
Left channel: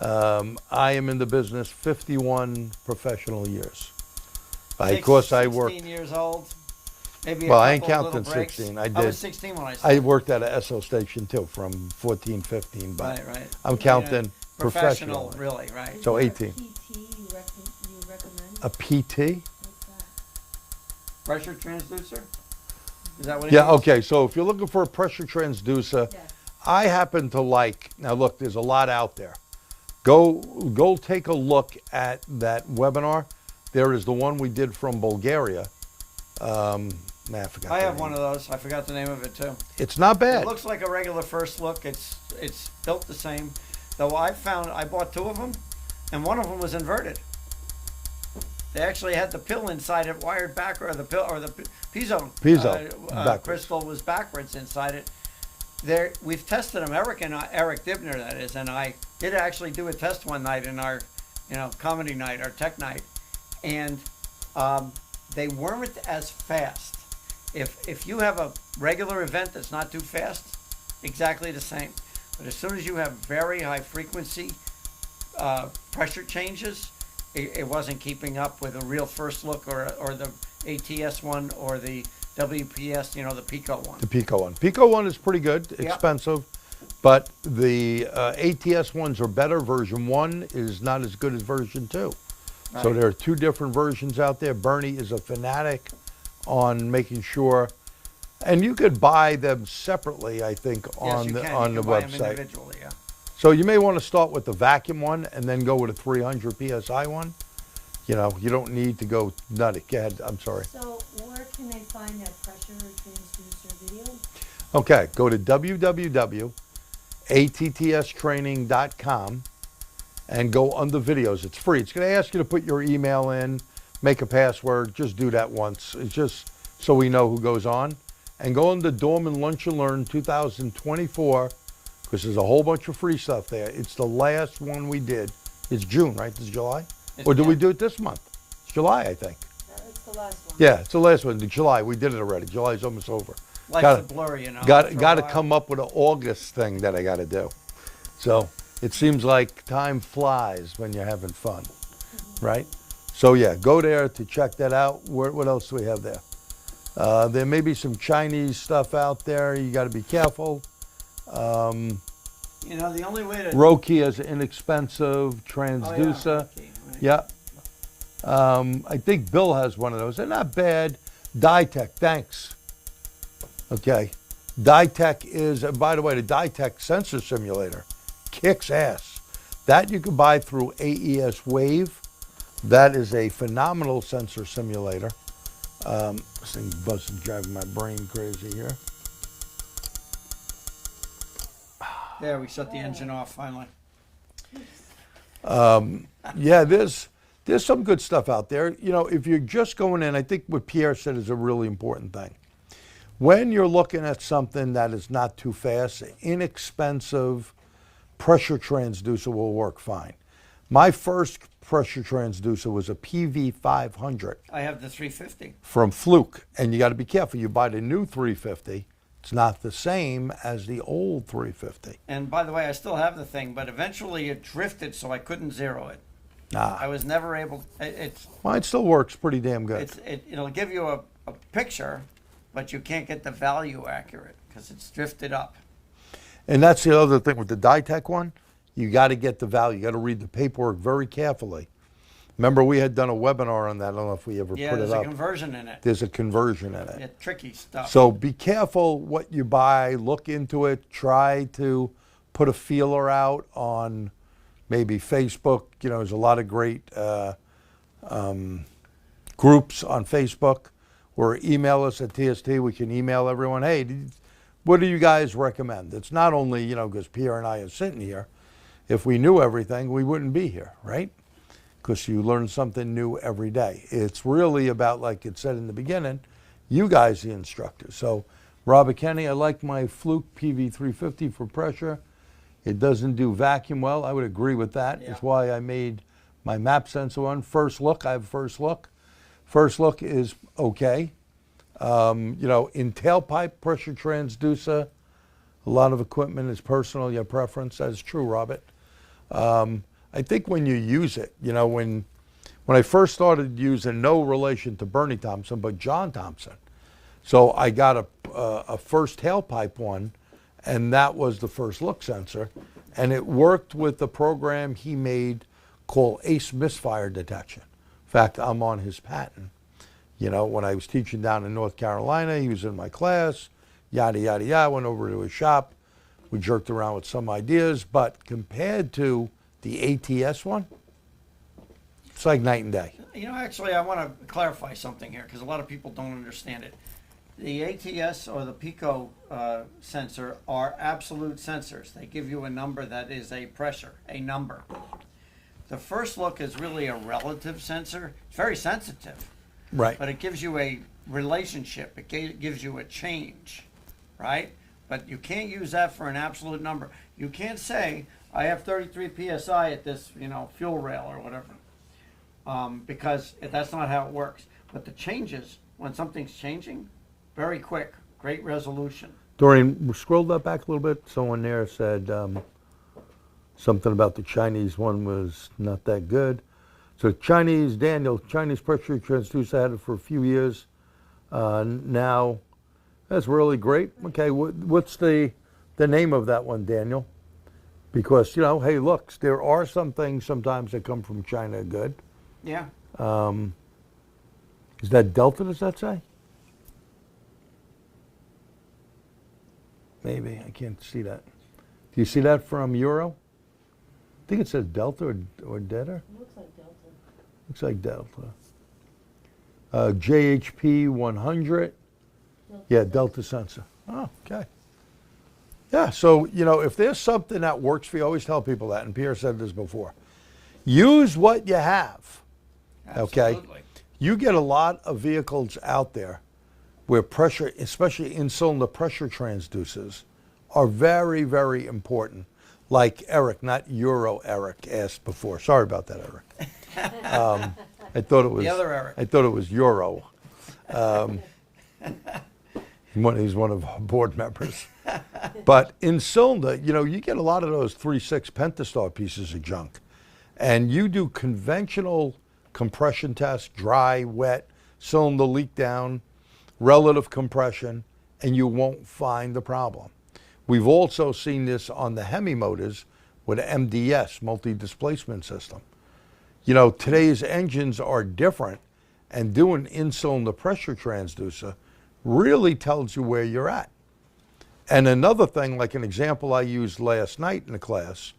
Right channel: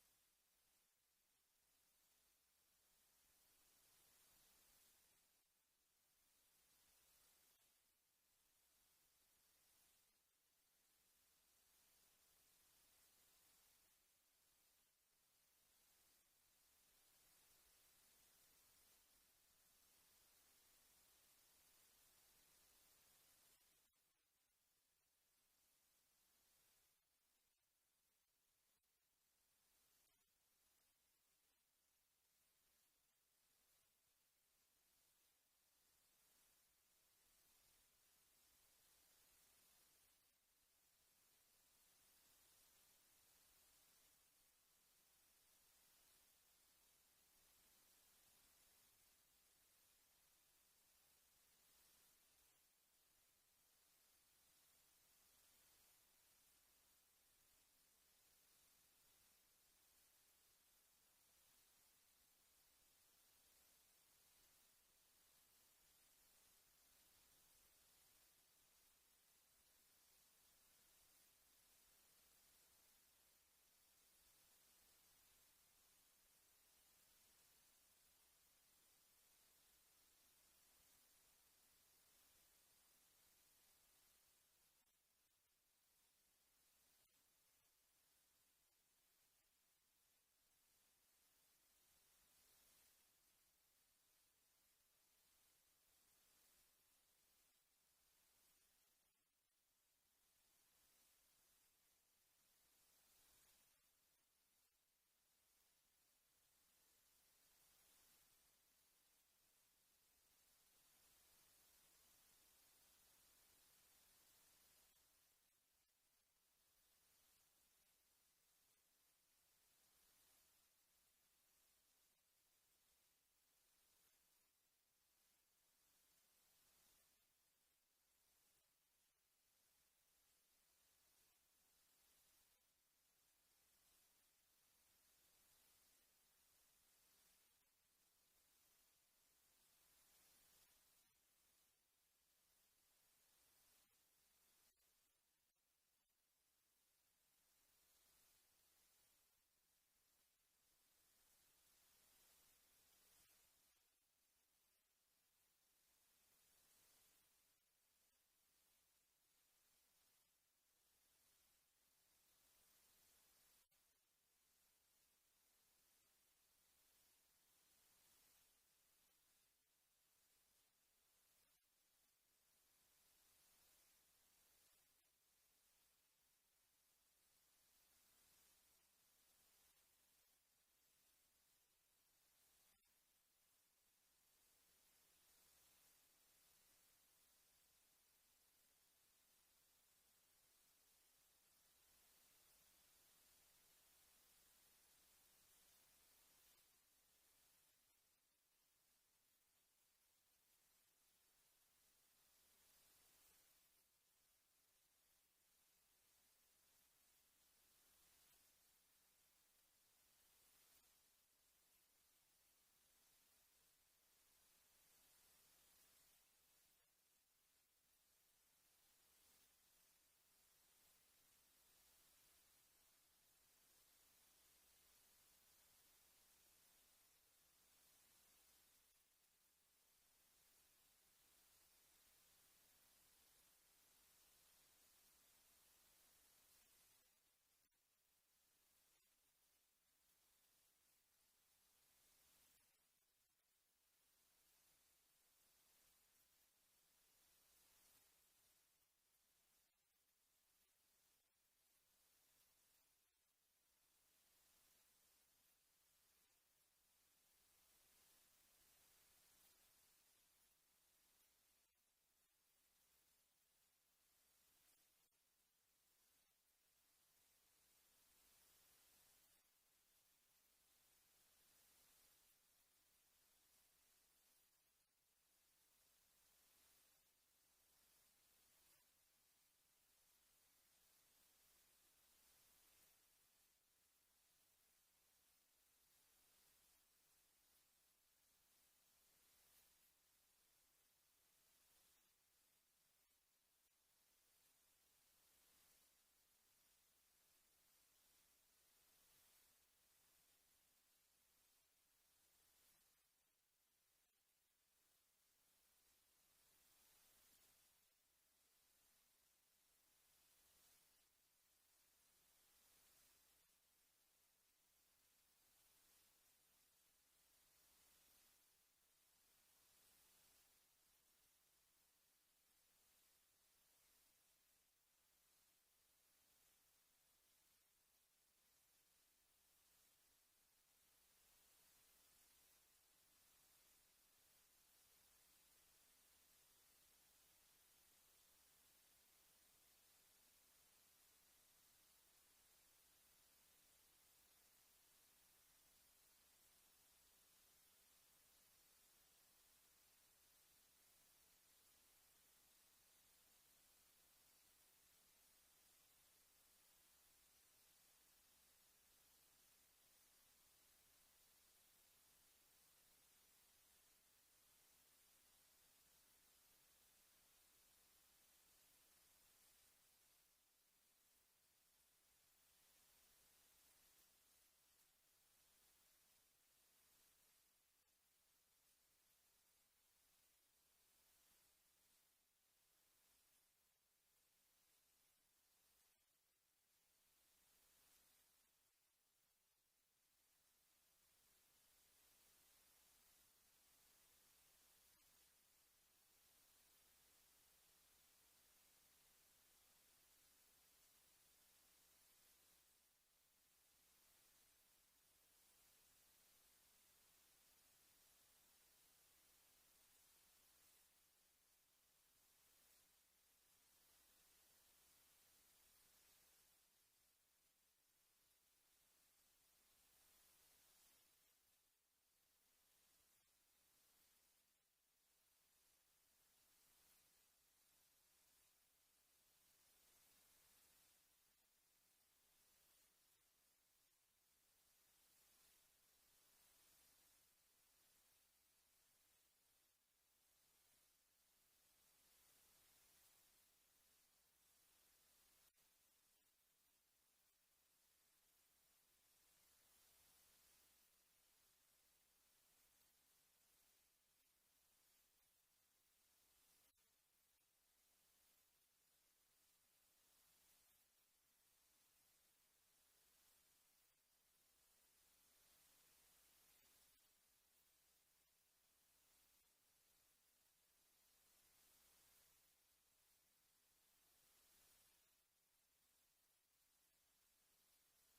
I am in the business 51 professional years. Of course, I worked. 16 years old. Maybe Well, a I ain't couple counting little breaks. 16. I I did. was 16 when I I started. worked at a SO station too, from 14, 15, but Right. I'm Yeah, counting professional, professional. really, right? So Is 18. there a PT you recommend? A PT? What's that? Pressure transducer? Is that what it Yeah, means? okay, so if you're looking for a pressure transducer, Yeah. I happen to like, now look, there's a lot out there. Go take a look at that webinar. There is the one we did from Bulgaria. I forgot I the have name. one of those. I forgot the name of it too. It's not bad. It looks like a regular first look. It's built the same. Though I bought two of them, and one of them was inverted. They actually had the pill inside it wired back, or the pill or the piezo backwards. crystal was backwards inside it. We've tested them. Eric Dibner, that is, and I did actually do a test one night in our, comedy night, our tech night, and they weren't as fast. If you have a regular event that's not too fast, exactly the same. But as soon as you have very high frequency pressure changes, it wasn't keeping up with a real first look or the ATS one or the WPS, the Pico one. The Pico one. Pico one is pretty good, expensive, but the ATS ones are better. Version 1 is not as good as version 2. So Right. there are two different versions out there. Bernie is a fanatic on making sure, and you could buy them separately, I think, Yes, on you the can. on You the can buy them website. individually, yeah. So you may want to start with the vacuum one and then go with a 300 psi one. You don't need to go nutty. Go ahead. I'm sorry. So where can they find that pressure transducer video? Okay, go to www.attstraining.com and go under videos. It's free. It's going to ask you to put your email in, make a password. Just do that once. It's just so we know who goes on. And go under Dorman Lunch and Learn 2024, because there's a whole bunch of free stuff there. It's the last one we did. It's June, right? This is July? Or did we do it this month? It's July, I think. It's the last one. Yeah, it's the last one. July. We did it already. July's almost over. Life's Got a blur, Got for a to while. come up with an August thing that I got to do. So it seems like time flies when you're having fun, right? So yeah, go there to check that out. What else do we have there? There may be some Chinese stuff out there. You got to be careful. The only way to... Roki is an inexpensive transducer. Yeah. I think Bill has one of those. They're not bad. Ditech, thanks. Okay. Ditech is, by the way, the Ditech sensor simulator kicks ass. That you can buy through AES Wave. That is a phenomenal sensor simulator. This thing buzzing, driving my brain crazy here. There, we shut the engine off finally. Yeah, there's some good stuff out there. If you're just going in, I think what Pierre said is a really important thing. When you're looking at something that is not too fast, inexpensive pressure transducer will work fine. My first pressure transducer was a PV500 I have the 350. from Fluke, and you got to be careful. You buy the new 350, it's not the same as the old 350. And by the way, I still have the thing, but eventually it drifted, so I couldn't zero it. I was never able. Mine still works pretty damn good. It'll give you a picture, but you can't get the value accurate because it's drifted up. And that's the other thing with the Ditech one. You got to get the value. You got to read the paperwork very carefully. Remember, we had done a webinar on that. I don't know if we ever Yeah, put it there's up. a conversion in it. There's a conversion in it. Yeah, tricky stuff. So be careful what you buy. Look into it. Try to put a feeler out on maybe Facebook. You know, there's a lot of great groups on Facebook, or email us at TST. We can email everyone, hey, what do you guys recommend? It's not only, you know, because Pierre and I are sitting here. If we knew everything, we wouldn't be here, right? Because you learn something new every day. It's really about, like it said in the beginning, you guys, the instructors. So, Robert Kenny, I like my Fluke PV350 for pressure. It doesn't do vacuum well. I would agree with that. Yeah. It's why I made my map sensor one. First look, I have first look. First look is okay. You know, in tailpipe pressure transducer, a lot of equipment is personal, your preference. That is true, Robert. I think when you use it, you know, when I first started using, no relation to Bernie Thompson, but John Thompson. So I got a first tailpipe one, and that was the first look sensor. And it worked with the program he made called ACE misfire detection. In fact, I'm on his patent. You know, when I was teaching down in North Carolina, he was in my class, yada, yada, yada. I went over to his shop. We jerked around with some ideas, but compared to the ATS one, it's like night and day. You know, actually, I want to clarify something here because a lot of people don't understand it. The ATS or the Pico sensor are absolute sensors. They give you a number that is a pressure, a number. The first look is really a relative sensor. It's very sensitive, Right. but it gives you a relationship. It gives you a change, right? But you can't use that for an absolute number. You can't say, I have 33 PSI at this, you know, fuel rail or whatever, because that's not how it works. But the changes, when something's changing, very quick, great resolution. Doreen, scroll that back a little bit. Someone there said something about the Chinese one was not that good. So Chinese, Daniel, Chinese pressure transducer had it for a few years. Now, that's really great. Okay, what's the name of that one, Daniel? Because, you know, hey, look, there are some things sometimes that come from China good. Yeah. Is that Delta, does that say? Maybe, I can't see that. Do you see that from Euro? I think it says Delta or Delta. Looks like Delta. Looks like Delta. JHP 100. Yeah, Delta sensor. Oh, okay. Yeah, so, you know, if there's something that works for you, I always tell people that, and Pierre said this before. Use what you have, okay? Absolutely. You get a lot of vehicles out there where pressure, especially in-cylinder pressure transducers, are very, very important. Like Eric, not Euro Eric, asked before. Sorry about that, Eric. I thought it was The other Eric. I thought it was Euro. He's one of our board members. But in cylinder, you know, you get a lot of those 3.6 pentastar pieces of junk. And you do conventional compression tests, dry, wet, cylinder leak down, relative compression, and you won't find the problem. We've also seen this on the Hemi motors with MDS, multi-displacement system. You know, today's engines are different, and doing in-cylinder pressure transducer really tells you where you're at. And another thing, like an example I used last night in the class,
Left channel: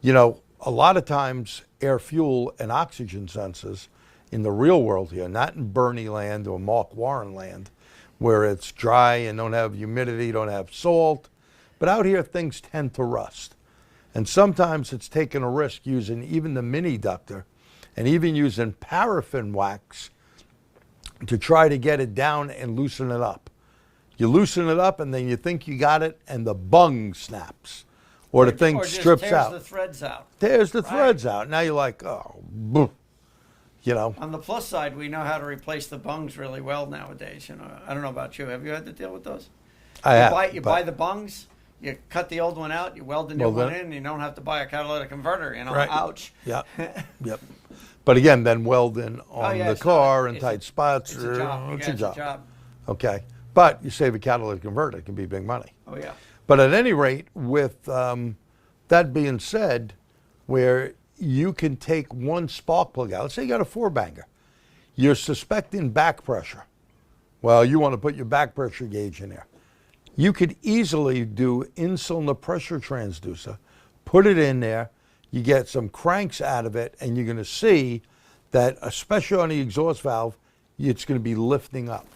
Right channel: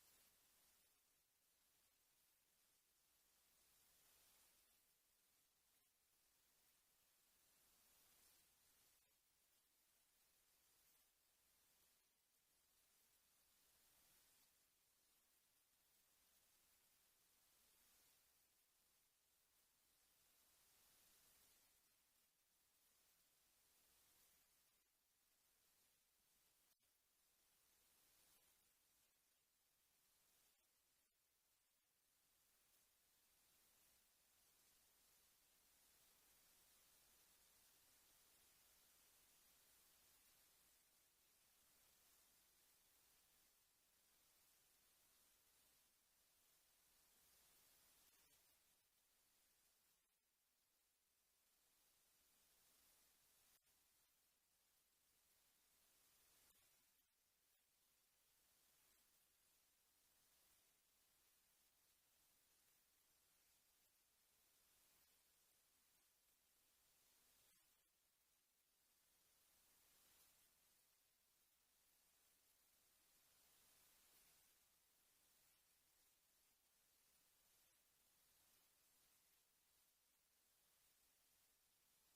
you know, a lot of times air, fuel, and oxygen sensors in the real world here, not in Bernie land or Mark Warren land, where it's dry and don't have humidity, don't have salt, but out here things tend to rust. And sometimes it's taking a risk using even the mini ductor and even using paraffin wax to try to get it down and loosen it up. You loosen it up and then you think you got it and the bung snaps. Or the thing strips out. Tears the threads out. Tears the threads out. Now you're like, oh, boom. You know. On the plus side, we know how to replace the bungs really well nowadays. You know, I don't know about you. Have you had to deal with those? I have. You buy the bungs, you cut the old one out, you weld the new Well, one in, and you don't have to buy a catalytic converter. You know, Right. ouch. Yeah. Yep. But again, then welding on yeah, the it's car not- in it's tight spots. It's a job. It's Yeah, a it's job. a job. Okay. But you save a catalytic converter, it can be big money. Oh yeah. But at any rate, with that being said, where you can take one spark plug out, let's say you got a 4-banger, you're suspecting back pressure. Well, you want to put your back pressure gauge in there. You could easily do in-cylinder pressure transducer, put it in there, you get some cranks out of it, and you're going to see that, especially on the exhaust valve, it's going to be lifting up.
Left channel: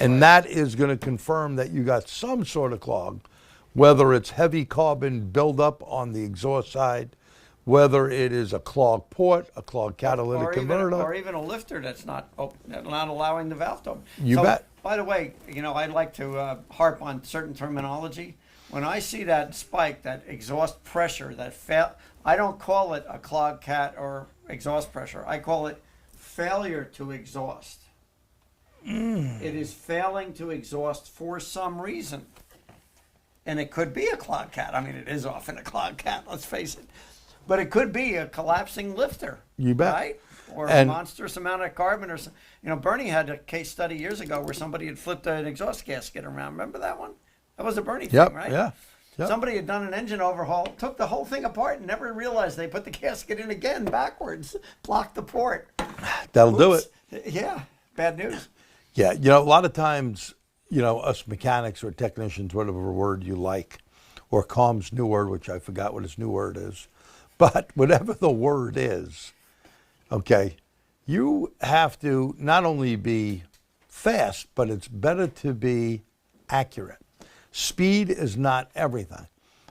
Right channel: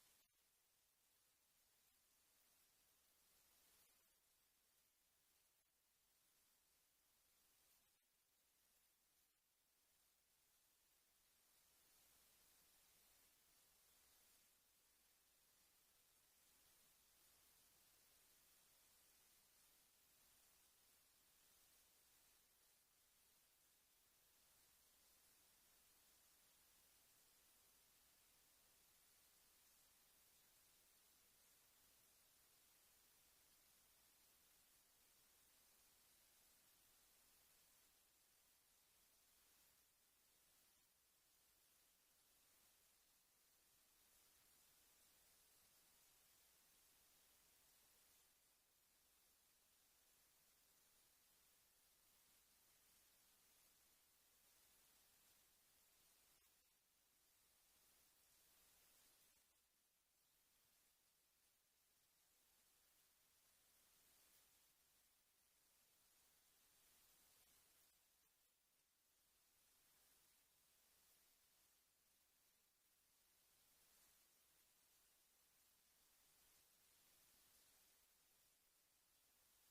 And that is going to confirm that you got some sort of clog, whether it's heavy carbon buildup on the exhaust side, whether it is a clogged port, a clogged catalytic converter. Or even a lifter that's not allowing the valve to open. You bet. By the way, I'd like to harp on certain terminology. When I see that spike, that exhaust pressure, I don't call it a clogged cat or exhaust pressure. I call it failure to exhaust. It is failing to exhaust for some reason. And it could be a clogged cat. I mean, it is often a clogged cat, let's face it. But it could be a collapsing lifter. You bet. Right? Or a monstrous amount of carbon. Bernie had a case study years ago where somebody had flipped an exhaust gasket around. Remember that one? That was a Bernie thing, right? Yeah. Yep. Somebody had done an engine overhaul, took the whole thing apart, and never realized they put the gasket in again backwards, blocked the port. That'll do it. Yeah, bad news. Yeah, a lot of times, us mechanics or technicians, whatever word you like, or Com's new word, which I forgot what his new word is, but whatever the word is, okay, you have to not only be fast, but it's better to be accurate. Speed is not everything.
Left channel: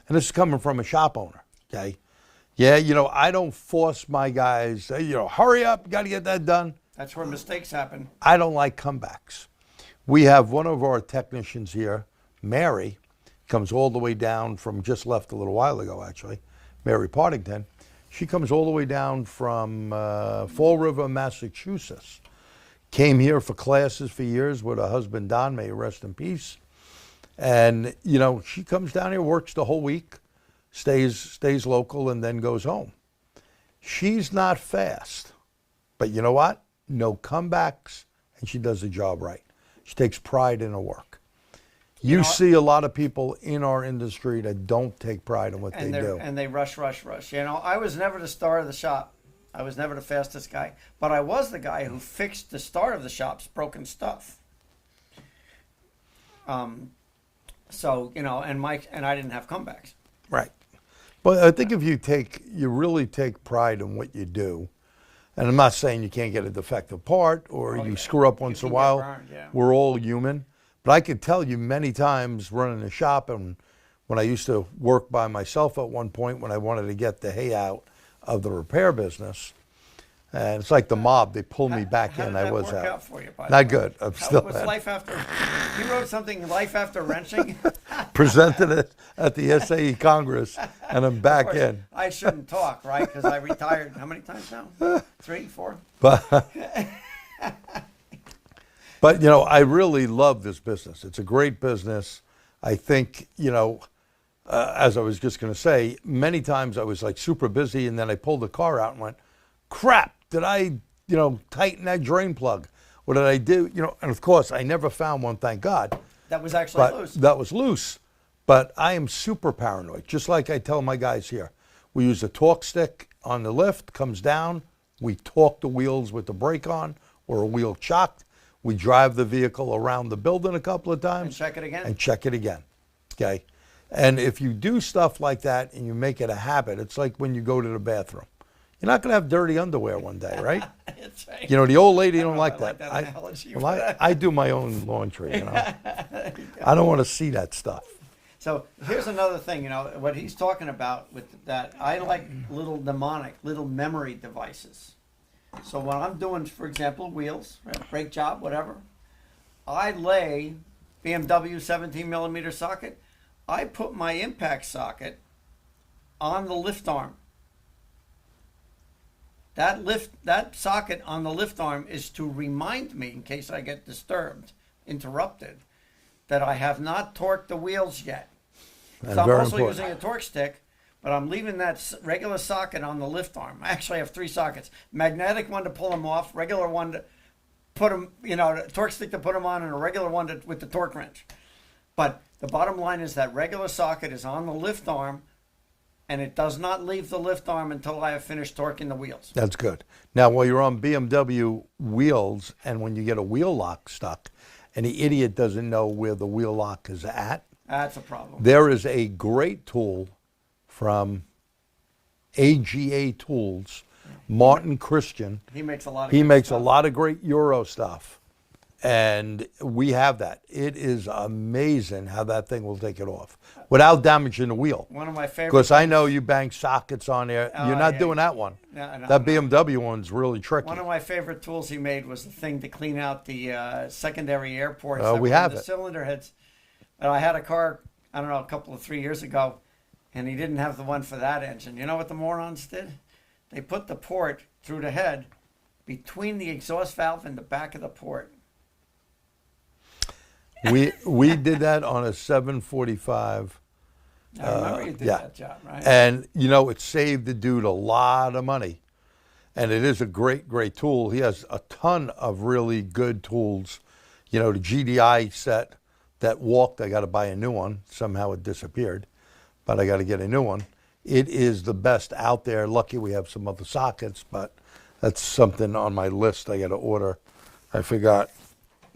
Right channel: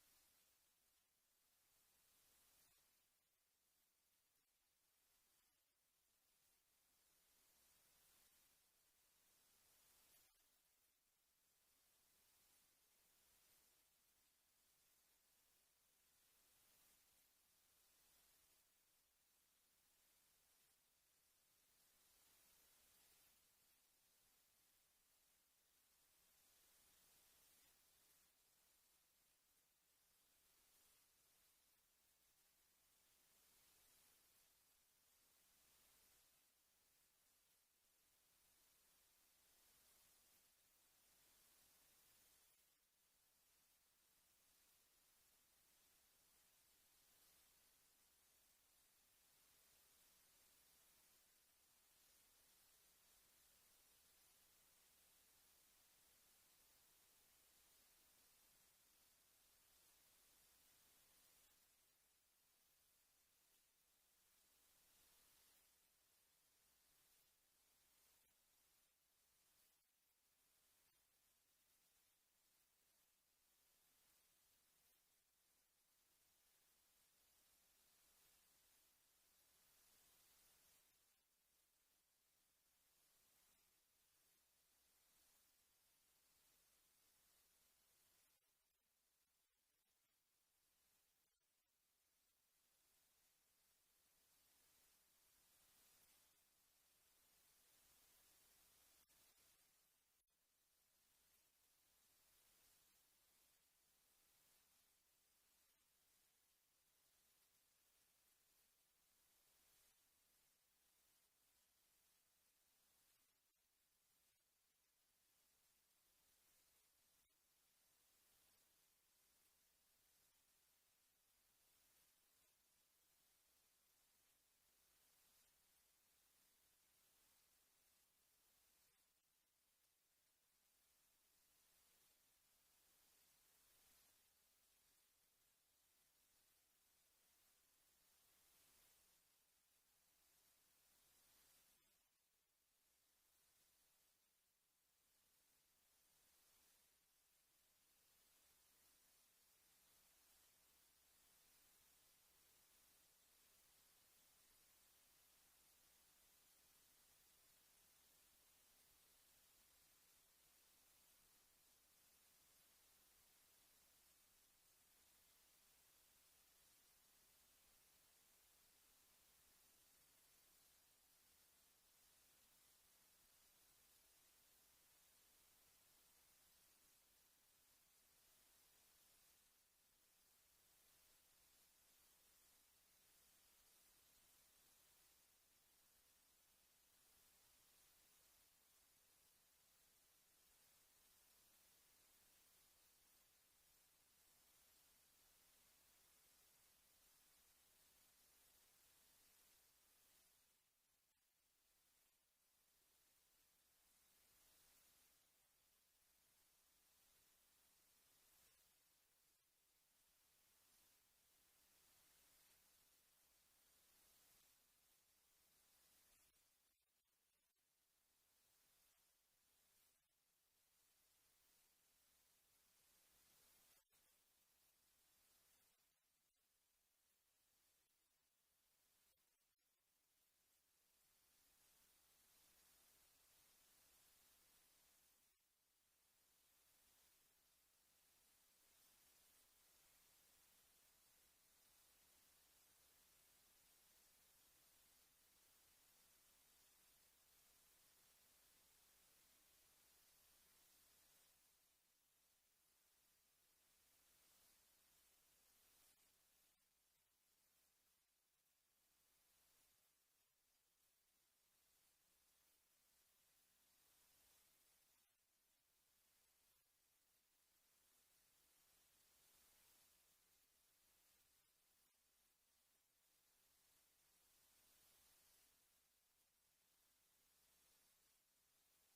And this is coming from a shop owner, okay? Yeah, I don't force my guys, hurry up, got to get that done. That's where mistakes happen. I don't like comebacks. We have one of our technicians here, Mary, comes all the way down from, just left a little while ago actually, Mary Partington. She comes all the way down from Fall River, Massachusetts. Came here for classes for years with her husband, Don, may he rest in peace. And, she comes down here, works the whole week, stays local, and then goes home. She's not fast, but you know what? No comebacks, and she does the job right. She takes pride in her work. You see a lot of people in our industry that don't take pride in what they do. And they rush. I was never the star of the shop. I was never the fastest guy. But I was the guy who fixed the star of the shop's broken stuff. And I didn't have comebacks. Right. But I think if you really take pride in what you do, and I'm not saying you can't get a defective part or you screw up once in a while. Burned, yeah. We're all human. But I could tell you many times running a shop, and when I used to work by myself at one point when I wanted to get the hay out of the repair business, and it's like the mob, they pulled me back in. I was work out. Out for you, by Not the way? good. I'm still was life after? You wrote something, Life After Wrenching? presented it at the SAE Congress, and I'm back in. I shouldn't talk, right? Because I retired how many times now? 3, 4? But I really love this business. It's a great business. I think, as I was just going to say, many times I was like super busy, and then I pulled the car out and went, crap, did I, tighten that drain plug? What did I do? And of course, I never found one, thank God. That was actually loose. That was loose. But I am super paranoid, just like I tell my guys here. We use a torque stick on the lift, comes down, we torque the wheels with the brake on or a wheel chocked. We drive the vehicle around the building a couple of times. And check it again. Okay? And if you do stuff like that and you make it a habit, it's like when you go to the bathroom. You're not going to have dirty underwear one day, right? That's right. The old lady don't like that. I do my own laundry, I don't want to see that stuff. So here's another thing, what he's talking about with that, I like little mnemonic, little memory devices. So when I'm doing, for example, wheels, brake job, whatever, I lay BMW 17 millimeter socket, I put my impact socket on the lift arm. That socket on the lift arm is to remind me, in case I get disturbed, interrupted, that I have not torqued the wheels yet. That's so I'm very also important. using a torque stick, but I'm leaving that regular socket on the lift arm. I actually have 3 sockets. Magnetic one to pull them off, regular one to put them, the torque stick to put them on, and a regular one with the torque wrench. But the bottom line is that regular socket is on the lift arm, and it does not leave the lift arm until I have finished torquing the wheels. That's good. Now, while you're on BMW wheels, and when you get a wheel lock stuck, and the idiot doesn't know where the wheel lock is at, that's a problem. there is a great tool from AGA Tools, Martin Christian. He makes a lot of He good makes stuff. a lot of great Euro stuff. And we have that. It is amazing how that thing will take it off without damaging the wheel. One of my favorite. Because I things- know you bang sockets on there. Oh, You're not yeah. doing that one. No, no, That no. BMW one's really tricky. One of my favorite tools he made was the thing to clean out the secondary air ports. Oh, that we were in have the it. cylinder heads. I had a car, I don't know, a couple of 3 years ago, and he didn't have the one for that engine. You know what the morons did? They put the port through the head between the exhaust valve and the back of the port. We did that on a 745. I remember you did yeah. that job, right? And, you know, it saved the dude a lot of money. And it is a great, great tool. He has a ton of really good tools. You know, the GDI set that walked, I got to buy a new one. Somehow it disappeared, but I got to get a new one. It is the best out there. Lucky we have some other sockets, but that's something on my list I got to order. I forgot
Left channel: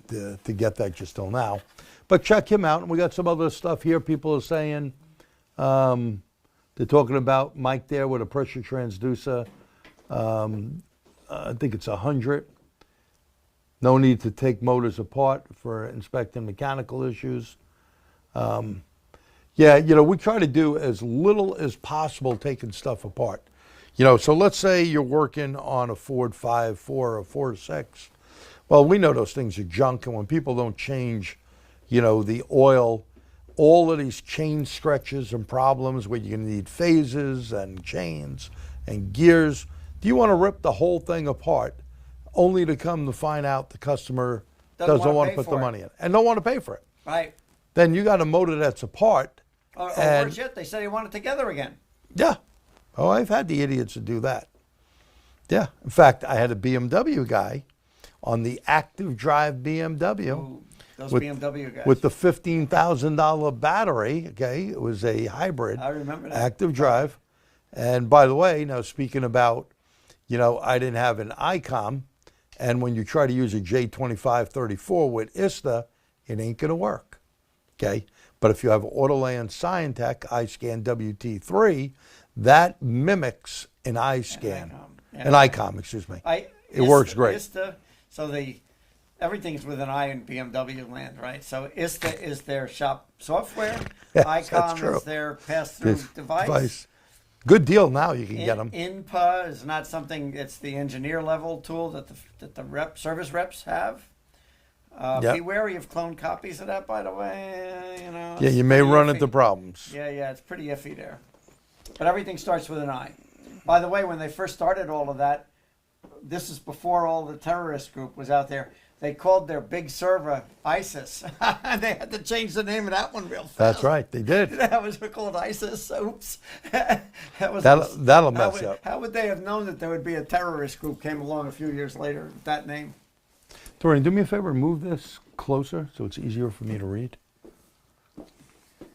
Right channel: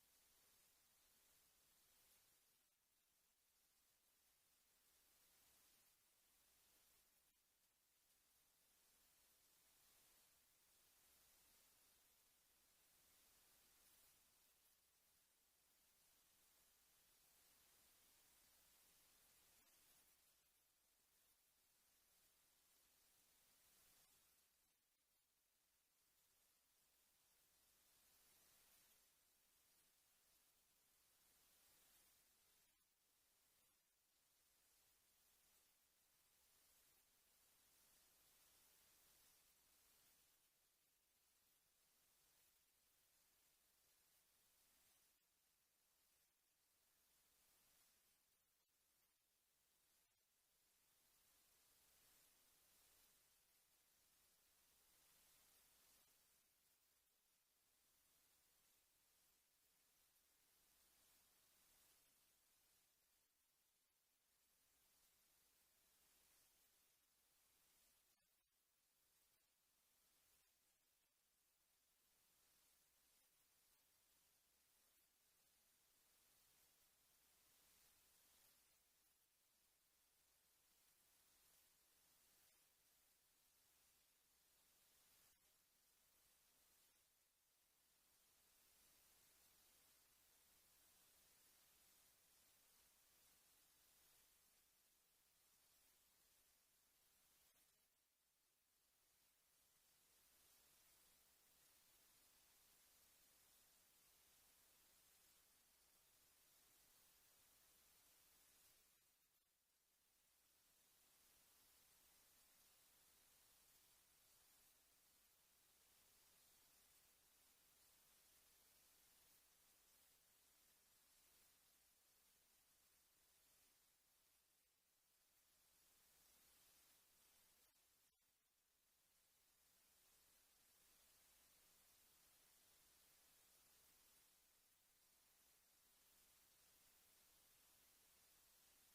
to get that just till now. But check him out. And we got some other stuff here. People are saying, they're talking about Mike there with a pressure transducer. I think it's 100. No need to take motors apart for inspecting mechanical issues. Yeah, you know, we try to do as little as possible taking stuff apart. You know, so let's say you're working on a Ford 5.4 or a 4.6. Well, we know those things are junk, and when people don't change, you know, the oil, all of these chain stretches and problems where you're going to need phases and chains and gears. Do you want to rip the whole thing apart only to come to find out the customer doesn't want to put the money in and don't want to pay for it? Right. Then you got a motor that's apart. Or and worse yet, they said they want it together again. yeah. Oh, I've had the idiots that do that. Yeah. In fact, I had a BMW guy on the active drive BMW. Ooh, those with- BMW guys. With the $15,000 battery, okay, it was a hybrid. I remember that. Active drive. And by the way, now speaking about, you know, I didn't have an ICOM, and when you try to use a J2534 with ISTA, it ain't gonna work, okay? But if you have Autoland Scientech iScan WT3, that mimics an iScan, Yeah. an ICOM, excuse me. It works great. ISTA, so everything's with an I in BMW land, right? So ISTA is their shop software. Yes, ICOM that's true. is their pass-through This device. Good deal now, you can get them. INPA is not something, it's the engineer level tool that the service reps have. Yep. Be wary of clone copies of that, by the way. You know, Yeah, it's you may pretty run iffy. into problems. Yeah, it's pretty iffy there. But everything starts with an I. By the way, when they first started all of that, this is before all the terrorist group was out there. They called their big server ISIS. They had to change the name of that one real fast. That's right, they did. That was called ISIS. Oops. That'll That'll mess you up. How would they have known that there would be a terrorist group came along a few years later with that name? Dorian, do me a favor, move this closer so it's easier for me to read.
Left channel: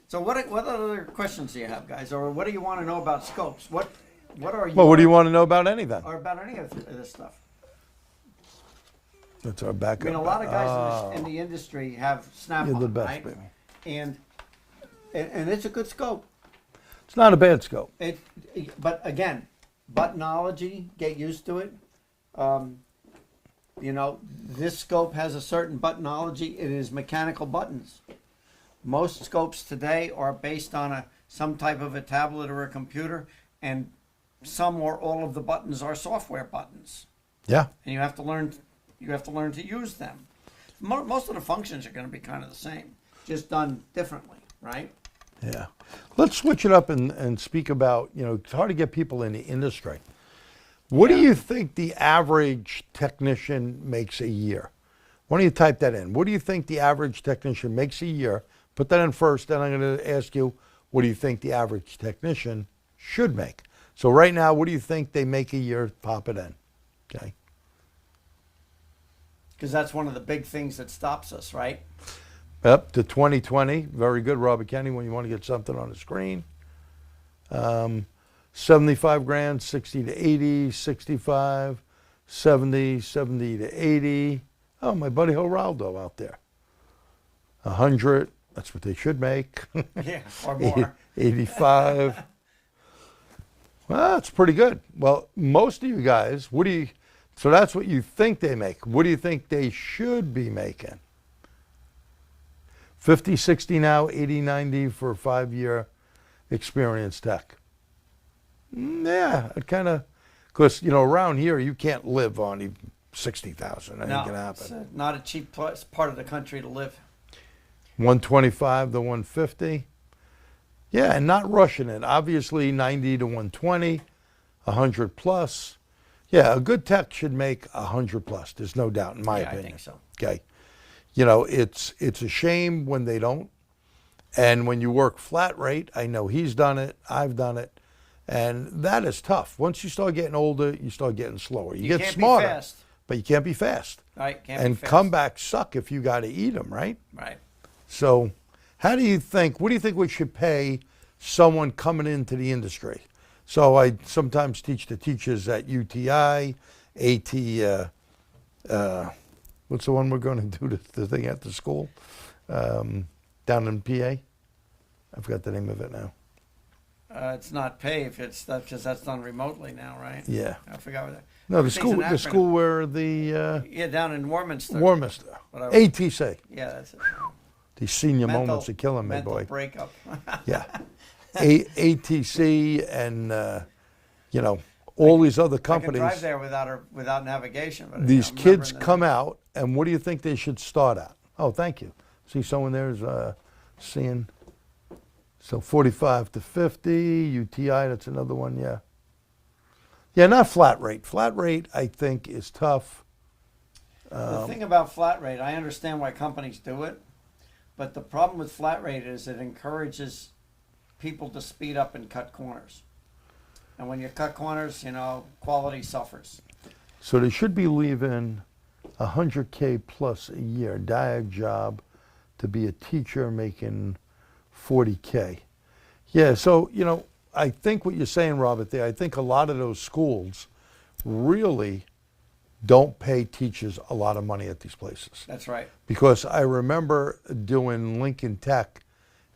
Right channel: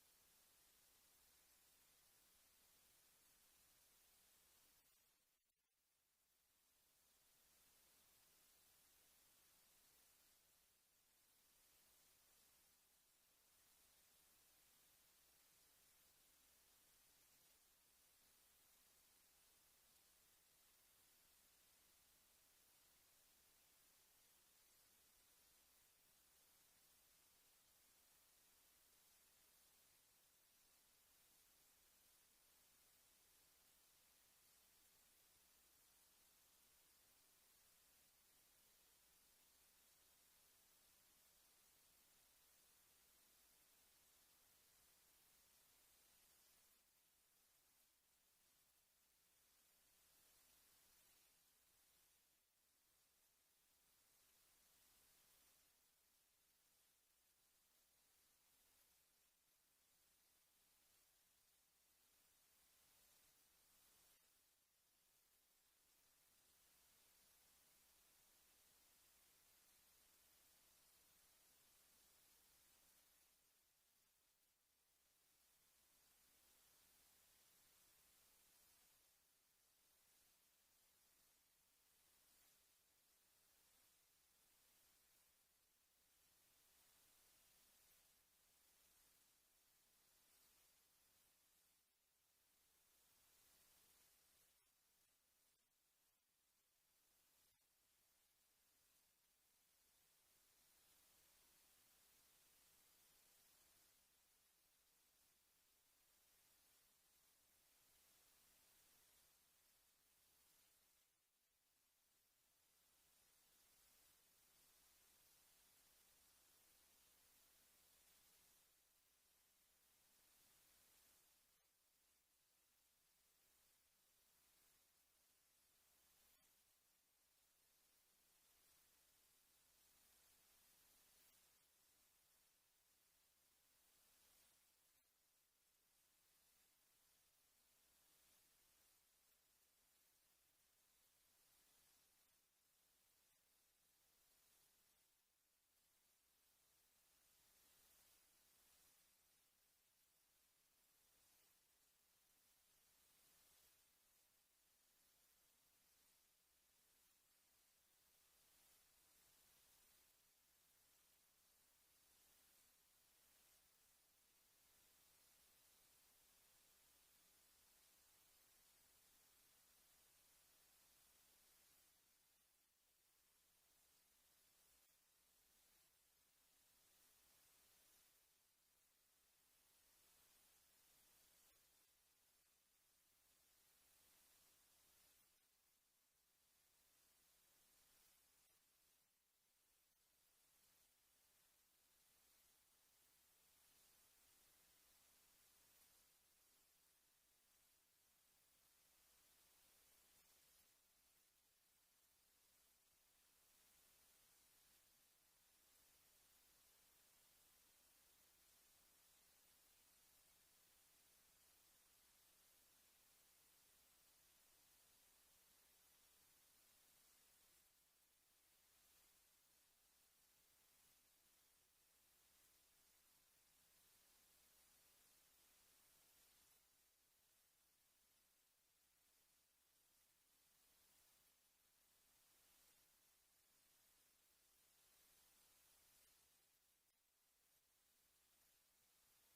So what other questions do you have, guys? Or what do you want to know about scopes? What are you? Well, what do you want to know about anything? Or about any of this stuff? That's our I backup. mean, a lot of guys in the industry have Snap-on, You're the best, right? baby. And it's a good scope. It's not a bad scope. But again, buttonology, get used to it. You know, this scope has a certain buttonology. It is mechanical buttons. Most scopes today are based on some type of a tablet or a computer, and some or all of the buttons are software buttons, Yeah. and you have to learn to use them. Most of the functions are going to be kind of the same, just done differently, right? Yeah. Let's switch it up and speak about, you know, it's hard to get people in the industry. What do you think the average technician makes a year? Why don't you type that in? What do you think the average technician makes a year? Put that in first, then I'm going to ask you, what do you think the average technician should make? So right now, what do you think they make a year? Pop it in, okay? Because that's one of the big things that stops us, right? Up to 2020. Very good, Robert Kenny, when you want to get something on the screen. 75 grand, 60 to 80, 65, 70, 70 to 80. Oh, my buddy Geraldo out there. 100, that's what they should make. Yeah, or more. 85. Well, that's pretty good. Well, most of you guys, so that's what you think they make. What do you think they should be making? 50, 60 now, 80, 90 for a 5-year experience tech. Yeah, it kind of, because, around here, you can't live on even 60,000. That ain't going to happen. It's not a cheap part of the country to live. 125 to 150. Yeah, and not rushing it. Obviously, 90 to 120, 100 plus. Yeah, a good tech should make 100 plus. There's no doubt, in my opinion. I think so. Okay. It's a shame when they don't. And when you work flat rate, I know he's done it, I've done it, and that is tough. Once you start getting older, you start getting slower. You get can't smarter, be fast. but you can't be fast. Right, can't And be fast. comebacks suck if you got to eat them, right? Right. So what do you think we should pay someone coming into the industry? So I sometimes teach the teachers at UTI, what's the one we're going to do the thing at the school? Down in PA? I forgot the name of it now. It's not pay if it's because that's done remotely now, right? Yeah. I forgot what that. No, Everything's an the acronym. school where the Yeah, down in Warminster. Warminster. Whatever. ATC. Yeah, that's it. These senior moments are killing me, mental boy. breakup. Yeah. ATC and, all these other I can companies. drive there without navigation. But These I'm kids remembering come out, and what do you think they should start at? Oh, thank you. See someone there's seeing. So 45 to 50, UTI, that's another one, yeah. Yeah, not flat rate. Flat rate, I think, is tough. The thing about flat rate, I understand why companies do it, but the problem with flat rate is it encourages people to speed up and cut corners. And when you cut corners, quality suffers. So they should be leaving 100K plus a year, diag job, to be a teacher making 40K. Yeah, so, I think what you're saying, Robert, there, I think a lot of those schools really don't pay teachers a lot of money at these places. That's right. Because I remember doing Lincoln Tech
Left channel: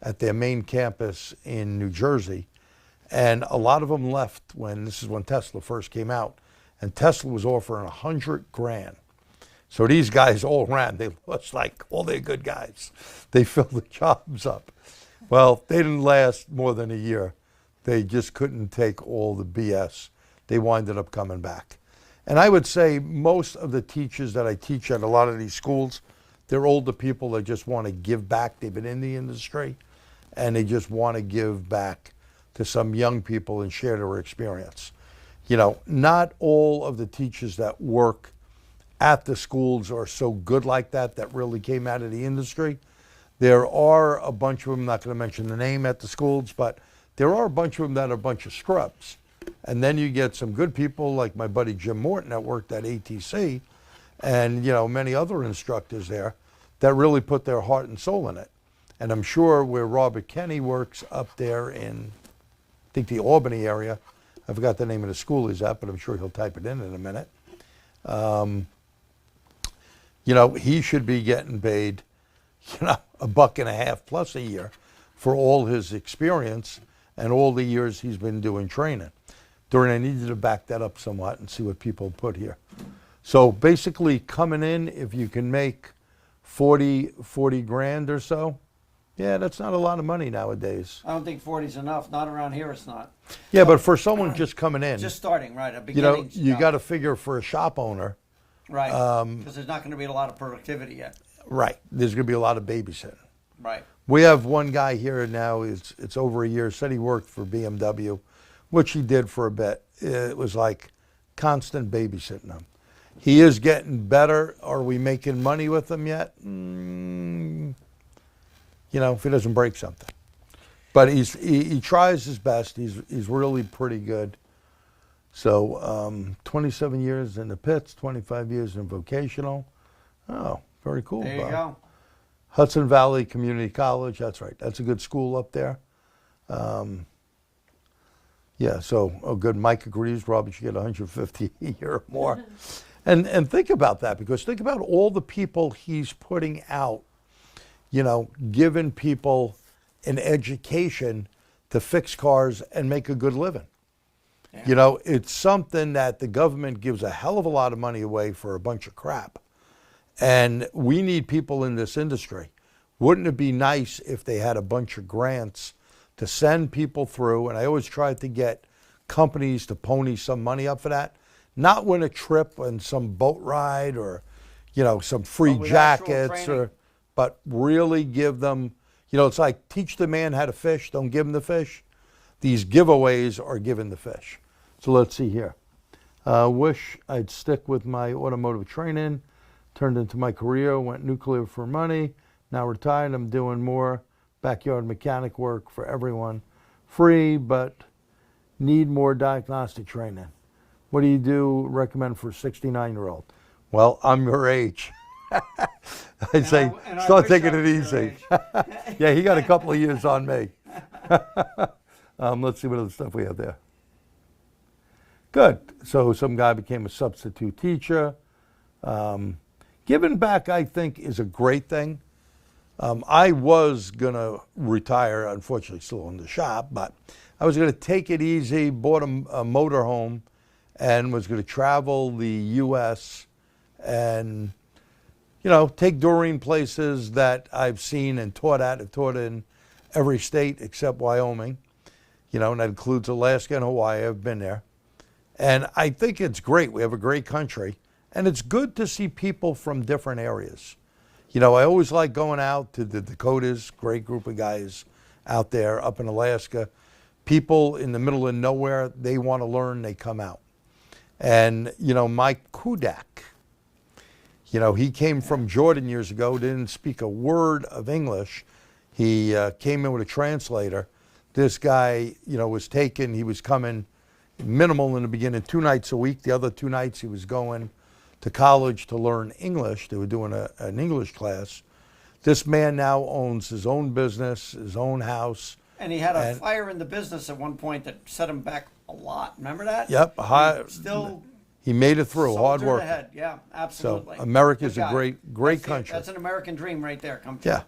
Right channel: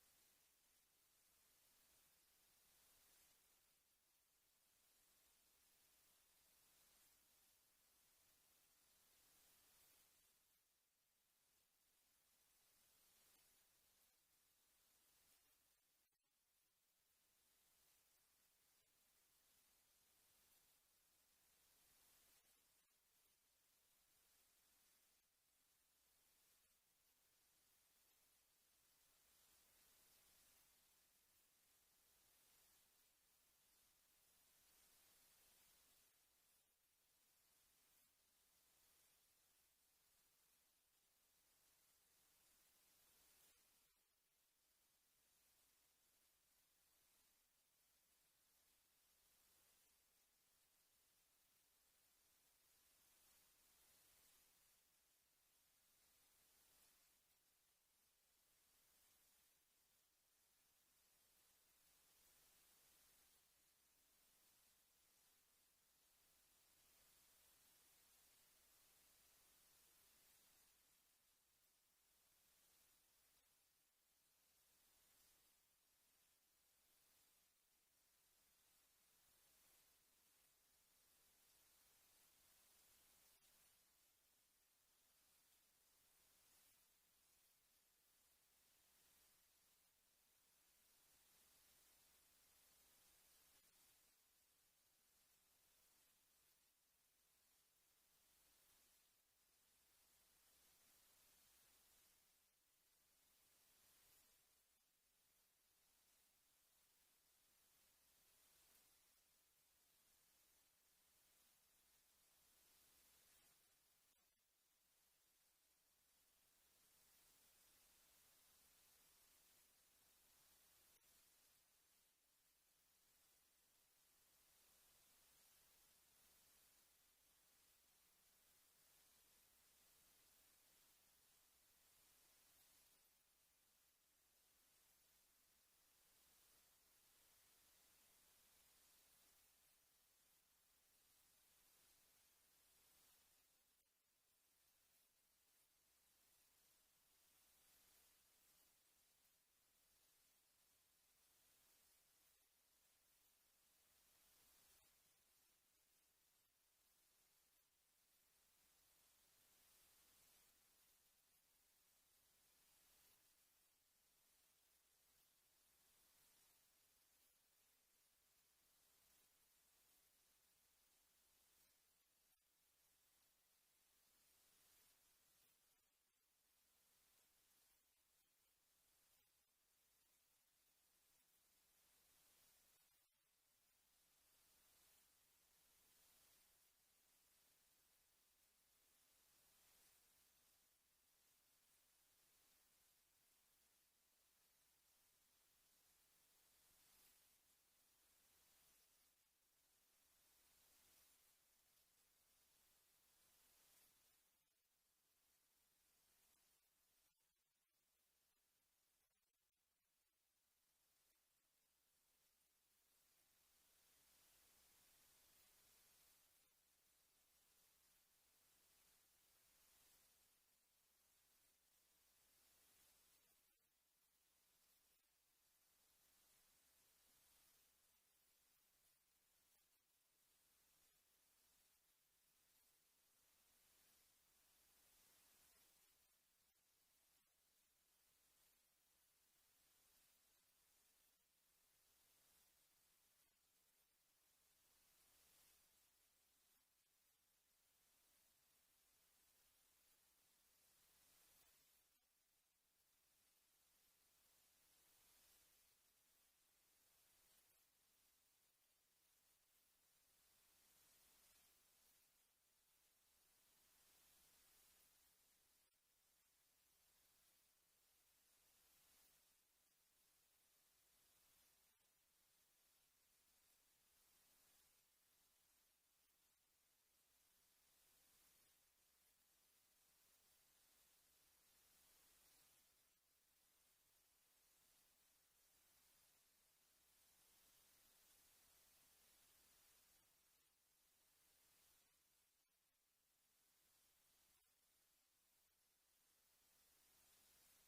at their main campus in New Jersey, and a lot of them left this is when Tesla first came out, and Tesla was offering $100,000. So these guys all ran. They looked like all their good guys. They filled the jobs up. Well, they didn't last more than a year. They just couldn't take all the BS. They winded up coming back. And I would say most of the teachers that I teach at a lot of these schools, they're older people that just want to give back. They've been in the industry, and they just want to give back to some young people and share their experience. Not all of the teachers that work at the schools are so good like that really came out of the industry. There are a bunch of them, I'm not going to mention the name at the schools, but there are a bunch of them that are a bunch of scrubs. And then you get some good people like my buddy Jim Morton that worked at ATC and, many other instructors there that really put their heart and soul in it. And I'm sure where Robert Kenny works up there in, I think, the Albany area, I forgot the name of the school he's at, but I'm sure he'll type it in a minute. He should be getting paid, $1.50 plus a year for all his experience and all the years he's been doing training. Dorman, I need you to back that up somewhat and see what people put here. So basically coming in, if you can make 40 grand or so, yeah, that's not a lot of money nowadays. I don't think 40's enough. Not around here, it's not. Yeah, but for someone just coming in, Just starting, right? A beginning. you got to figure for a shop owner, Right. Because there's not going to be a lot of productivity yet. right, there's going to be a lot of babysitting. Right. We have one guy here now, it's over a year, said he worked for BMW, which he did for a bit. It was like constant babysitting him. He is getting better. Are we making money with him yet? If he doesn't break something. But he tries his best. He's really pretty good. So 27 years in the pits, 25 years in vocational. Oh, very cool. There you Bob. go. Hudson Valley Community College, that's right. That's a good school up there. Yeah, so, good. Mike agrees. Robert should get 150 a year or more. And think about that, because think about all the people he's putting out, giving people an education to fix cars and make a good living. You know, it's something that the government gives a hell of a lot of money away for a bunch of crap. And we need people in this industry. Wouldn't it be nice if they had a bunch of grants to send people through? And I always try to get companies to pony some money up for that. Not win a trip and some boat ride or, you know, some free with actual jackets, training. but really give them, you know, it's like teach the man how to fish, don't give him the fish. These giveaways are giving the fish. So let's see here. Wish I'd stick with my automotive training. Turned into my career, went nuclear for money. Now retired, I'm doing more backyard mechanic work for everyone. Free, but need more diagnostic training. What do you recommend for a 69-year-old? Well, I'm your age. I'd say and I start wish taking I it was your easy. age. Yeah, he got a couple of years on me. Let's see what other stuff we have there. Good. So some guy became a substitute teacher. Giving back, I think, is a great thing. I was going to retire, unfortunately still in the shop, but I was going to take it easy, bought a motor home, and was going to travel the U.S. and, you know, take Doreen places that I've seen and taught at. I've taught in every state except Wyoming, you know, and that includes Alaska and Hawaii. I've been there. And I think it's great. We have a great country. And it's good to see people from different areas. You know, I always like going out to the Dakotas, great group of guys out there up in Alaska. People in the middle of nowhere, they want to learn, they come out. And, you know, Mike Kudak, you know, he came from Jordan years ago, didn't speak a word of English. He came in with a translator. This guy, you know, he was coming minimal in the beginning, 2 nights a week. The other 2 nights he was going to college to learn English. They were doing an English class. This man now owns his own business, his own house. And he had a fire in the business at one point that set him back a lot. Remember that? Yep. He made it through, hard work. Ahead. Yeah, absolutely. So America's Good a guy. great country. That's an American dream right there. Come true. Yeah.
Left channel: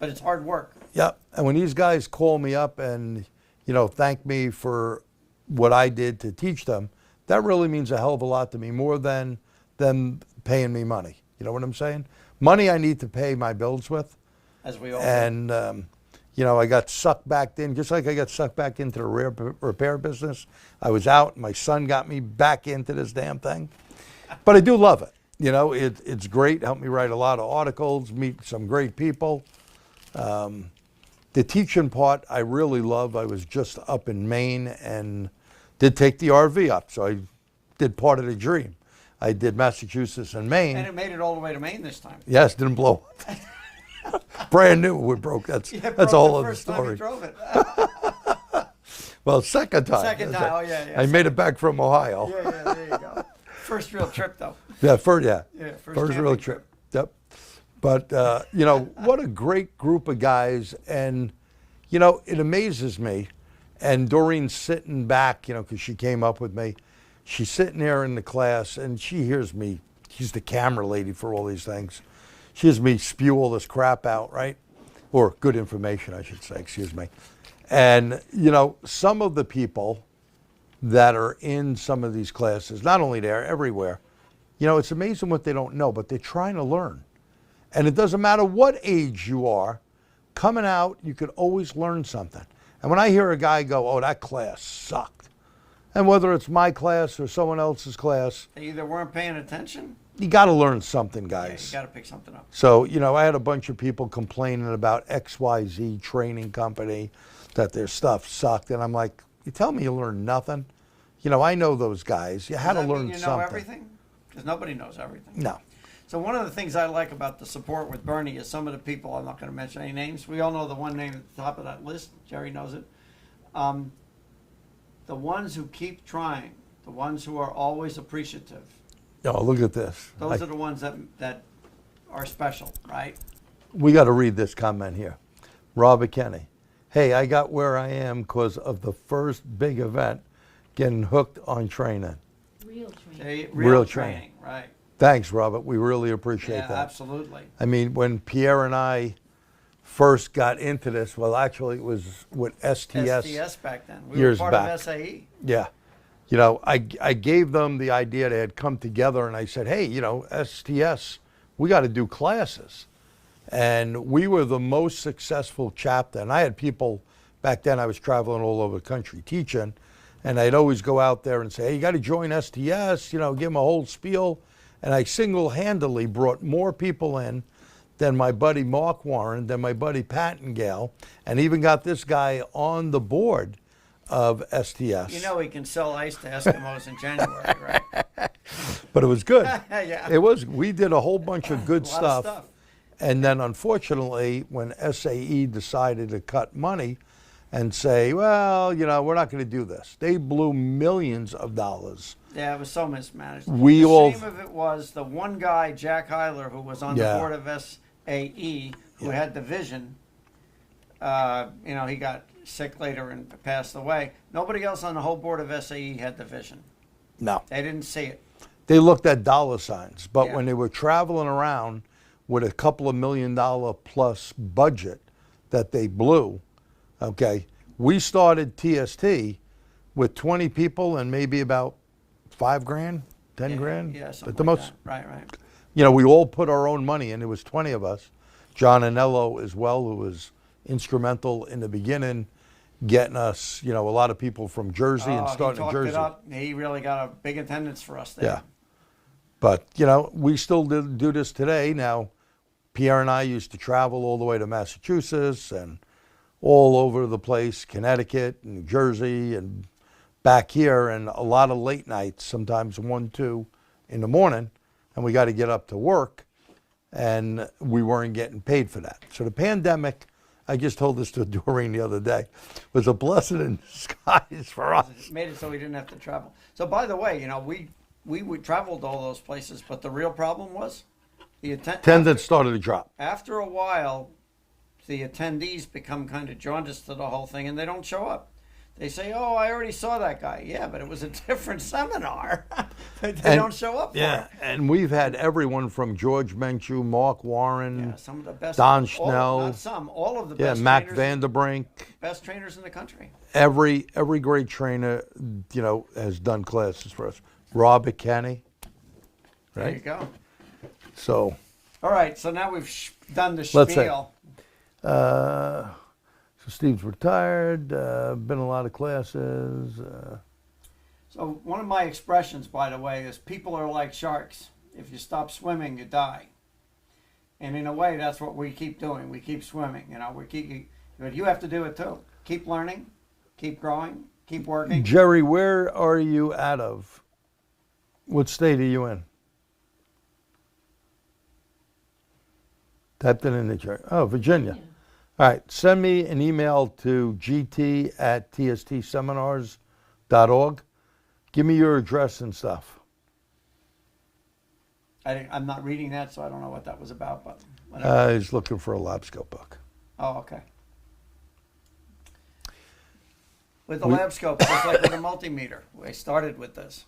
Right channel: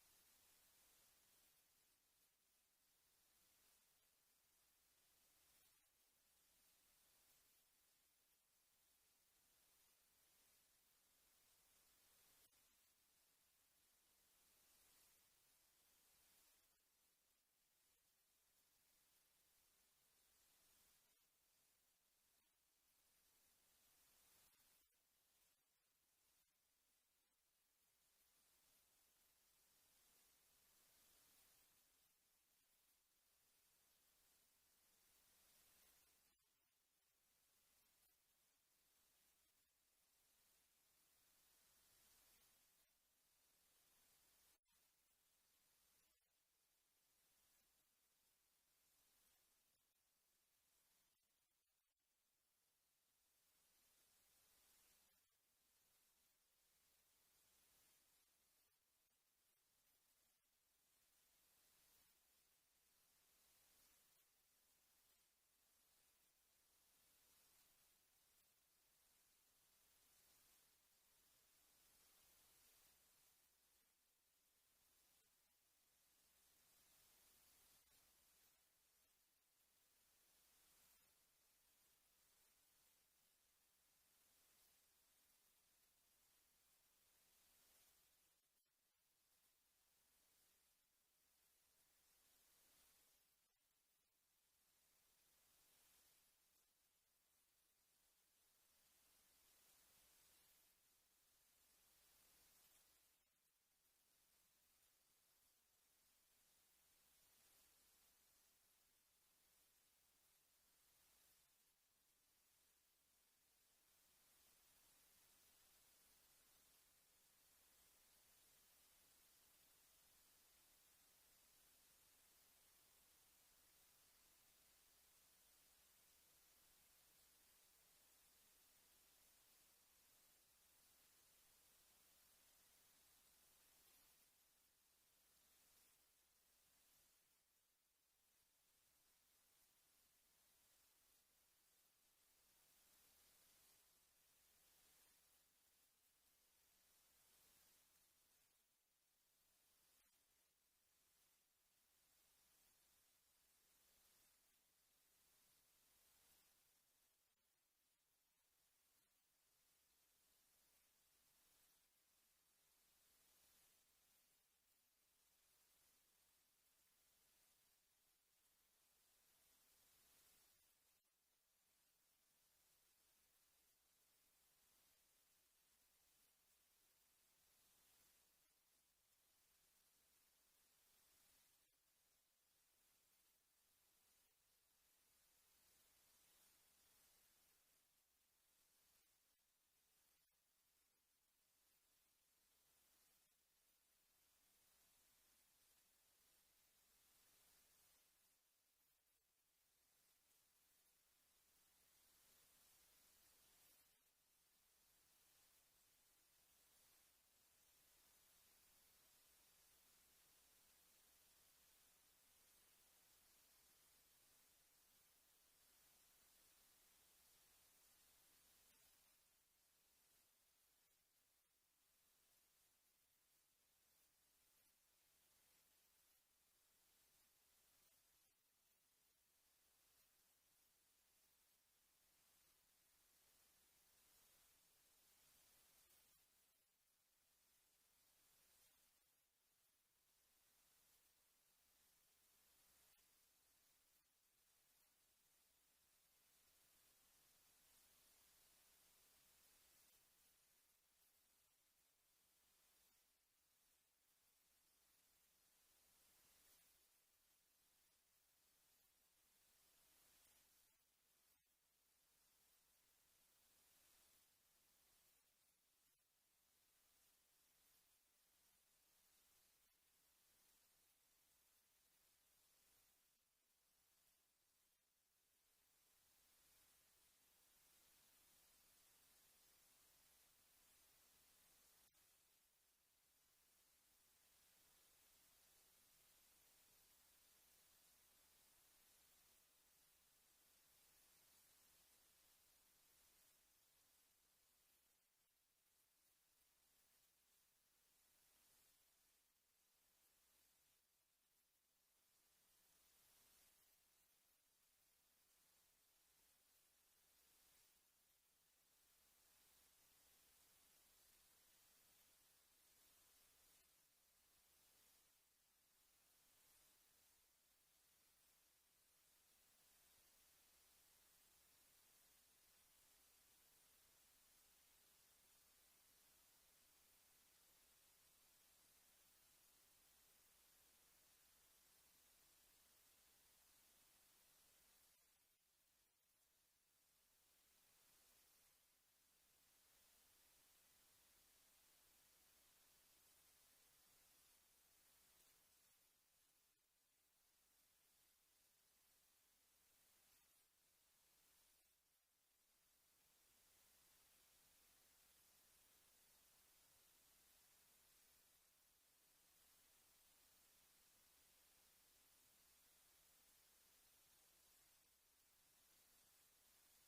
But it's hard work. Yep. And when these guys call me up and, you know, thank me for what I did to teach them, that really means a hell of a lot to me, more than them paying me money. You know what I'm saying? Money I need to pay my bills with. As we all do. And, you know, I got sucked back in, just like I got sucked back into the repair business. I was out, my son got me back into this damn thing. But I do love it. You know, it's great, helped me write a lot of articles, meet some great people. The teaching part I really love. I was just up in Maine and did take the RV up, so I did part of the dream. I did Massachusetts and Maine. And it made it all the way to Maine this time. Yes, didn't blow up. Brand new, we broke. That's a whole other story. Time you drove it. Well, second time. Second time, oh yeah. I made it back from Ohio. Yeah, there you go. First real trip though. Yeah, first First real camping trip. Yep. But, you know, what a great group of guys. And, you know, it amazes me. And Doreen's sitting back, you know, because she came up with me. She's sitting there in the class, and she hears me. She's the camera lady for all these things. She hears me spew all this crap out, right? Or good information, I should say, excuse me. And, you know, some of the people that are in some of these classes, not only there, everywhere, you know, it's amazing what they don't know, but they're trying to learn. And it doesn't matter what age you are, coming out, you could always learn something. And when I hear a guy go, oh, that class sucked, and whether it's my class or someone else's class, They either weren't paying attention. you got to learn something, Yeah, guys. you got to pick something up. So, you know, I had a bunch of people complaining about XYZ training company, that their stuff sucked. And I'm like, you tell me you learned nothing? You know, I know those guys. You had to Does that learn mean you know something. everything? Because nobody knows everything. No. So one of the things I like about the support with Bernie is some of the people, I'm not going to mention any names. We all know the one name at the top of that list. Jerry knows it. The ones who keep trying, the ones who are always appreciative, Oh, look at this. those are the ones that are special, right? We got to read this comment here. Robert Kenny. Hey, I got where I am because of the first big event, getting hooked on training. Real training. Real training. training, right? Thanks, Robert. We really appreciate Yeah, that. absolutely. I mean, when Pierre and I first got into this, well, actually, it was with STS. STS back then. We years were part back. of SAE. Yeah. you know, I gave them the idea. They had come together, and I said, hey, you know, STS, we got to do classes. And we were the most successful chapter. And I had people, back then I was traveling all over the country teaching, and I'd always go out there and say, hey, you got to join STS, you know, give them a whole spiel. And I single-handedly brought more people in than my buddy Mark Warren, than my buddy Pattengale, and even got this guy on the board of STS. You know he can sell ice to Eskimos in January, right? But it was good. Yeah. It was. We did a whole bunch of good A lot stuff. of stuff. And then unfortunately, when SAE decided to cut money and say, well, you know, we're not going to do this, they blew millions of dollars. Yeah, it was so mismanaged. We the all- shame of it was the one guy, Jack Heiler, who was on Yeah. the board of SAE, who had the vision. You know, he got sick later and passed away. Nobody else on the whole board of SAE had the vision. No. They didn't see it. They looked at dollar signs, but Yeah. when they were traveling around with a couple of $1 million plus budget that they blew, okay, we started TST with 20 people and maybe about $5,000, 10 Yeah, grand. Yeah, something At the like most, that. Right. you know, we all put our own money in. There was 20 of us. John Anello as well, who was instrumental in the beginning, getting us, you know, a lot of people from Jersey and He starting talked Jersey. it up. He really got a big attendance for us there. Yeah. But, you know, we still do this today. Now, Pierre and I used to travel all the way to Massachusetts and all over the place, Connecticut and New Jersey and back here, and a lot of late nights, sometimes 1, 2 in the morning, and we got to get up to work, and we weren't getting paid for that. So the pandemic, I just told this to Doreen the other day, was a blessing in disguise for us. It made it so we didn't have to travel. So, by the way, you know, we traveled to all those places, but the real problem was the Attendance started to drop. After a while, the attendees become kind of jaundiced to the whole thing, and they don't show up. They say, "Oh, I already saw that guy." Yeah, but it was a different seminar. They don't show up for it. And we've had everyone from George Menchu, Mark Warren, Yeah, some of the best. Don Schnell. Not some, all of the yeah, best Mac trainers, Vanderbrink. best trainers in the country. Every great trainer, you know, has done classes for us. Robert Kenny, There you right? go. So, All right, so now we've done the Let's say- spiel. so Steve's retired. Been a lot of classes. So one of my expressions, by the way, is people are like sharks. If you stop swimming, you die. And in a way, that's what we keep doing. We keep swimming. You know, but you have to do it too. Keep learning, keep growing, keep working. Jerry, where are you out of? What state are you in? Typed it in the chat. Oh, Virginia. All right, send me an email to gt@tstseminars.org. Give me your address and stuff. I'm not reading that, so I don't know what that was about. But whatever. He's looking for a Labscope book. Oh, okay. With the Labscope, just like with a multimeter, we started with this.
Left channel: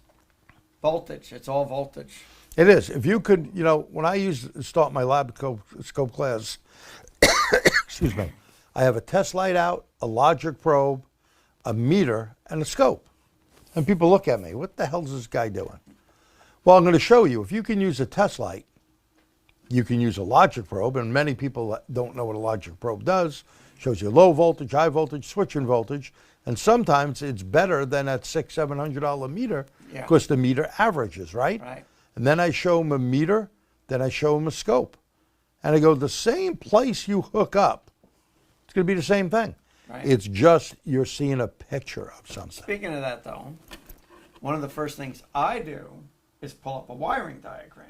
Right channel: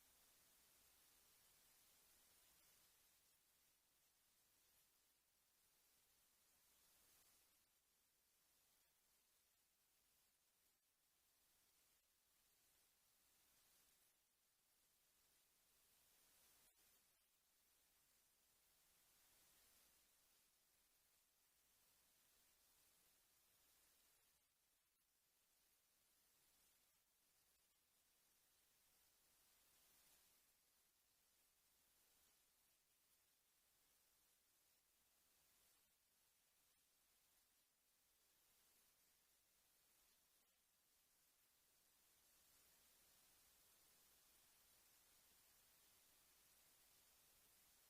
Voltage, it's all voltage. It is. If you could, you know, when I used to start my Labscope class, excuse me, I have a test light out, a logic probe, a meter, and a scope. And people look at me, what the hell is this guy doing? Well, I'm going to show you. If you can use a test light, you can use a logic probe, and many people don't know what a logic probe does. Shows you low voltage, high voltage, switching voltage, and sometimes it's better than that $600-700 meter Yeah. because the meter averages, right? Right. And then I show them a meter, then I show them a scope. And I go, the same place you hook up, it's going to be the same thing. Right. It's just you're seeing a picture of something. Speaking of that, though, one of the first things I do is pull up a wiring diagram.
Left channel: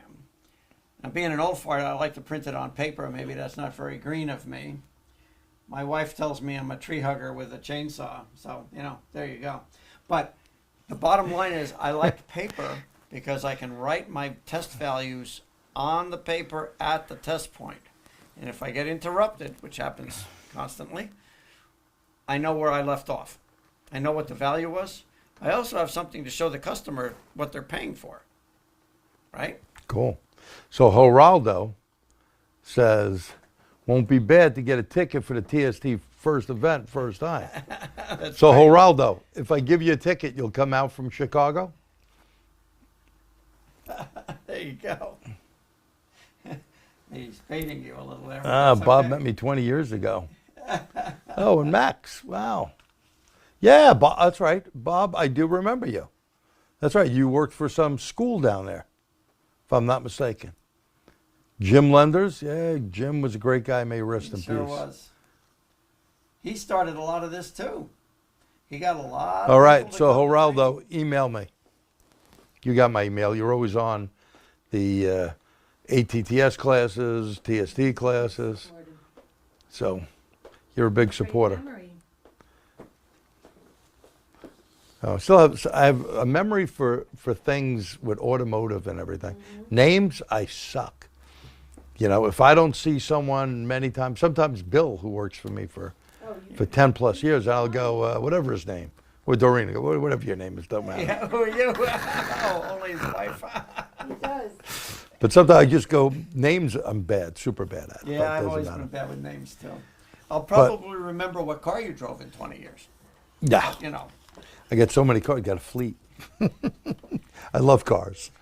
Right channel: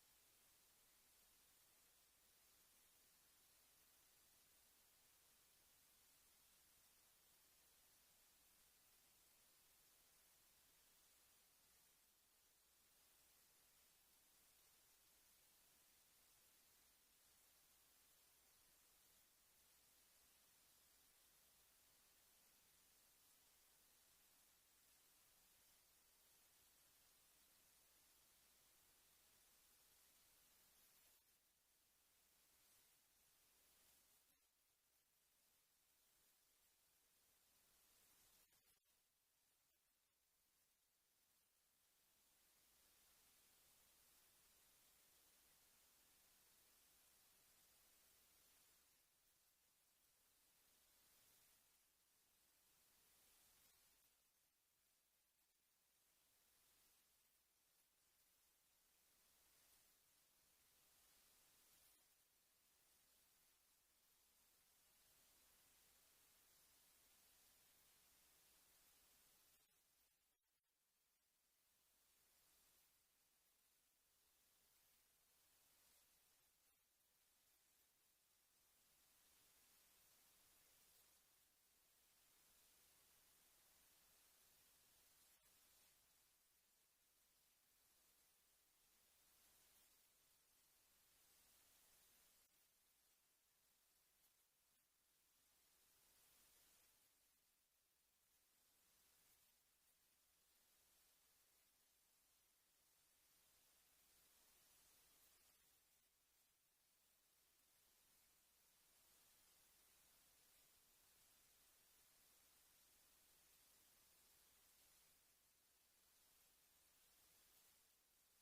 Now, being an old fart, I like to print it on paper. Maybe that's not very green of me. My wife tells me I'm a tree hugger with a chainsaw. So, you know, there you go. But the bottom line is I like paper because I can write my test values on the paper at the test point. And if I get interrupted, which happens constantly, I know where I left off. I know what the value was. I also have something to show the customer what they're paying for. Right? Cool. So Geraldo says, won't be bad to get a ticket for the TST first event, first time. That's So, right. Geraldo, if I give you a ticket, you'll come out from Chicago? There you go. He's baiting you a little there. Bob met me 20 years ago. Oh, and Max, wow. Yeah, Bob, that's right. Bob, I do remember you. That's right. You worked for some school down there, if I'm not mistaken. Jim Lenders, yeah, Jim was a great guy. May he rest in Sure peace. was. He started a lot of this too. He got a lot. All of right, people to so come to Geraldo, email me. You got my email. You're always on the ATTS classes, TST classes. So you're a big supporter. Great memory. I have a memory for things with automotive and everything. Names, I suck. You know, if I don't see someone many times, sometimes Bill, who works for me for 10 plus years, I'll go, whatever his name, or Doreen, whatever your name is, don't matter. Yeah, who are you? Oh, only his wife. He does. But sometimes I just go, names, I'm bad, super bad at. but it Yeah, I've doesn't always matter. been bad with names too. I'll probably remember what car you drove in 20 years. Yeah, You know. I got so many cars, got a fleet. I love cars.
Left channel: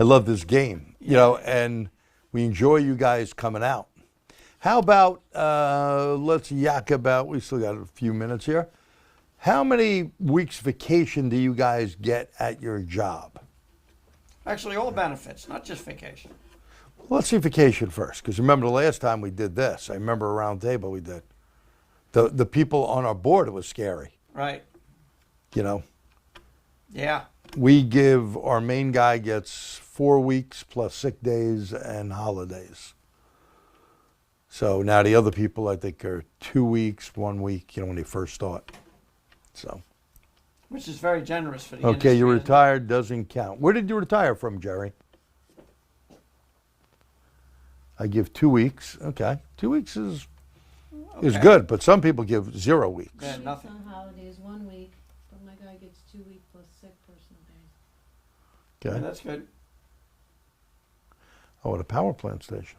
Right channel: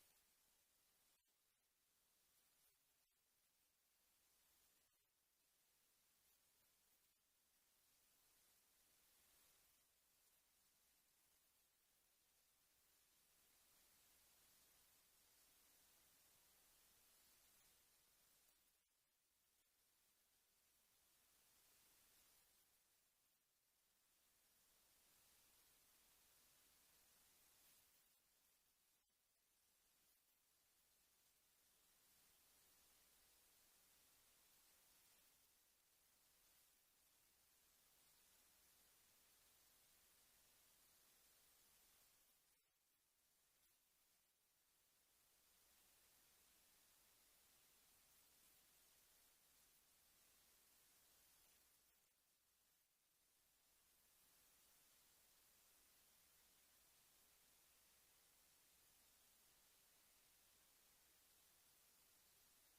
I love this game, you know, and we enjoy you guys coming out. How about, let's yak about, we still got a few minutes here. How many weeks vacation do you guys get at your job? Actually, all benefits, not just vacation. Let's see vacation first, because remember the last time we did this, I remember a round table we did. The people on our board, it was scary, Right. you know. Yeah. We give, our main guy gets 4 weeks plus sick days and holidays. So now the other people, I think, are 2 weeks, 1 week, you know, when they first start. So, Which is very generous for the okay, industry. you're isn't it? retired, doesn't count. Where did you retire from, Jerry? I give 2 weeks. Okay, 2 weeks is Okay. good, but some people give 0 weeks. Yeah, 2 weeks nothing. on holidays, 1 week, but my guy gets 2 weeks plus sick personal days. Yeah, Okay. that's good. Oh, at a power plant station.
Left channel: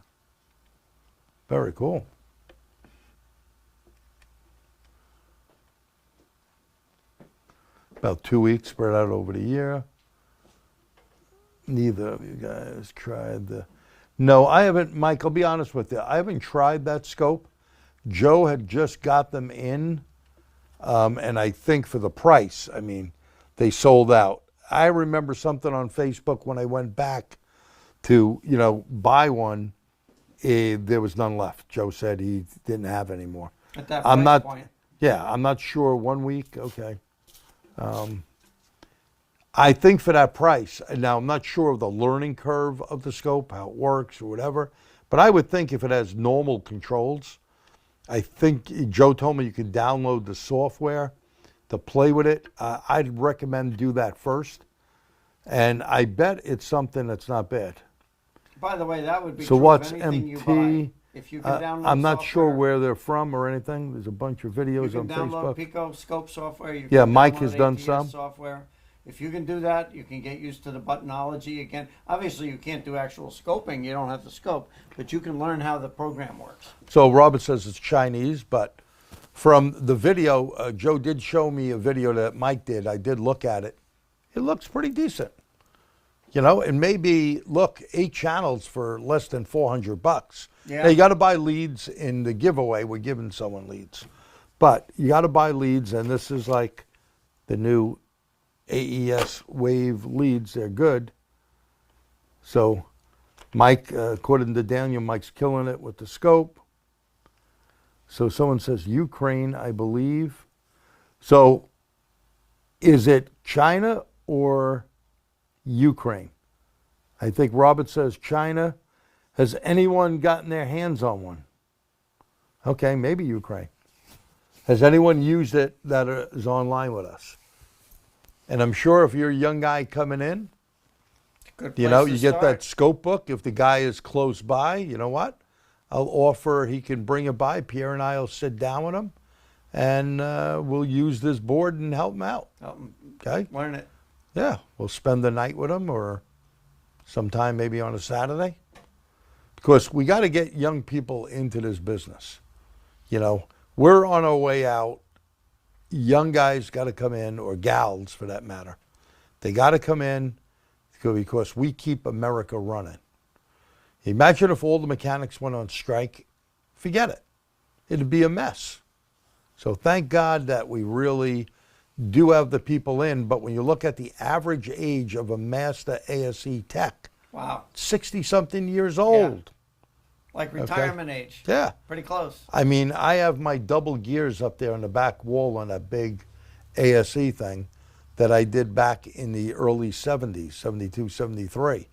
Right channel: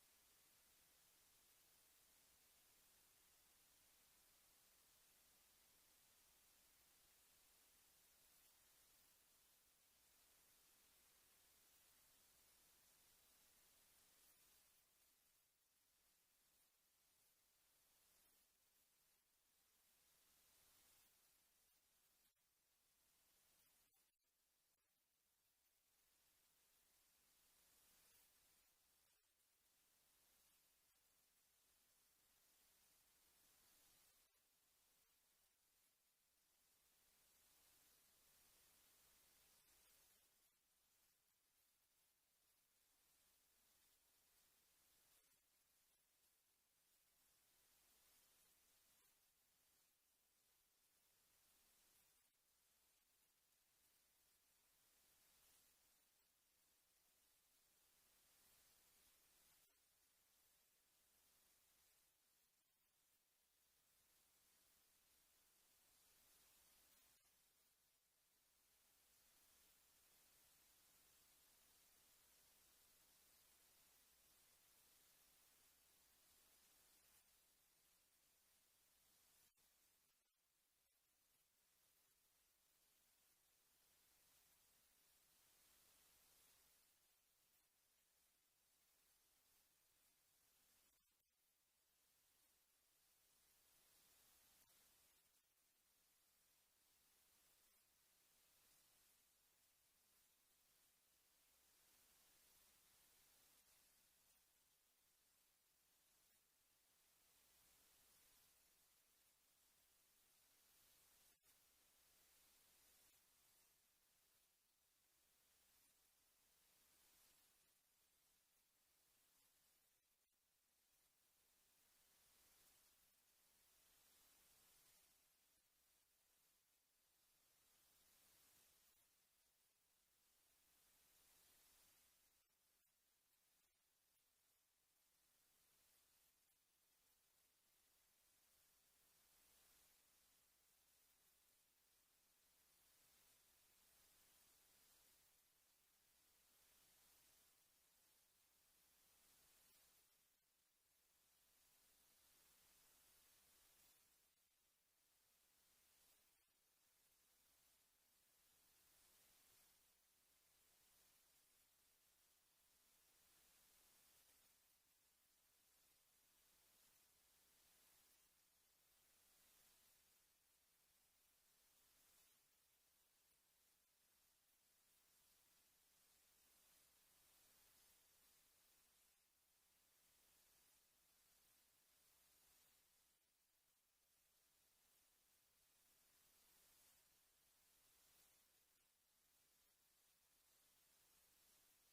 Very cool. About 2 weeks spread out over the year. Neither of you guys tried the... No, I haven't, Mike, I'll be honest with you. I haven't tried that scope. Joe had just got them in, and I think for the price, I mean, they sold out. I remember something on Facebook when I went back to, you know, buy one, there was none left. Joe said he didn't have any more. At that I'm price not- point. Yeah, I'm not sure, 1 week, okay. I think for that price, and now I'm not sure of the learning curve of the scope, how it works or whatever, but I would think if it has normal controls, I think Joe told me you can download the software to play with it. I'd recommend do that first, and I bet it's something that's not bad. By the way, that would be So true what's of anything you MT? buy. If you can download I'm not sure software, where they're from or anything. There's a bunch of you videos can on download Facebook. Pico Scope software. You Yeah, can Mike download has done ATTS some. software. If you can do that, you can get used to the buttonology again. Obviously, you can't do actual scoping. You don't have the scope, but you can learn how the program works. So Robert says it's Chinese, but from the video, Joe did show me a video that Mike did. I did look at it. It looks pretty decent. You know, and maybe, look, 8 channels for less than $400. Yeah. Now, you got to buy leads in the giveaway. We're giving someone leads. But you got to buy leads, and this is like the new AES Wave leads. They're good. So Mike, according to Daniel, Mike's killing it with the scope. So someone says Ukraine, I believe. So is it China or Ukraine? I think Robert says China. Has anyone gotten their hands on one? Okay, maybe Ukraine. Has anyone used it that is online with us? And I'm sure if you're a young guy coming in, Good you place know, to you get start. that scope book. If the guy is close by, you know what? I'll offer he can bring it by. Pierre and I will sit down with him, and we'll use this board and help him out. Okay? Learn it. Yeah, we'll spend the night with him, or sometime maybe on a Saturday. Because we got to get young people into this business. You know, we're on our way out. Young guys got to come in, or gals for that matter. They got to come in because we keep America running. Imagine if all the mechanics went on strike. Forget it. It'd be a mess. So thank God that we really do have the people in. But when you look at the average age of a master ASE tech, Wow. 60-something years old. Like retirement age. Yeah. Pretty close. I mean, I have my double gears up there on the back wall on that big ASE thing that I did back in the early 70s, 72, 73.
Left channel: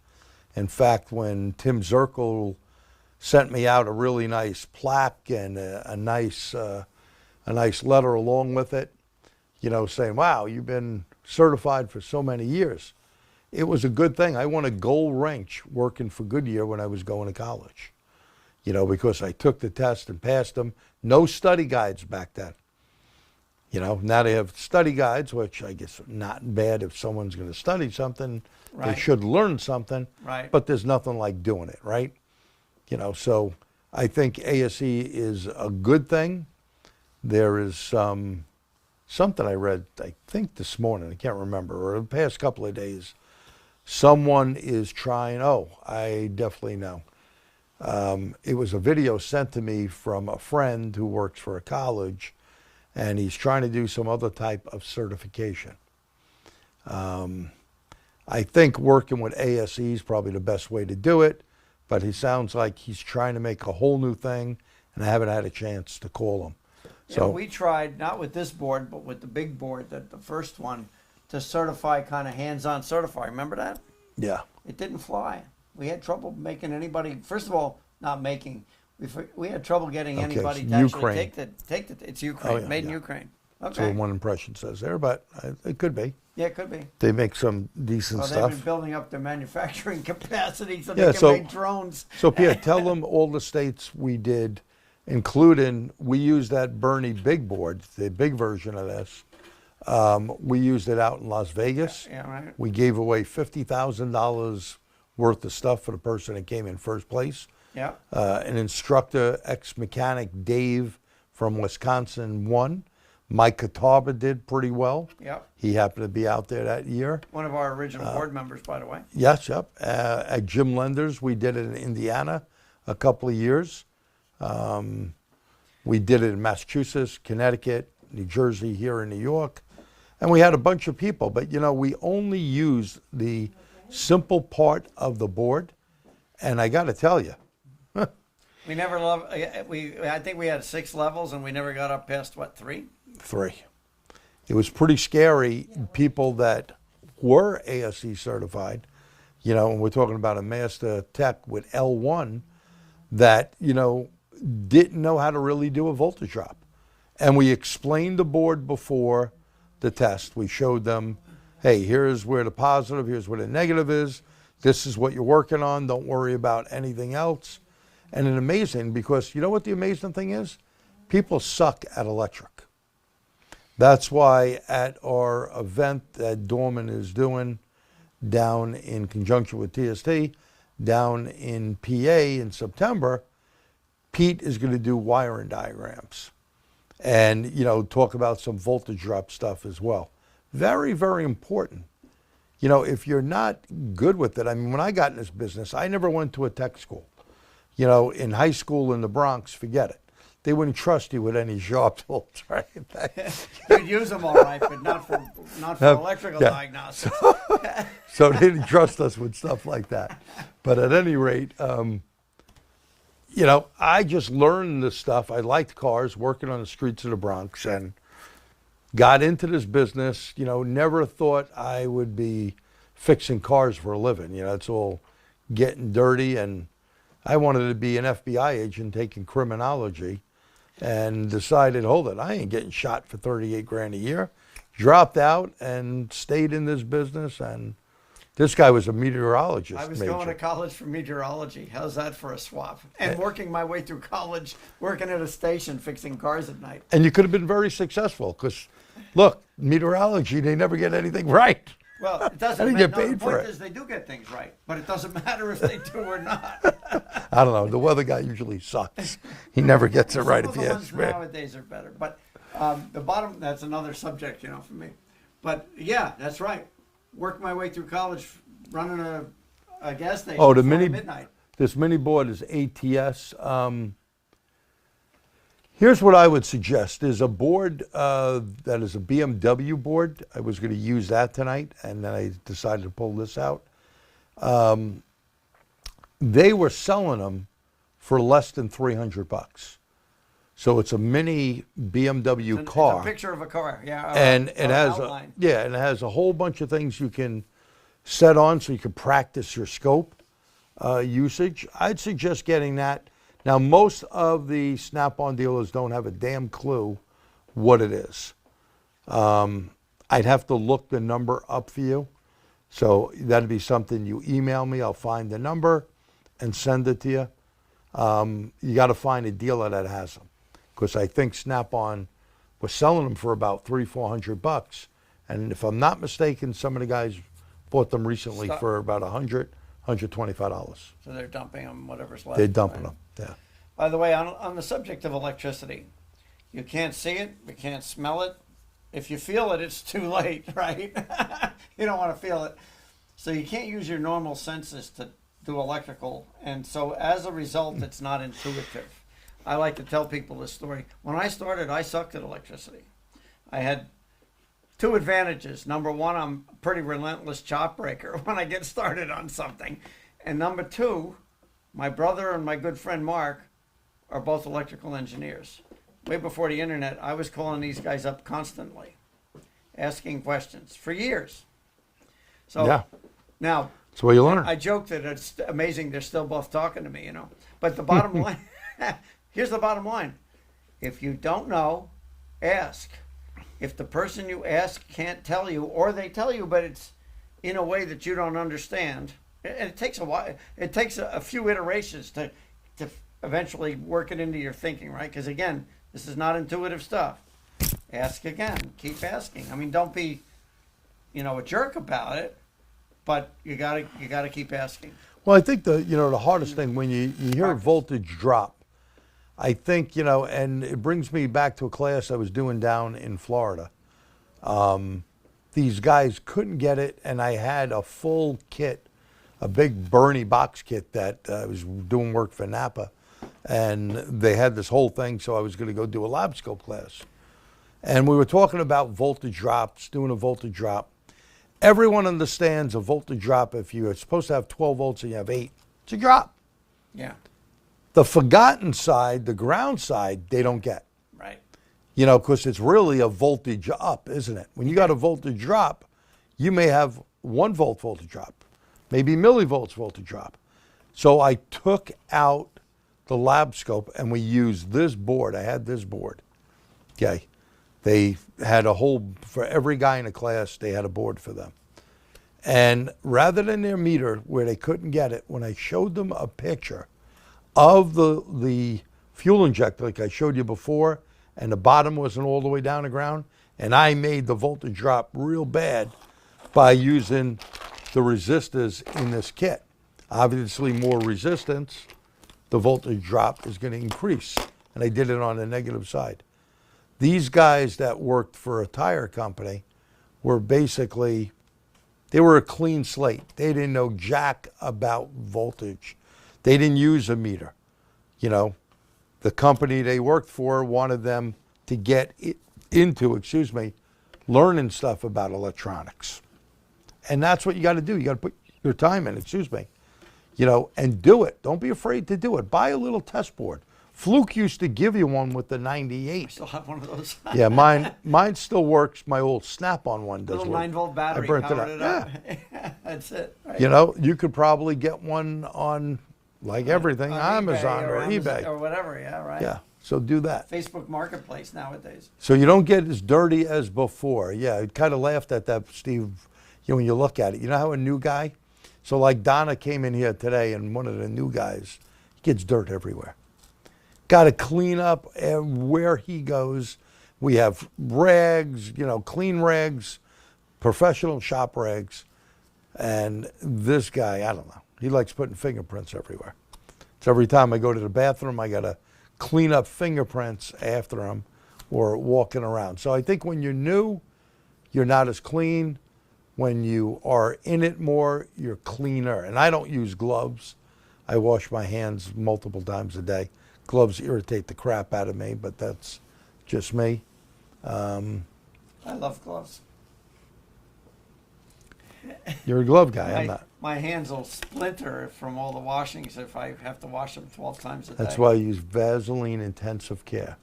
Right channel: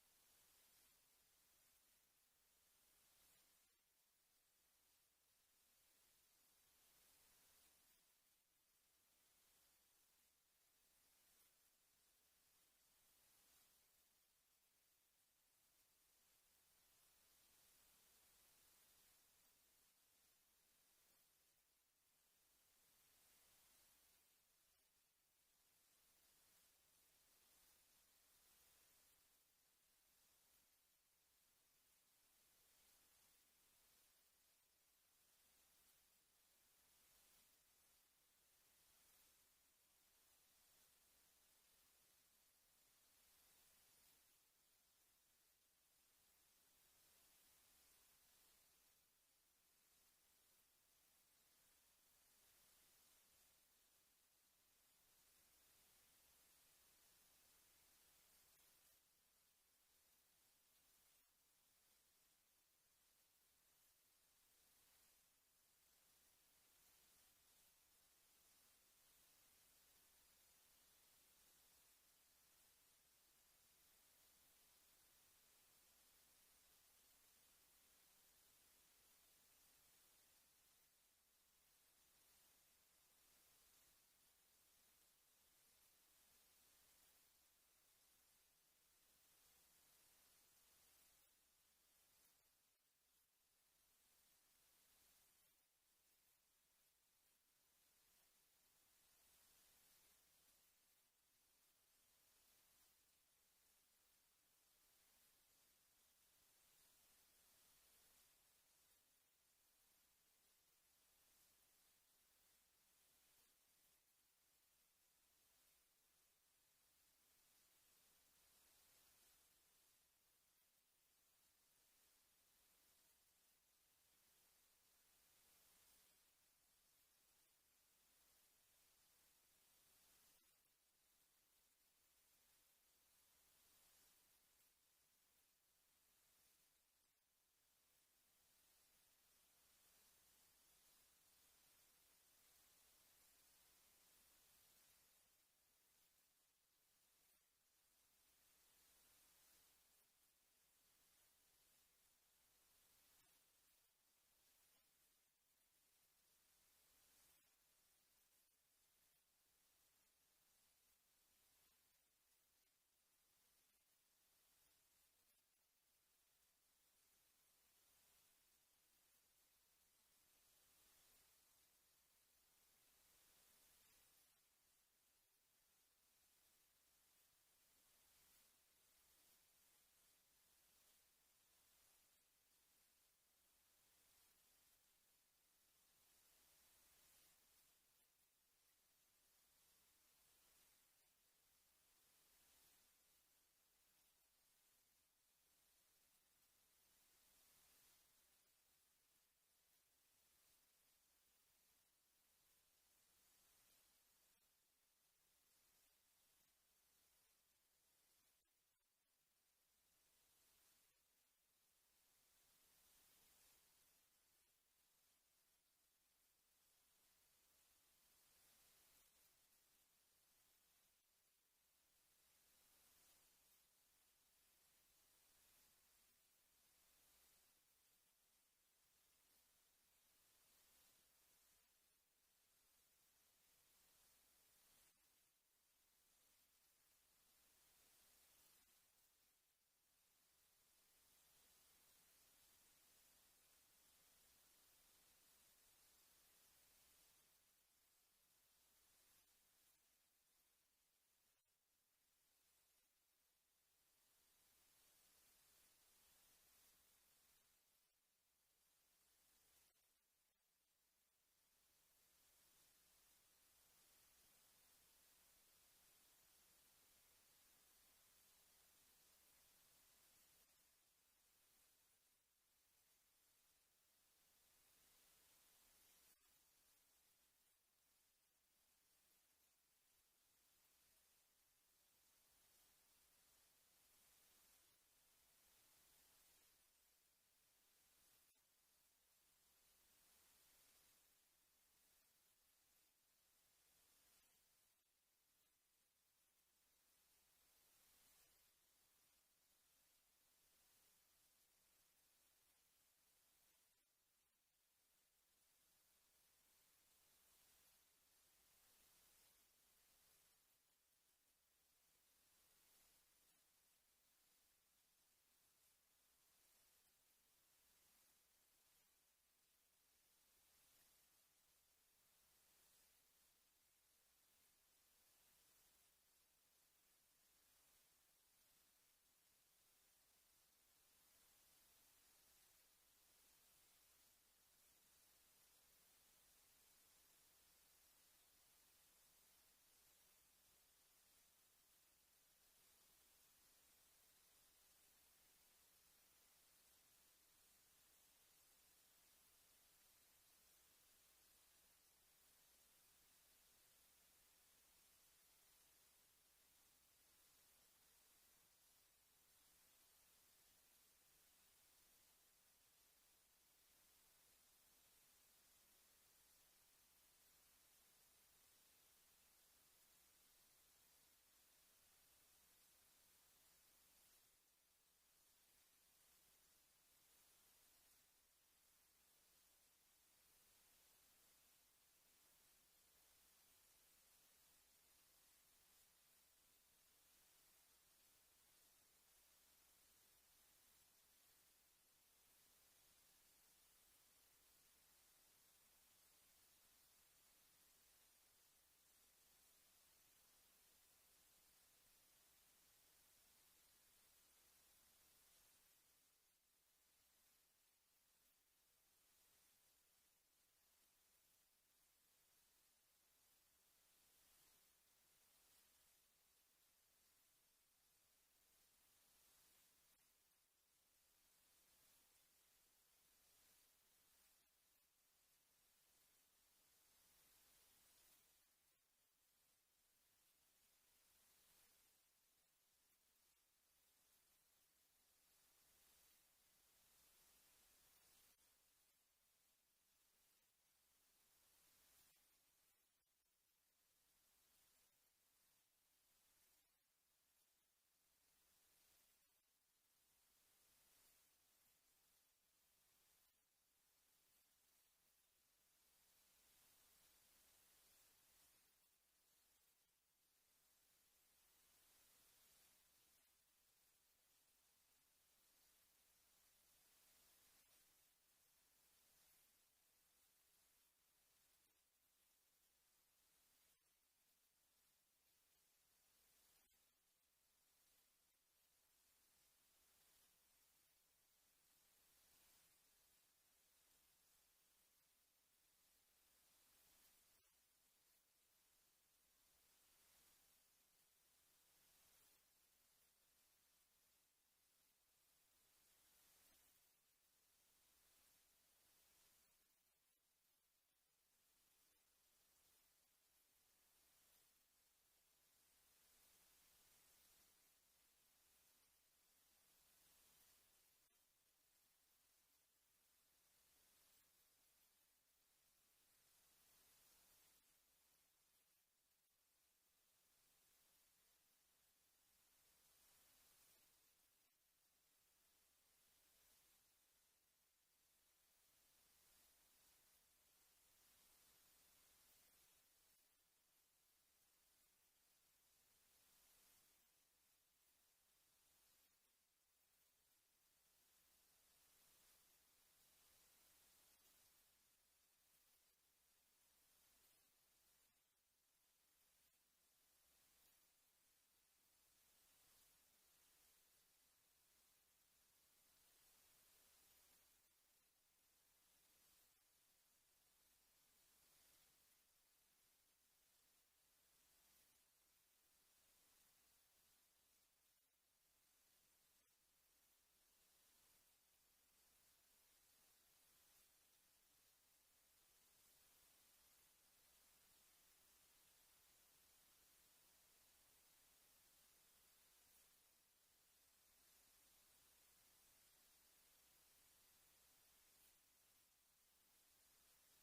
In fact, when Tim Zirkle sent me out a really nice plaque and a nice letter along with it, you know, saying, wow, you've been certified for so many years. It was a good thing. I won a gold wrench working for Goodyear when I was going to college, you know, because I took the test and passed them. No study guides back then. You know, now they have study guides, which I guess not bad if someone's going to study something. Right. They should learn something. Right. But there's nothing like doing it, right? You know, so I think ASE is a good thing. There is something I read, I think this morning, I can't remember, or the past couple of days. Someone is trying, I definitely know. It was a video sent to me from a friend who works for a college, and he's trying to do some other type of certification. I think working with ASE is probably the best way to do it, but he sounds like he's trying to make a whole new thing, and I haven't had a chance to call him. So we tried, not with this board, but with the big board, the first one, to certify, kind of hands-on certify. Remember that? Yeah. It didn't fly. We had trouble making anybody, first of all, not making, we had trouble getting anybody to Ukraine. actually take the, it's Ukraine, Oh, yeah, made in yeah. Ukraine. That's Okay. what one impression says there, but it could be. Yeah, it could be. They make some decent Well, stuff. they've been building up their manufacturing capacity so Yeah, they can make drones. So Pierre, tell them all the states we did, including, we used that Bernie big board, the big version of this. We used it out in Las Vegas. Yeah, right. We gave away $50,000 worth of stuff for the person that came in first place. Yeah. An instructor, ex-mechanic Dave from Wisconsin won. Mike Catawba did pretty well. Yep. He happened to be out there that year. One of our original board members, by the way. Yes, yep. At Jim Lender's, we did it in Indiana a couple of years. We did it in Massachusetts, Connecticut, New Jersey, here in New York. And we had a bunch of people, but you know, we only used the simple part of the board. And I got to tell you, We never I think we had 6 levels and we never got up past, what, 3? 3. It was pretty scary. People that were ASE certified, you know, and we're talking about a master tech with L1 that, you know, didn't know how to really do a voltage drop. And we explained the board before the test. We showed them, hey, here's where the positive, here's where the negative is. This is what you're working on. Don't worry about anything else. And it's amazing because you know what the amazing thing is? People suck at electric. That's why at our event that Dorman is doing down in conjunction with TST, down in PA in September, Pete is going to do wiring diagrams and, you know, talk about some voltage drop stuff as well. Very, very important. You know, if you're not good with it, I mean, when I got in this business, I never went to a tech school. You know, in high school in the Bronx, forget it. They wouldn't trust you with any sharp tools, right? You'd use them all right, but not for electrical diagnostics. So they didn't trust us with stuff like that. But at any rate, you know, I just learned this stuff. I liked cars, working on the streets of the Bronx, and got into this business. You know, never thought I would be fixing cars for a living. You know, it's all getting dirty, and I wanted to be an FBI agent taking criminology, and decided, hold it, I ain't getting shot for 38 grand a year. Dropped out and stayed in this business, and this guy was a meteorologist. I was going to college for meteorology. How's that for a swap? And working my way through college, working at a station, fixing cars at night. And you could have been very successful, because look, meteorology, they never get anything right. Well, it doesn't I didn't matter. get paid the for point it. is they do get things right, but it doesn't matter if they do or not. I don't know. The weather guy usually sucks. He never gets it right Some if of you the ask ones me. nowadays are better, but the bottom, that's another subject, you know, for me. But yeah, that's right. Worked my way through college running a gas station Oh, the before mini, midnight. this mini board is ATS. Here's what I would suggest. There's a board that is a BMW board. I was going to use that tonight, and then I decided to pull this out. They were selling them for less than $300. So it's a mini BMW car. It's a picture of a car, yeah. And it has outline. and it has a whole bunch of things you can set on so you can practice your scope usage. I'd suggest getting that. Now, most of the Snap-on dealers don't have a damn clue what it is. I'd have to look the number up for you. So that'd be something you email me. I'll find the number and send it to you. You got to find a dealer that has them, because I think Snap-on was selling them for about $300-400, and if I'm not mistaken, some of the guys bought them recently Stop. for about $125. So they're dumping them, whatever's left. They're dumping right? them. Yeah. By the way, on the subject of electricity, you can't see it, you can't smell it. If you feel it, it's too late, right? You don't want to feel it. So you can't use your normal senses to do electrical. And so as a result, it's not intuitive. I like to tell people this story. When I started, I sucked at electricity. I had two advantages. Number one, I'm a pretty relentless chop breaker when I get started on something. And number two, my brother and my good friend Mark are both electrical engineers. Way before the internet, I was calling these guys up constantly, asking questions for years. So Yeah. now, That's where you learn. I joke that it's amazing they're still both talking to me, you know. But the bottom line, here's the bottom line. If you don't know, ask. If the person you ask can't tell you, or they tell you, but it's in a way that you don't understand, and it takes a while, it takes a few iterations to eventually work it into your thinking, right? Because again, this is not intuitive stuff. Ask again, keep asking. I mean, don't be, a jerk about it, but you gotta keep asking. Well, I think the hardest thing when you hear a voltage drop, I think, and it brings me back to a class I was doing down in Florida. These guys couldn't get it, and I had a full kit, a big Bernie box kit that I was doing work for Napa, and they had this whole thing, so I was going to go do a Labscope class. And we were talking about voltage drops, doing a voltage drop. Everyone understands a voltage drop. If you're supposed to have 12 volts and you have 8, it's a drop. Yeah, The forgotten side, the ground side, they don't get. right. Because it's really a voltage up, isn't it? When you got a voltage drop, you may have 1 volt voltage drop, maybe millivolts voltage drop. So I took out the Labscope and we used this board. I had this board. Okay. They had for every guy in the class, they had a board for them. And rather than their meter where they couldn't get it, when I showed them a picture of the fuel injector, like I showed you before, and the bottom wasn't all the way down the ground, and I made the voltage drop real bad by using the resistors in this kit. Obviously, more resistance, the voltage drop is going to increase, and I did it on the negative side. These guys that worked for a tire company were basically, they were a clean slate. They didn't know jack about voltage. They didn't use a meter. The company they worked for wanted them to get into, learning stuff about electronics. And that's what you got to do. You got to put your time in, and do it. Don't be afraid to do it. Buy a little test board. Fluke used to give you one with the 98. I still have one of those. Yeah, mine still works. My old Snap-on one does Little work. 9-volt battery. I burnt it powered up. Yeah. That's it. Right. You could probably get one on, like everything, On Amazon or Amazon eBay. or whatever. Yeah, right. Yeah, so do that. Facebook Marketplace nowadays. So you don't get as dirty as before. Yeah, I kind of laughed at that, Steve, when you look at it. You know how a new guy, so like Donna came in here today, and one of the new guys gets dirt everywhere. Got to clean up where he goes. We have rags, clean rags, professional shop rags. And this guy, I don't know, he likes putting fingerprints everywhere. So every time I go to the bathroom, I got to clean up fingerprints after them or walking around. So I think when you're new, you're not as clean. When you are in it more, you're cleaner. And I don't use gloves. I wash my hands multiple times a day. Gloves irritate the crap out of me, but that's just me. I love gloves. You're a glove guy, I'm not. My hands will splinter from all the washings if I have to wash them 12 times a day. That's why I use Vaseline Intensive Care.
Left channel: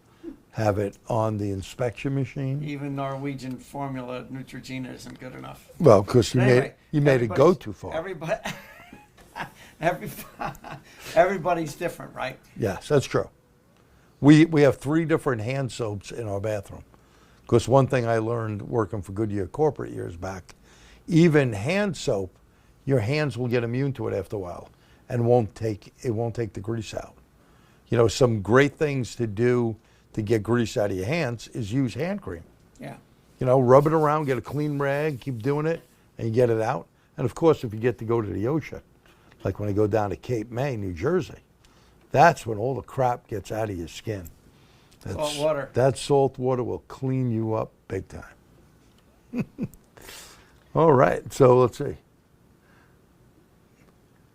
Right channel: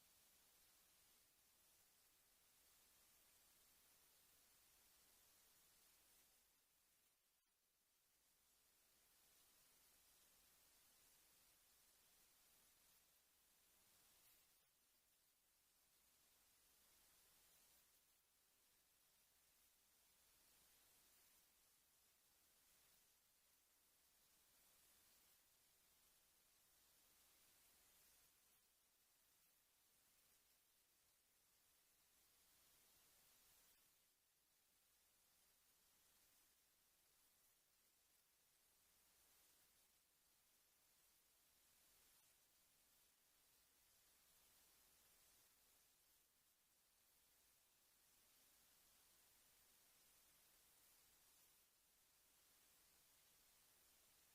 Have it on the inspection machine. Even Norwegian formula Neutrogena isn't good enough. Well, because you But anyway, made it go too far. Everybody's different, right? Yes, that's true. We have 3 different hand soaps in our bathroom. Because one thing I learned working for Goodyear corporate years back, even hand soap, your hands will get immune to it after a while, and it won't take the grease out. You know, some great things to do to get grease out of your hands is use hand cream. Yeah. You know, rub it around, get a clean rag, keep doing it, and you get it out. And of course, if you get to go to the ocean, like when I go down to Cape May, New Jersey, that's when all the crap gets out of your skin. Salt water. That salt water will clean you up big time. All right, so let's see.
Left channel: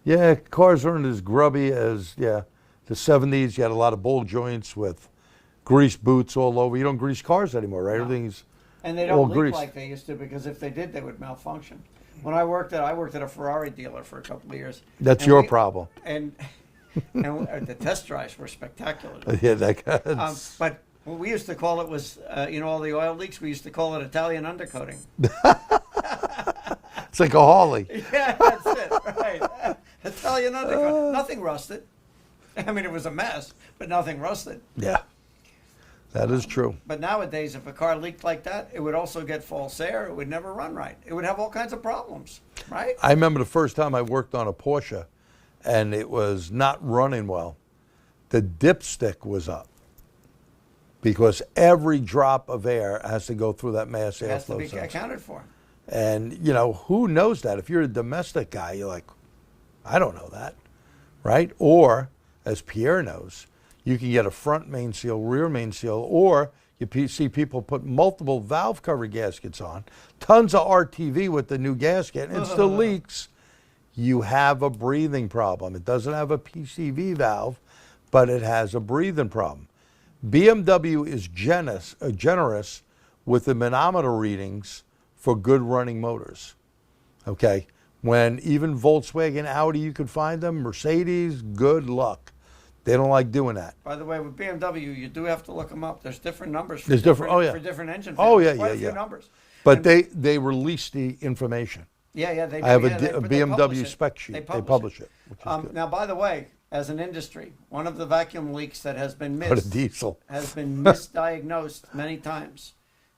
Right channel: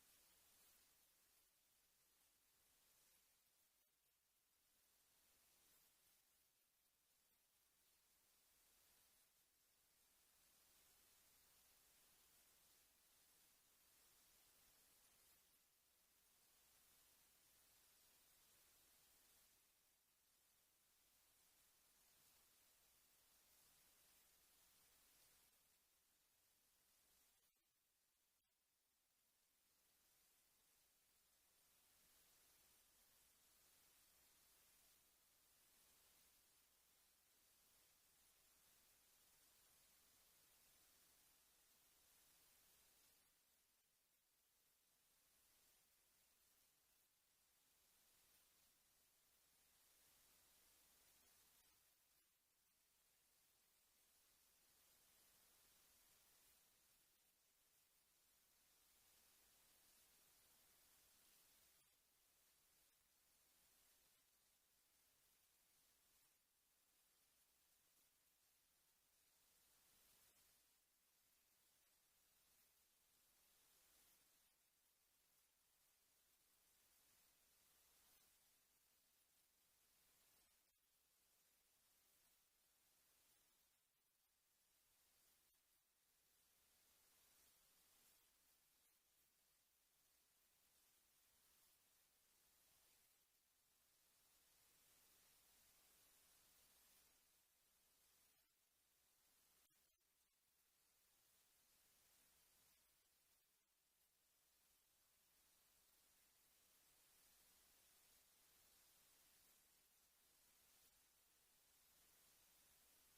Yeah, cars aren't as grubby as, the 70s. You had a lot of bowl joints with grease boots all over. You don't grease cars anymore, right? No. Everything's And they all don't leak greased. like they used to, because if they did, they would malfunction. When I worked at a Ferrari dealer for a couple of years. That's and your problem. And the test drives were spectacular. Yeah, that But what we used to call it was, all the oil leaks, we used to call it Italian undercoating. it's like a Harley. Yeah, that's it, right. Italian undercoating. Nothing rusted. I mean, it was a mess, but nothing rusted. Yeah, that is true. But nowadays, if a car leaked like that, it would also get false air. It would never run right. It would have all kinds of problems, right? I remember the first time I worked on a Porsche, and it was not running well. The dipstick was up because every drop of air has to go through that mass It has to airflow be sensor. accounted for. And, who knows that? If you're a domestic guy, you're like, I don't know that, right? Or, as Pierre knows, you can get a front main seal, rear main seal, or you see people put multiple valve cover gaskets on, tons of RTV with the new gasket, and it still leaks. You have a breathing problem. It doesn't have a PCV valve, but it has a breathing problem. BMW is generous with the manometer readings for good running motors. Okay, when even Volkswagen, Audi, you could find them, Mercedes, good luck. They don't like doing that. By the way, with BMW, you do have to look them up. There's different numbers for, There's different- oh, yeah. for different engine Oh, families. yeah, Quite yeah, a few yeah. numbers. But And- they release the information. Yeah, they do. I have yeah, a but they publish BMW it. spec sheet. They They publish it, which is good. Now, by the way, as an industry, one of the vacuum leaks that has been But a missed, diesel. has been misdiagnosed many times,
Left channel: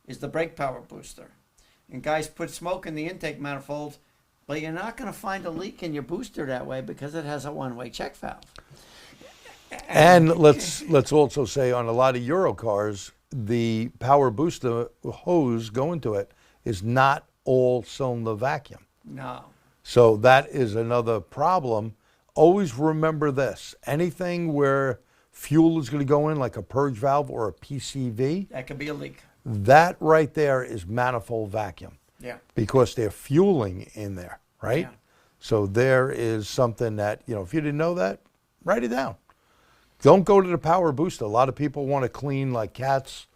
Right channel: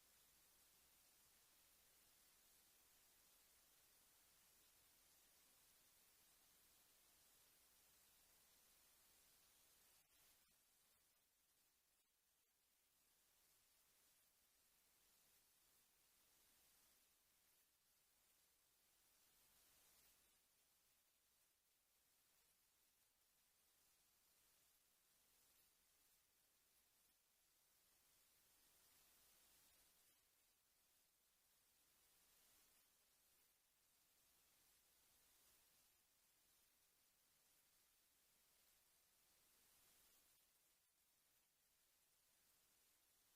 is the brake power booster. And guys put smoke in the intake manifold, but you're not going to find a leak in your booster that way because it has a one-way check valve. And let's also say on a lot of Euro cars, the power booster hose going to it is not all cylinder vacuum. No. So that is another problem. Always remember this. Anything where fuel is going to go in, like a purge valve or a PCV, That could be a leak. that right there is manifold vacuum Yeah. because they're fueling in there, right? Yeah. So there is something that, if you didn't know that, write it down. Don't go to the power booster. A lot of people want to clean like cats,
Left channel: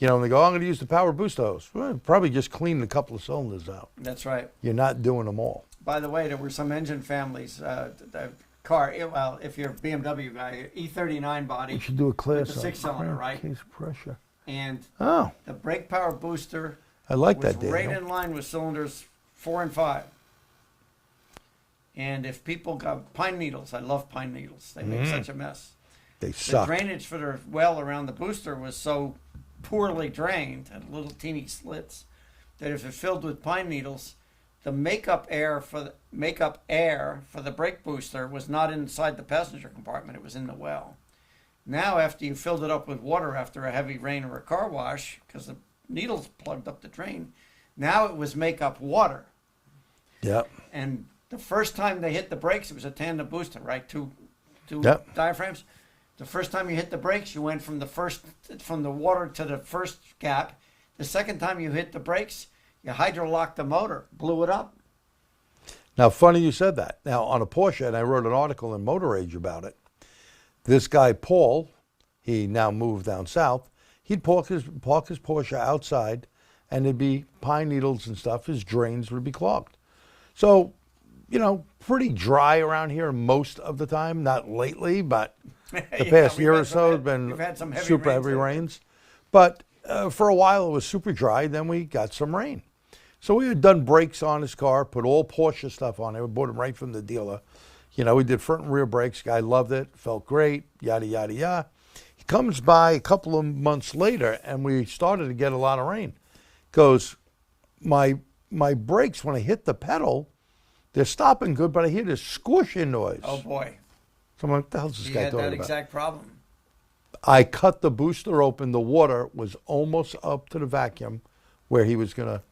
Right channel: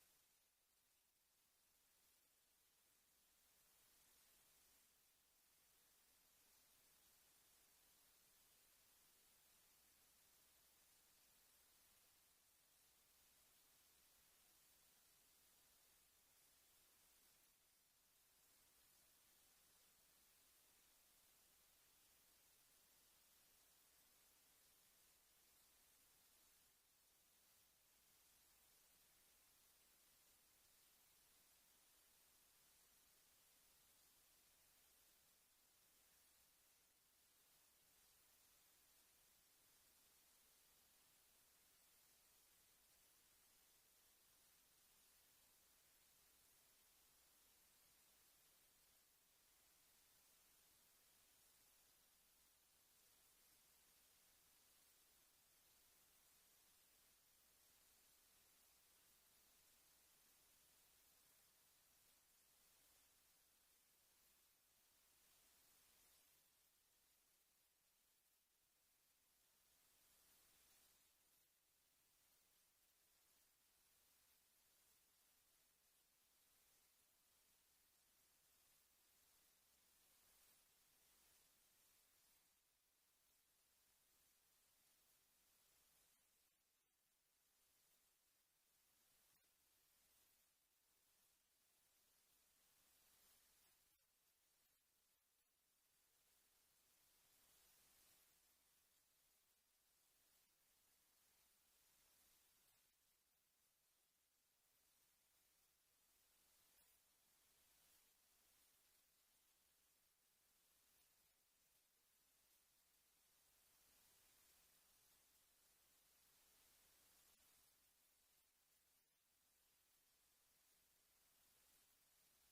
and they go, I'm going to use the power booster hose. Well, probably just clean a couple of cylinders out. That's right. You're not doing them all. By the way, there were some engine families, the car, well, if you're a BMW guy, E39 body, You should do a class the on six-cylinder, right? case pressure. and Oh, the brake power booster I like was that, Daniel. right in line with cylinders 4 and 5. And if people got pine needles, I love pine needles. They make such a mess. They The suck. drainage for the well around the booster was so poorly drained, had little teeny slits, that if it filled with pine needles, the makeup air for the brake booster was not inside the passenger compartment. It was in the well. Now, after you filled it up with water after a heavy rain or a car wash, because the needles plugged up the drain, now it was makeup water. Yep. And the first time they hit the brakes, it was a tandem booster, right? Two two Yep. diaphragms. The first time you hit the brakes, you went from the water to the first gap. The second time you hit the brakes, you hydrolocked the motor, blew it up. Now, funny you said that. Now, on a Porsche, and I wrote an article in Motor Age about it, this guy, Paul, he now moved down south, he'd park his Porsche outside, and there'd be pine needles and stuff. His drains would be clogged. So, you know, pretty dry around here most of the time. Not lately, but the Yeah, past we've year had or some so he- has been we've had some heavy super rains heavy lately. rains. But for a while, it was super dry. Then we got some rain. So we had done brakes on his car, put all Porsche stuff on it. We bought him right from the dealer. You know, we did front and rear brakes. Guy loved it, felt great, yada, yada, yada. He comes by a couple of months later, and we started to get a lot of rain. Goes, my brakes, when I hit the pedal, they're stopping good, but I hear this squishing noise. Oh boy, So I'm like, what the hell's this he guy had talking that about? exact problem. I cut the booster open. The water was almost up to the vacuum where he was going to.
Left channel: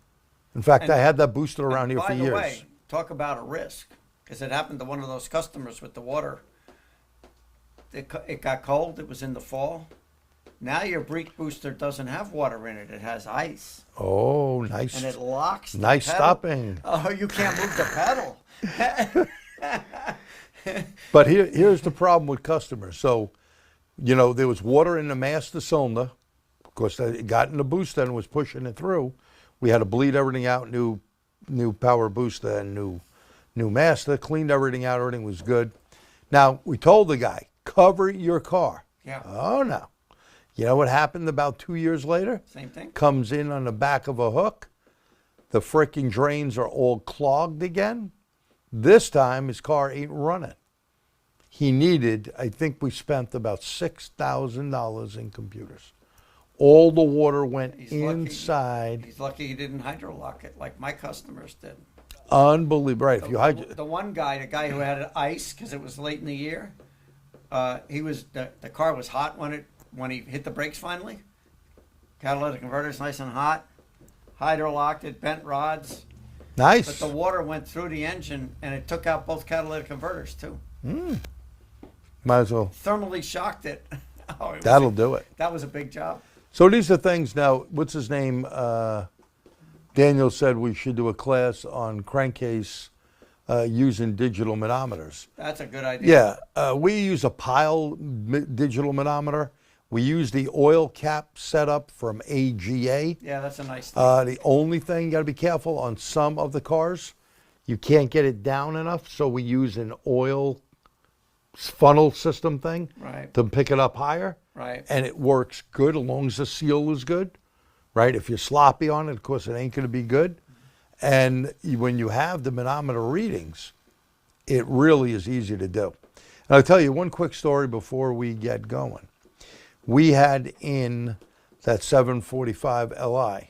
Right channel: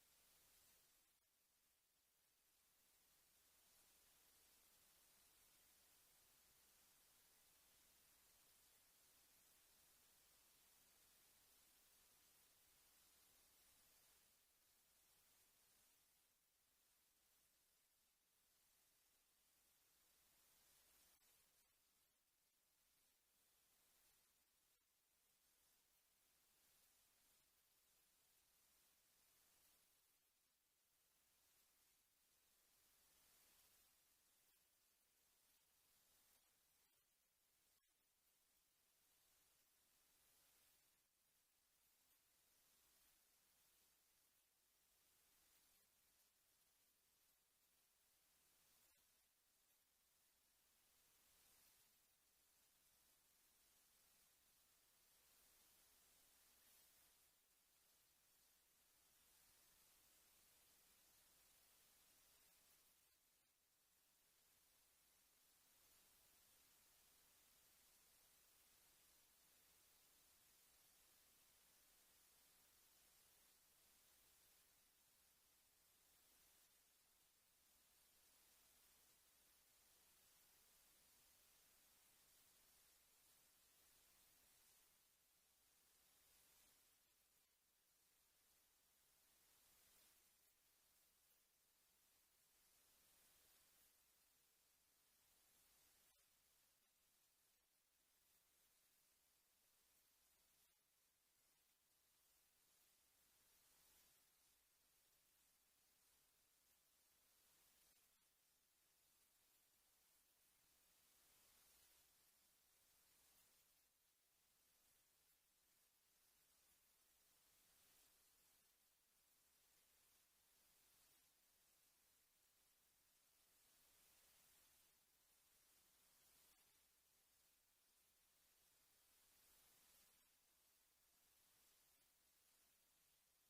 In fact, And- I had that booster around And here by for the years. way, talk about a risk, because it happened to one of those customers with the water. It got cold. It was in the fall. Now your brake booster doesn't have water in it. It has ice, Oh, nice. and it locks. The Nice pedal. stopping. Oh, you can't move the pedal. But here's the problem with customers. So, you know, there was water in the master cylinder. Of course, it got in the booster and was pushing it through. We had to bleed everything out, new power booster and new master, cleaned everything out, everything was good. Now, we told the guy, cover your car. Yeah. Oh, no. You know what happened about 2 years later? Same thing. Comes in on the back of a hook. The freaking drains are all clogged again. This time, his car ain't running. He needed, I think we spent about $6,000 in computers. All the water went He's lucky. inside. He's lucky he didn't hydrolock it like my customers did. Unbelievable. Right, if you The one guy, the guy who had ice because it was late in the year, the car was hot when he hit the brakes finally. Catalytic converter's nice and hot. Hydrolocked it, bent rods, nice. but the water went through the engine and it took out both catalytic converters too. Might as well. Thermally shocked it. Oh, That'll do it. That was a big job. So these are things now, what's his name? Daniel said we should do a class on crankcase using digital manometers. That's a good idea. Yeah, we use a pile digital manometer. We use the oil cap setup from AGA. Yeah, that's a nice thing. The only thing, you got to be careful on some of the cars, you can't get it down enough, so we use an oil funnel system thing Right. to pick it up higher. Right. And it works good as long as the seal is good, right? If you're sloppy on it, of course, it ain't going to be good. And when you have the manometer readings, it really is easy to do. And I'll tell you one quick story before we get going. We had in that 745 Li,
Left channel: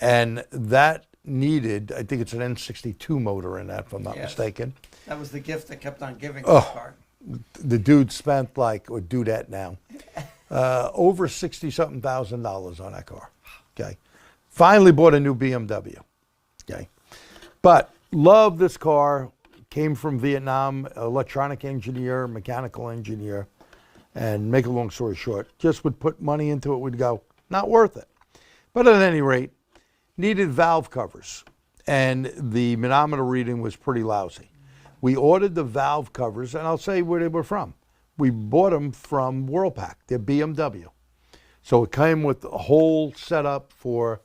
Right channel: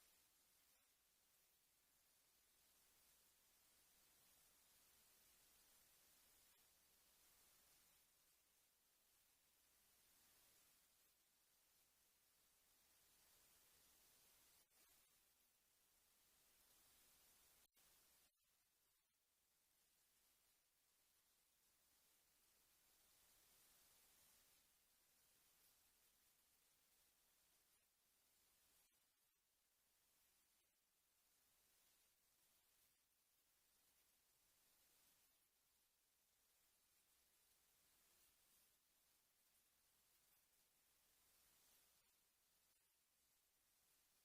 and that needed, I think it's an N62 motor in that, if I'm not Yes. mistaken. That was the gift that kept on giving Oh. the car. The dude spent like, or do that now, over $60-something thousand on that car. Okay. Finally bought a new BMW. Okay. But love this car. Came from Vietnam, electronic engineer, mechanical engineer. And make a long story short, just would put money into it, would go, not worth it. But at any rate, needed valve covers. And the manometer reading was pretty lousy. We ordered the valve covers, and I'll say where they were from. We bought them from Whirlpack, they're BMW. So it came with a whole setup for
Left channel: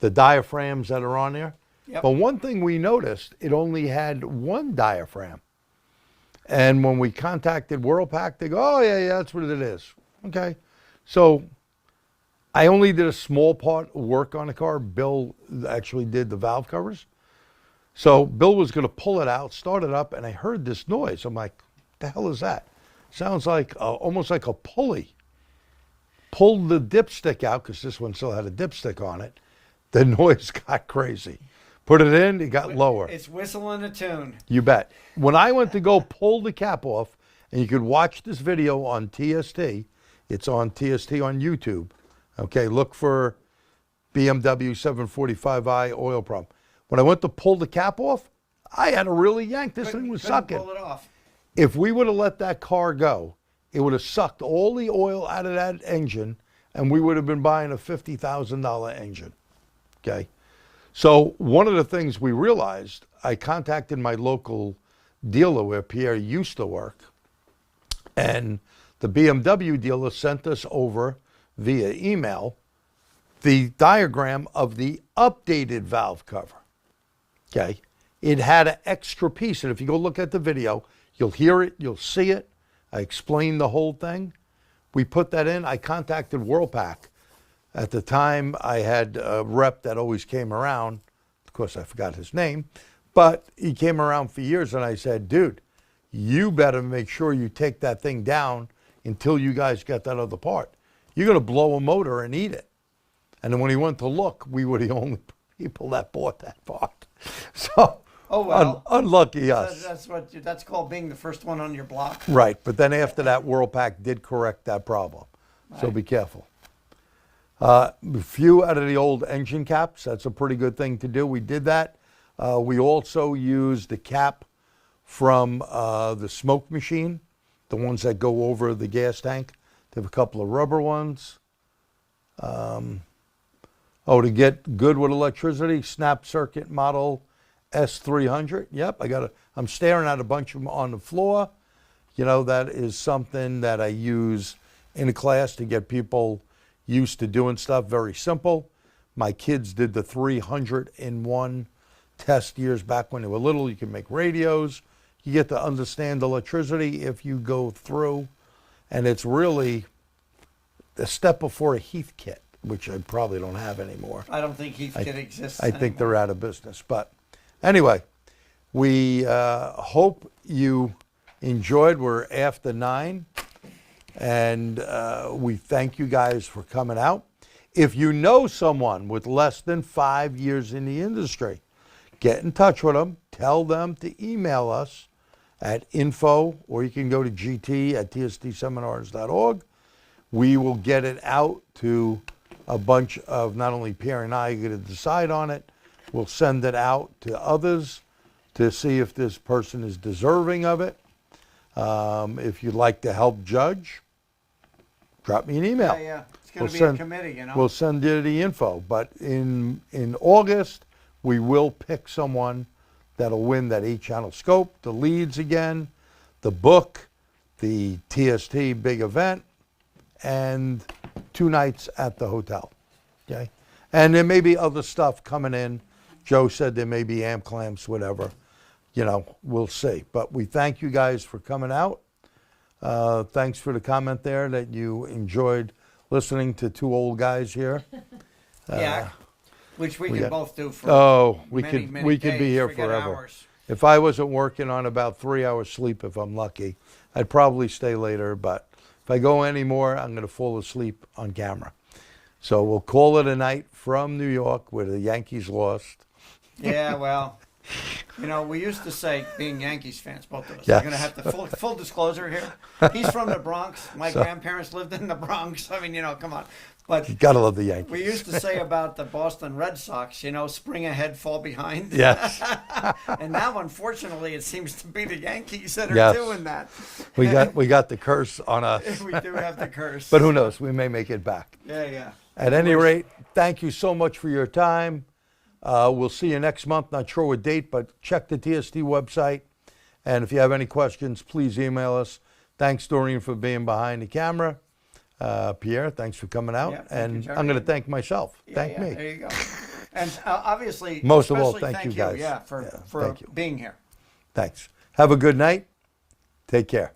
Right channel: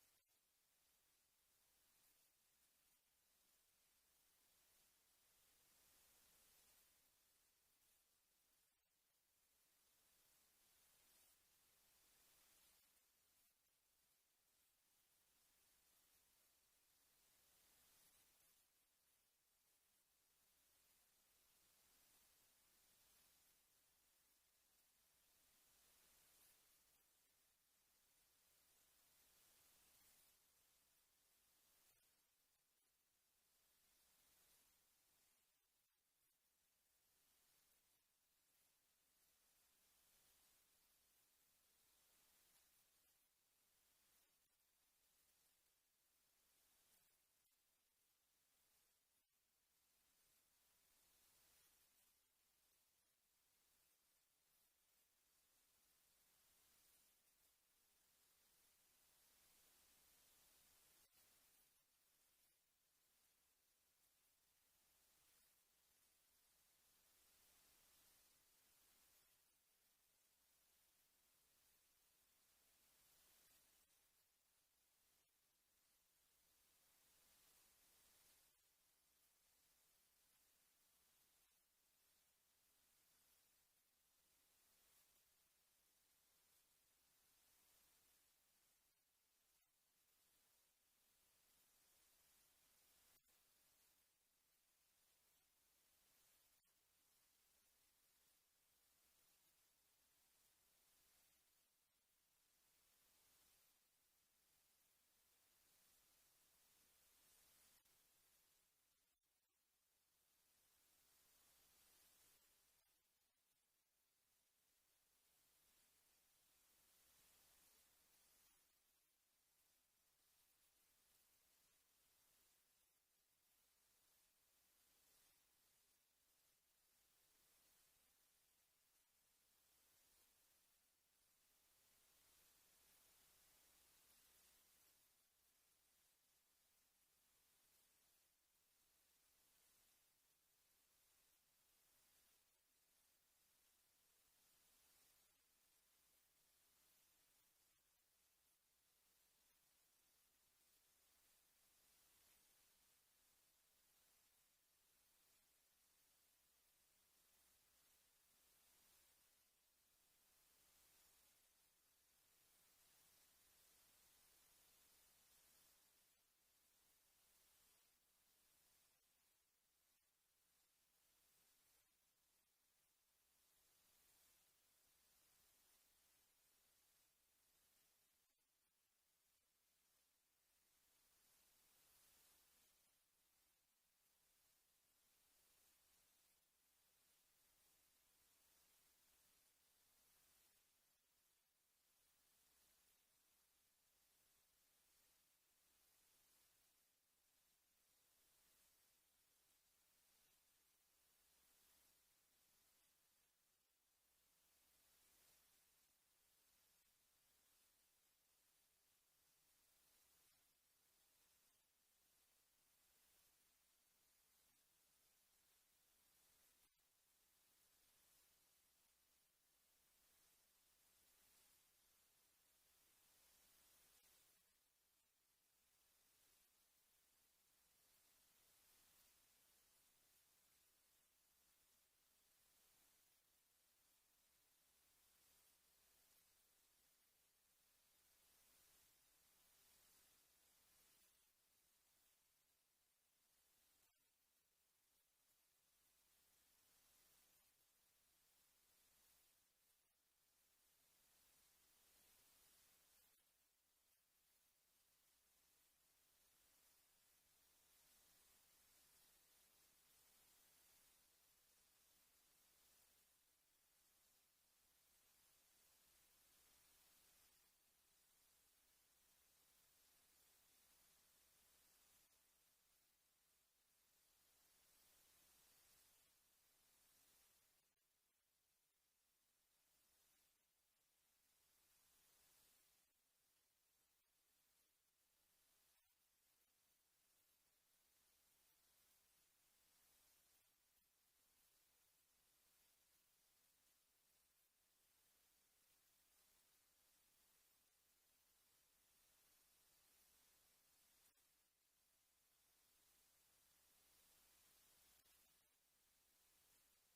the diaphragms that are on there. Yep. But one thing we noticed, it only had one diaphragm. And when we contacted Whirlpack, they go, oh, yeah, that's what it is. Okay. So I only did a small part of work on the car. Bill actually did the valve covers. So Bill was going to pull it out, start it up, and I heard this noise. I'm like, the hell is that? Sounds like almost like a pulley. Pulled the dipstick out, because this one still had a dipstick on it. The noise got crazy. Put it in, it got lower. It's whistling a tune. You bet. When I went to go pull the cap off, and you could watch this video on TST, it's on TST on YouTube. Okay, look for BMW 745i oil problem. When I went to pull the cap off, I had to really yank. This thing was Couldn't sucking. pull it off. If we would have let that car go, it would have sucked all the oil out of that engine, and we would have been buying a $50,000 engine. Okay. So one of the things we realized, I contacted my local dealer where Pierre used to work, and the BMW dealer sent us over via email the diagram of the updated valve cover. Okay. It had an extra piece, and if you go look at the video, you'll hear it, you'll see it. I explained the whole thing. We put that in. I contacted Whirlpack. At the time, I had a rep that always came around. Of course, I forgot his name, but he came around for years, and I said, dude, you better make sure you take that thing down until you guys get that other part. You're going to blow a motor and eat it. And then when he went to look, we were the only people that bought that part. So, Oh, well. unlucky us. That's called being the first one on your block. Right, but then after that, Whirlpack did correct that problem. So Right. be careful. A few out of the old engine caps, that's a pretty good thing to do. We did that. We also used the cap from the smoke machine, the ones that go over the gas tank. They have a couple of rubber ones. To get good with electricity, snap circuit model S300. Yep, I'm staring at a bunch of them on the floor. You know, that is something that I use in a class to get people used to doing stuff. Very simple. My kids did the 300-in-1 test years back when they were little. You can make radios. You get to understand electricity if you go through. And it's really a step before a Heath kit, which I probably don't have anymore. I don't think Heath Kit exists I think anymore. they're out of business. But anyway, we hope you enjoyed. We're after 9, and we thank you guys for coming out. If you know someone with less than 5 years in the industry, get in touch with them. Tell them to email us at info, or you can go to gt@tstseminars.org. We will get it out to a bunch of, not only Pierre and I are going to decide on it, we'll send it out to others to see if this person is deserving of it. If you'd like to help judge, drop me an email. Yeah. It's going to We'll be a committee, you know. We'll send you the info. But in August, we will pick someone that'll win that 8-channel scope, the leads again, the book, the TST Big Event, and 2 nights at the hotel. Okay? And there may be other stuff coming in. Joe said there may be amp clamps, whatever. You know, we'll see. But we thank you guys for coming out. Thanks for the comment there that you enjoyed listening to 2 old guys here. Yeah, which we we can got- both do for we many, could many be days. here Forget forever. hours. If I wasn't working on about 3 hours sleep, if I'm lucky, I'd probably stay later. But if I go any more, I'm going to fall asleep on camera. So we'll call it a night from New York, where the Yankees lost. Yeah, well, you know, we used to say, being Yankees fans, both of us, Yes. we're going to have to, full disclosure here. He's from the Bronx. My grandparents lived in the Bronx. I mean, you know, come on. But You gotta love the Yankees. we used to say about the Boston Red Sox, you know, spring ahead, fall behind. Yes. And now, unfortunately, it seems to be the Yankees that are Yes. doing that. we got the curse on us. We do have the curse. But who knows? We may make it back. Yeah. At any rate, thank you so much for your time. We'll see you next month. Not sure what date, but check the TST website. And if you have any questions, please email us. Thanks, Doreen, for being behind the camera. Pierre, thanks for coming out. Yeah, thank you, And Jerry. I'm going to thank myself. Thank me. There you go. And obviously, Most of all, especially thank you guys. Yeah, for thank you. being here. Thanks. Have a good night. Take care.